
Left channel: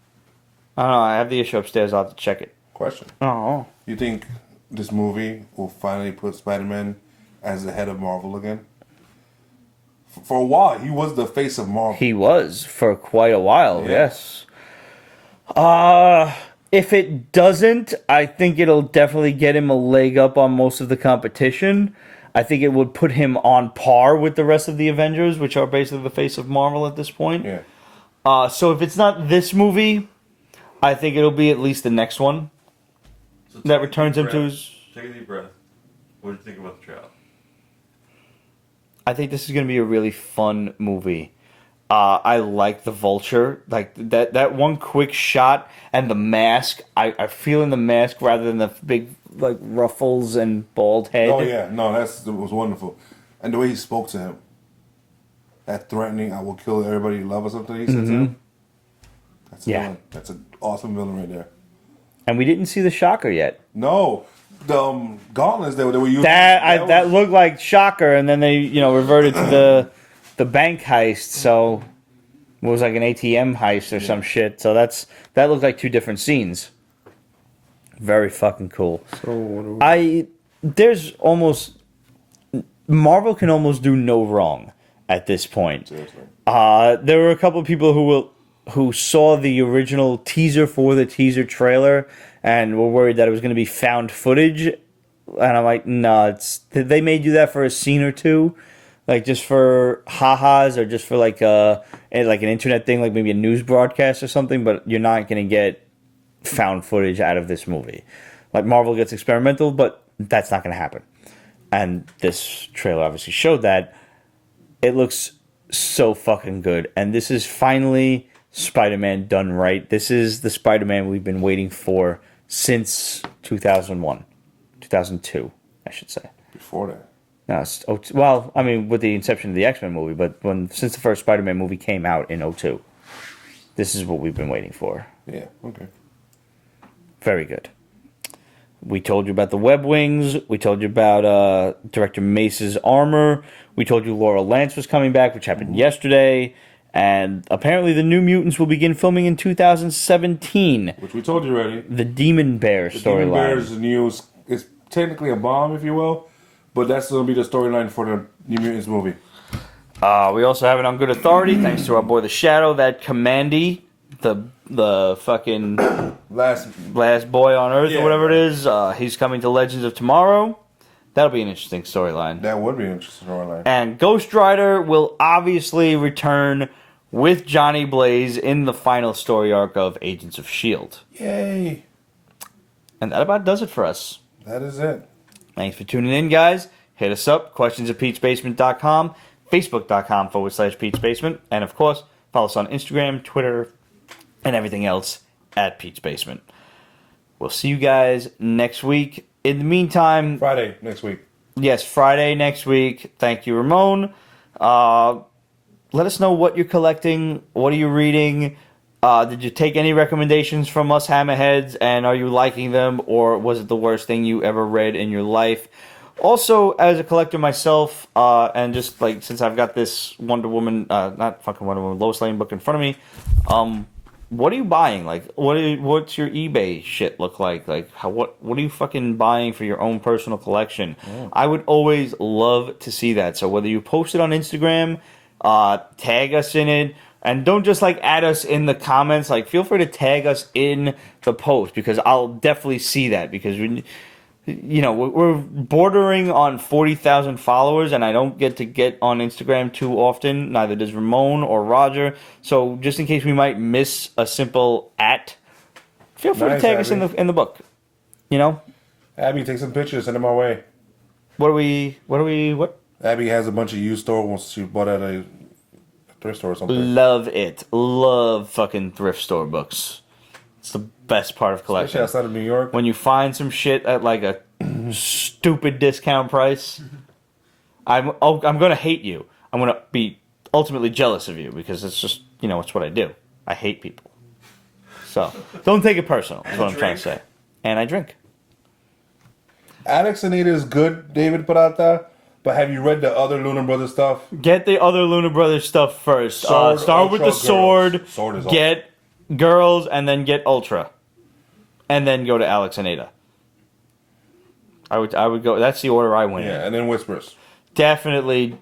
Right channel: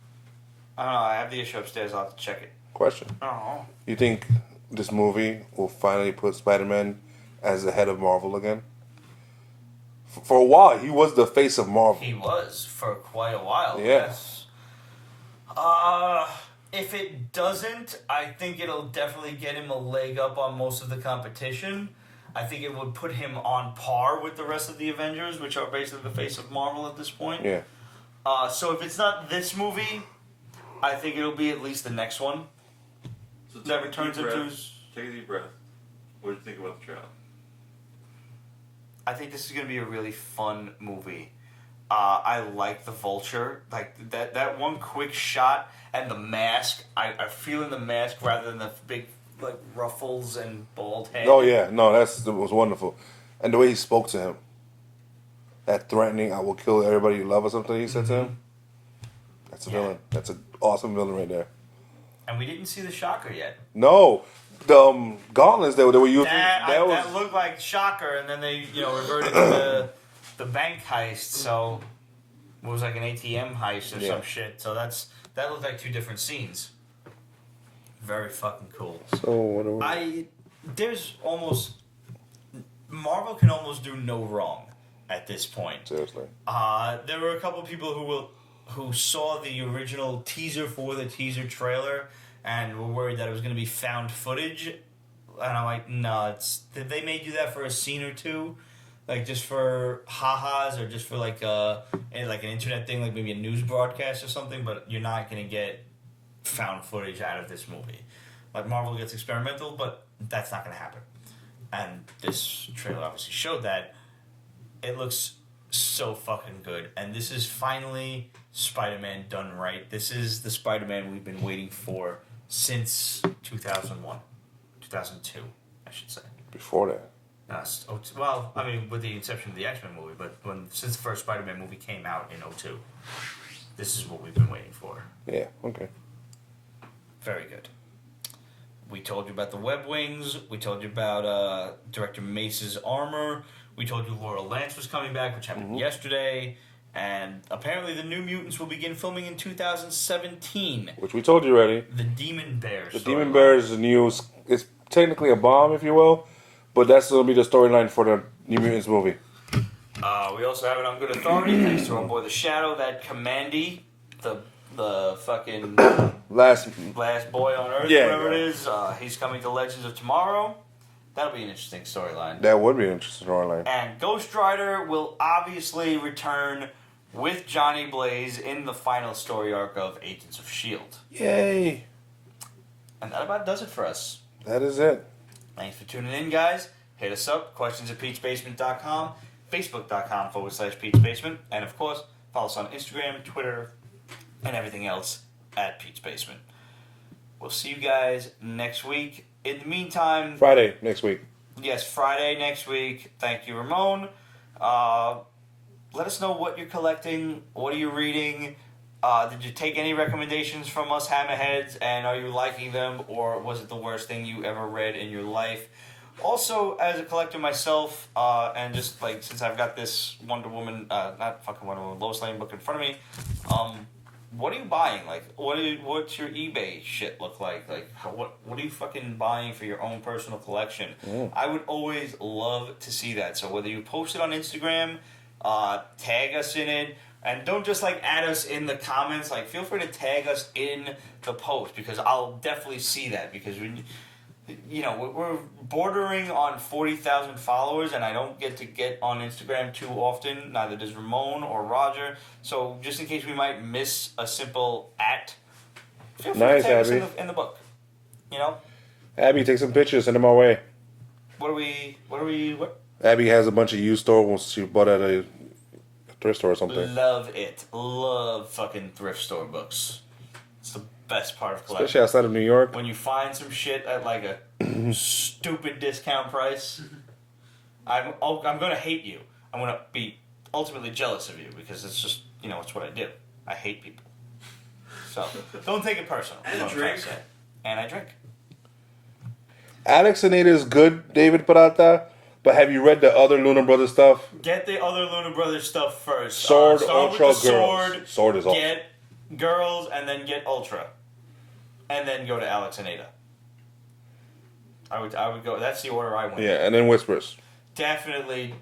I don't know. I have the issue upstairs. I'll have to check it. Question. Oh. You think this movie will finally put Spider-Man as the head of Marvel again. For a while, he was the face of Marvel. He was for quite a while, Yeah. yes. If it doesn't, I think it'll definitely get him a leg up on most of the competition. I think it would put him on par with the rest of the Avengers, which are basically the face of Marvel at this point. Yeah. So if it's not this movie, I think it'll be at least the next one So that returns him to his... Take a deep breath. What do you think about the trailer? I think this is going to be a really fun movie. I like the Vulture, like that one quick shot and the mask. I feel in the mask rather than the big like ruffles and bald head. Oh yeah, no, that was wonderful, and the way he spoke to him, that threatening, "I will kill everybody you love" or something. He said to him. That's a villain. That's an awesome villain right there. And we didn't see the Shocker yet. No, the gauntlets they were using. That looked like Shocker, and then they reverted to the bank heist. So it was like an ATM heist or some shit. So that looked like two different scenes. Very fucking cool. So what are we... There's almost Marvel can almost do no wrong at this point. Seriously. There were a couple of people who saw the original teaser for the teaser trailer and were worried that it was going to be found footage, and I'm like, no, they may do that for a scene or two, like just for ha-has or just for like an internet thing, like maybe a news broadcast or something. But you're not going to get found footage out of this movie. Like Marvel gets experimental, but that's not going to happen. And this trailer obviously showed that. It looks so fucking good, and this is finally Spider-Man done right. This is the Spider-Man we've been waiting for since 2002, I should say. Before that. No, well, I mean, with the inception of the X-Men movie, but since the first Spider-Man movie came out in 2002, this is what we've been waiting for. Yeah, okay. Very good. We told you about the web wings. We told you about Director Mace's armor. We told you Laurel Lance was coming back, which happened yesterday. And apparently the New Mutants will begin filming in 2017. Which we told you already. The Demon Bear storyline. The Demon Bear is the news. It's technically a bomb, if you will. But that's going to be the storyline for the New Mutants movie. We also have it on good authority, thanks to our boy The Shadow, that Commandy, the fucking last boy on Earth or whatever it is, he's coming to Legends of Tomorrow. That'll be an interesting storyline. That would be an interesting storyline. And Ghost Rider will obviously return with Johnny Blaze in the final story arc of Agents of S.H.I.E.L.D. Yay! And that about does it for us. That is it. Thanks for tuning in, guys. Hit us up, questions@Pete'sBasement.com, Facebook.com/Pete'sBasement, and of course, follow us on Instagram, Twitter, and everything else at Pete's Basement. We'll see you guys next week. In the meantime... Friday next week. Yes, Friday next week. Thank you, Ramon. Let us know what you're collecting. What are you reading? Did you take any recommendations from us hammerheads, and are you liking them, or was it the worst thing you ever read in your life? Also, as a collector myself, and just like since I've got this Wonder Woman, not fucking Wonder Woman, Lois Lane book in front of me, what are you buying? Like, what's your eBay shit look like? Like, what are you fucking buying for your own personal collection? Yeah. I would always love to see that. So whether you post it on Instagram, tag us in it, and don't just like add us in the comments. Like, feel free to tag us in the post because I'll definitely see that because we're bordering on 40,000 followers, and I don't get on Instagram too often. Neither does Ramon or Roger. So just in case we might miss a simple @, feel free to tag us in the book. Abby, take some pictures, send them our way. What? Abby has a bunch of used stores she bought at a thrift store or something. Love it. Love fucking thrift store books. It's the best part of collecting. Especially outside of New York. When you find some shit at like a stupid discount price, I'm going to hate you. I'm going to be ultimately jealous of you because it's just, it's what I do. I hate people. So, don't take it personal, is what I'm trying to say. And I drink. Alex and Ada is good, David Parata, but have you read the other Luna Brothers stuff? Get the other Luna Brothers stuff first. Sword, start with the Ultra, Sword. Girls. Sword is get Girls, and then get Ultra. And then go to Alex and Ada. I would go. That's the order I went in. Yeah, and then Whispers. Definitely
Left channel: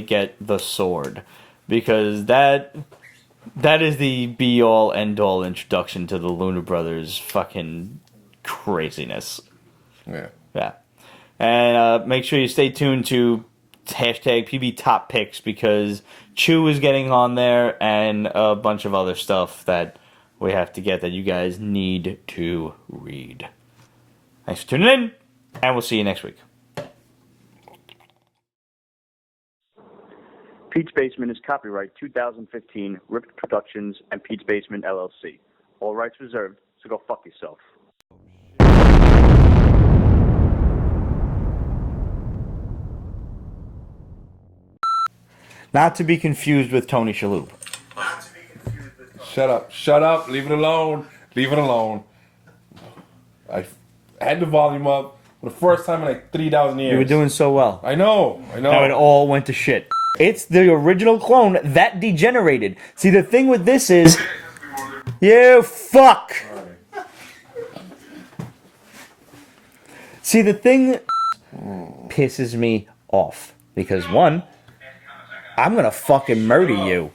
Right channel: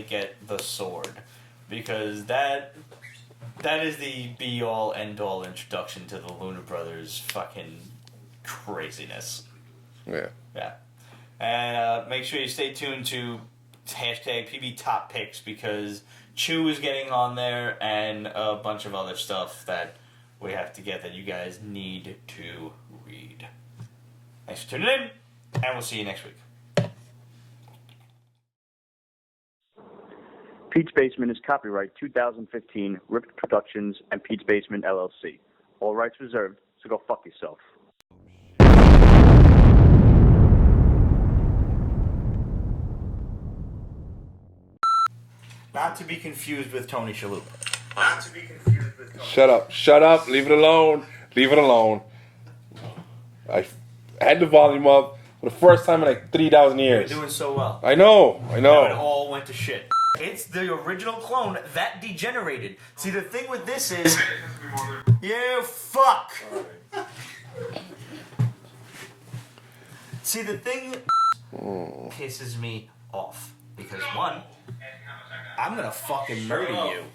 get the sword, because that is the be all end all introduction to the Luna Brothers fucking craziness. Yeah. Yeah. And make sure you stay tuned to hashtag PB Top Picks, because Chew is getting on there and a bunch of other stuff that we have to get that you guys need to read. Thanks for tuning in, and we'll see you next week. Pete's Basement is copyright 2015, Ripped Productions and Pete's Basement LLC. All rights reserved, so go fuck yourself. Not to be confused with Tony Shalhoub. Shut up, leave it alone. I had the volume up for the first time in like 3,000 years. You were doing so well. I know. Now it all went to shit. It's the original clone that degenerated. See, the thing with this is... You fuck! See, the thing pisses me off. Because, one, I'm gonna fucking murder you.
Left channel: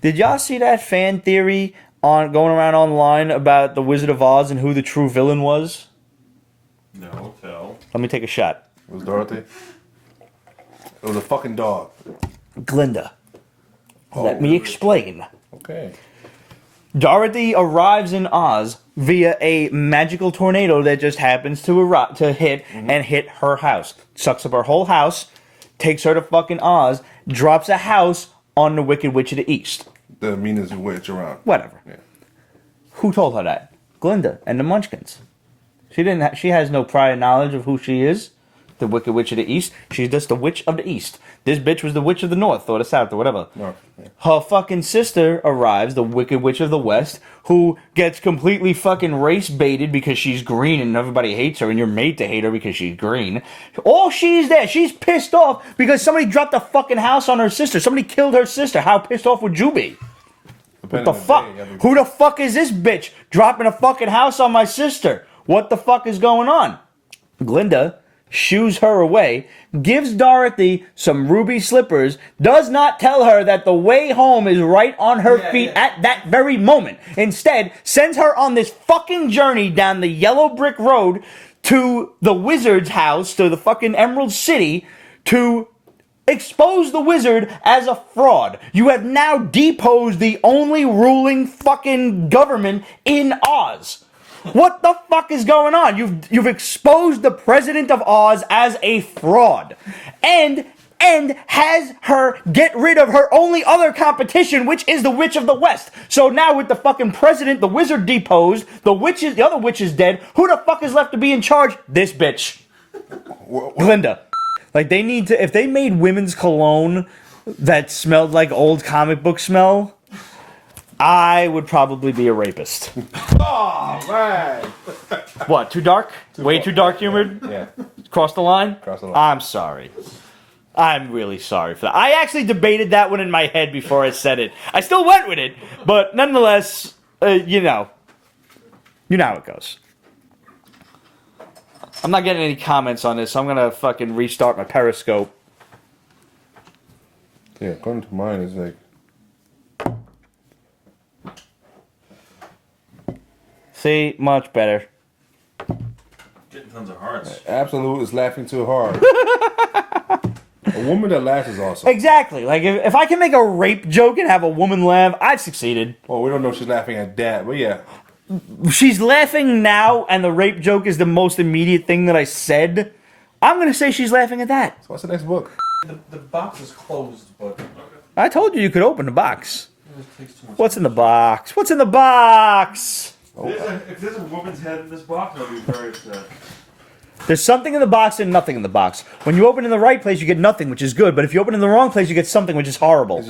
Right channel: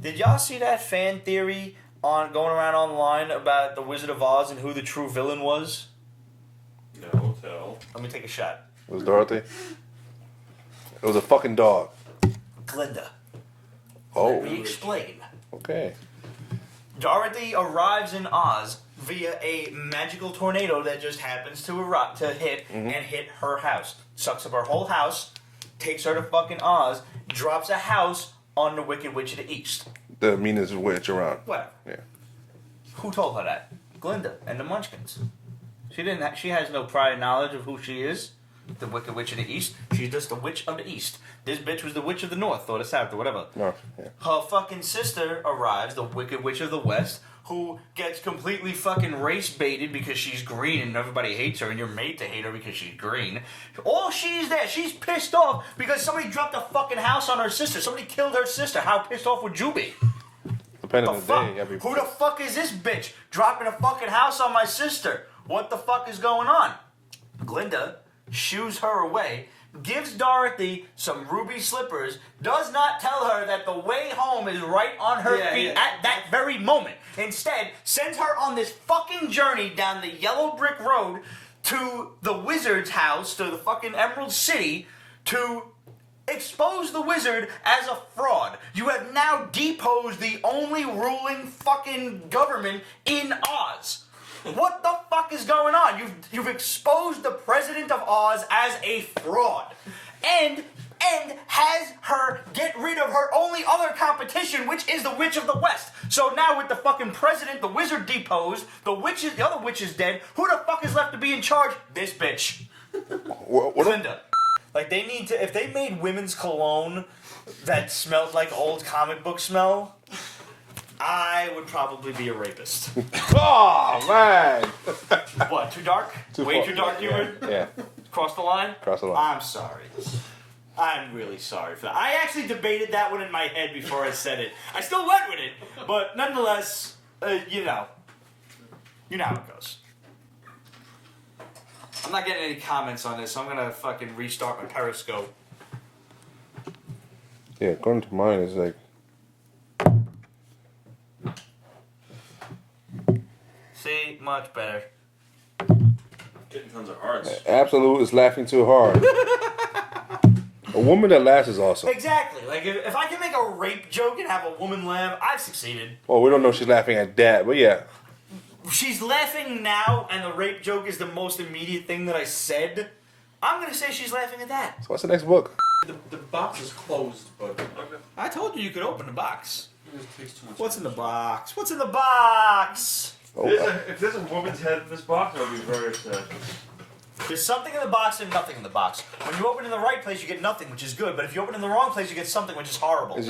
Did y'all see that fan theory on going around online about the Wizard of Oz and who the true villain was? No, tell. Let me take a shot. It was Dorothy. It was a fucking dog. Glinda. Let me explain. Okay. Dorothy arrives in Oz via a magical tornado that just happens to hit and hit her house. Sucks up her whole house, takes her to fucking Oz, drops a house on the Wicked Witch of the East. The meanest witch around. Whatever. Yeah. Who told her that? Glinda and the Munchkins. She has no prior knowledge of who she is. The Wicked Witch of the East. She's just the Witch of the East. This bitch was the Witch of the North or the South or whatever. North, yeah. Her fucking sister arrives, the Wicked Witch of the West, who gets completely fucking race baited because she's green and everybody hates her and you're made to hate her because she's green. All she's there, she's pissed off because somebody dropped a fucking house on her sister. Somebody killed her sister. How pissed off would you be? What the fuck? Who the fuck is this bitch dropping a fucking house on my sister? What the fuck is going on? Glinda shoos her away, gives Dorothy some ruby slippers, does not tell her that the way home is right on her feet at that very moment. Instead, sends her on this fucking journey down the yellow brick road to the wizard's house, to the fucking Emerald City, to expose the wizard as a fraud. You have now deposed the only ruling fucking government in Oz. What the fuck is going on? You've exposed the president of Oz as a fraud. And has her get rid of her only other competition, which is the Witch of the West. So now with the fucking president, the wizard deposed, the other witch is dead, who the fuck is left to be in charge? This bitch. Glinda. Like, they need to, if they made women's cologne that smelled like old comic book smell, I would probably be a rapist. Oh, man. What, too dark? Too dark humored? Yeah. Cross the line? Cross the line. I'm sorry. I'm really sorry for that. I actually debated that one in my head before I said it. I still went with it, but nonetheless, you know how it goes. I'm not getting any comments on this, so I'm going to fucking restart my Periscope. Yeah, according to mine, it's like... See, much better. Getting tons of hearts. Absolute is laughing too hard. A woman that laughs is awesome. Exactly. Like, if I can make a rape joke and have a woman laugh, I've succeeded. Well, we don't know if she's laughing at that, but yeah. She's laughing now, and the rape joke is the most immediate thing that I said. I'm going to say she's laughing at that. So what's the next book? The box is closed, but... Okay. I told you could open the box. What's in the box? What's in the box? Oh, If there's a woman's head in this box, I'll be very upset. There's something in the box and nothing in the box. When you open in the right place, you get nothing, which is good. But if you open in the wrong place, you get something, which is horrible.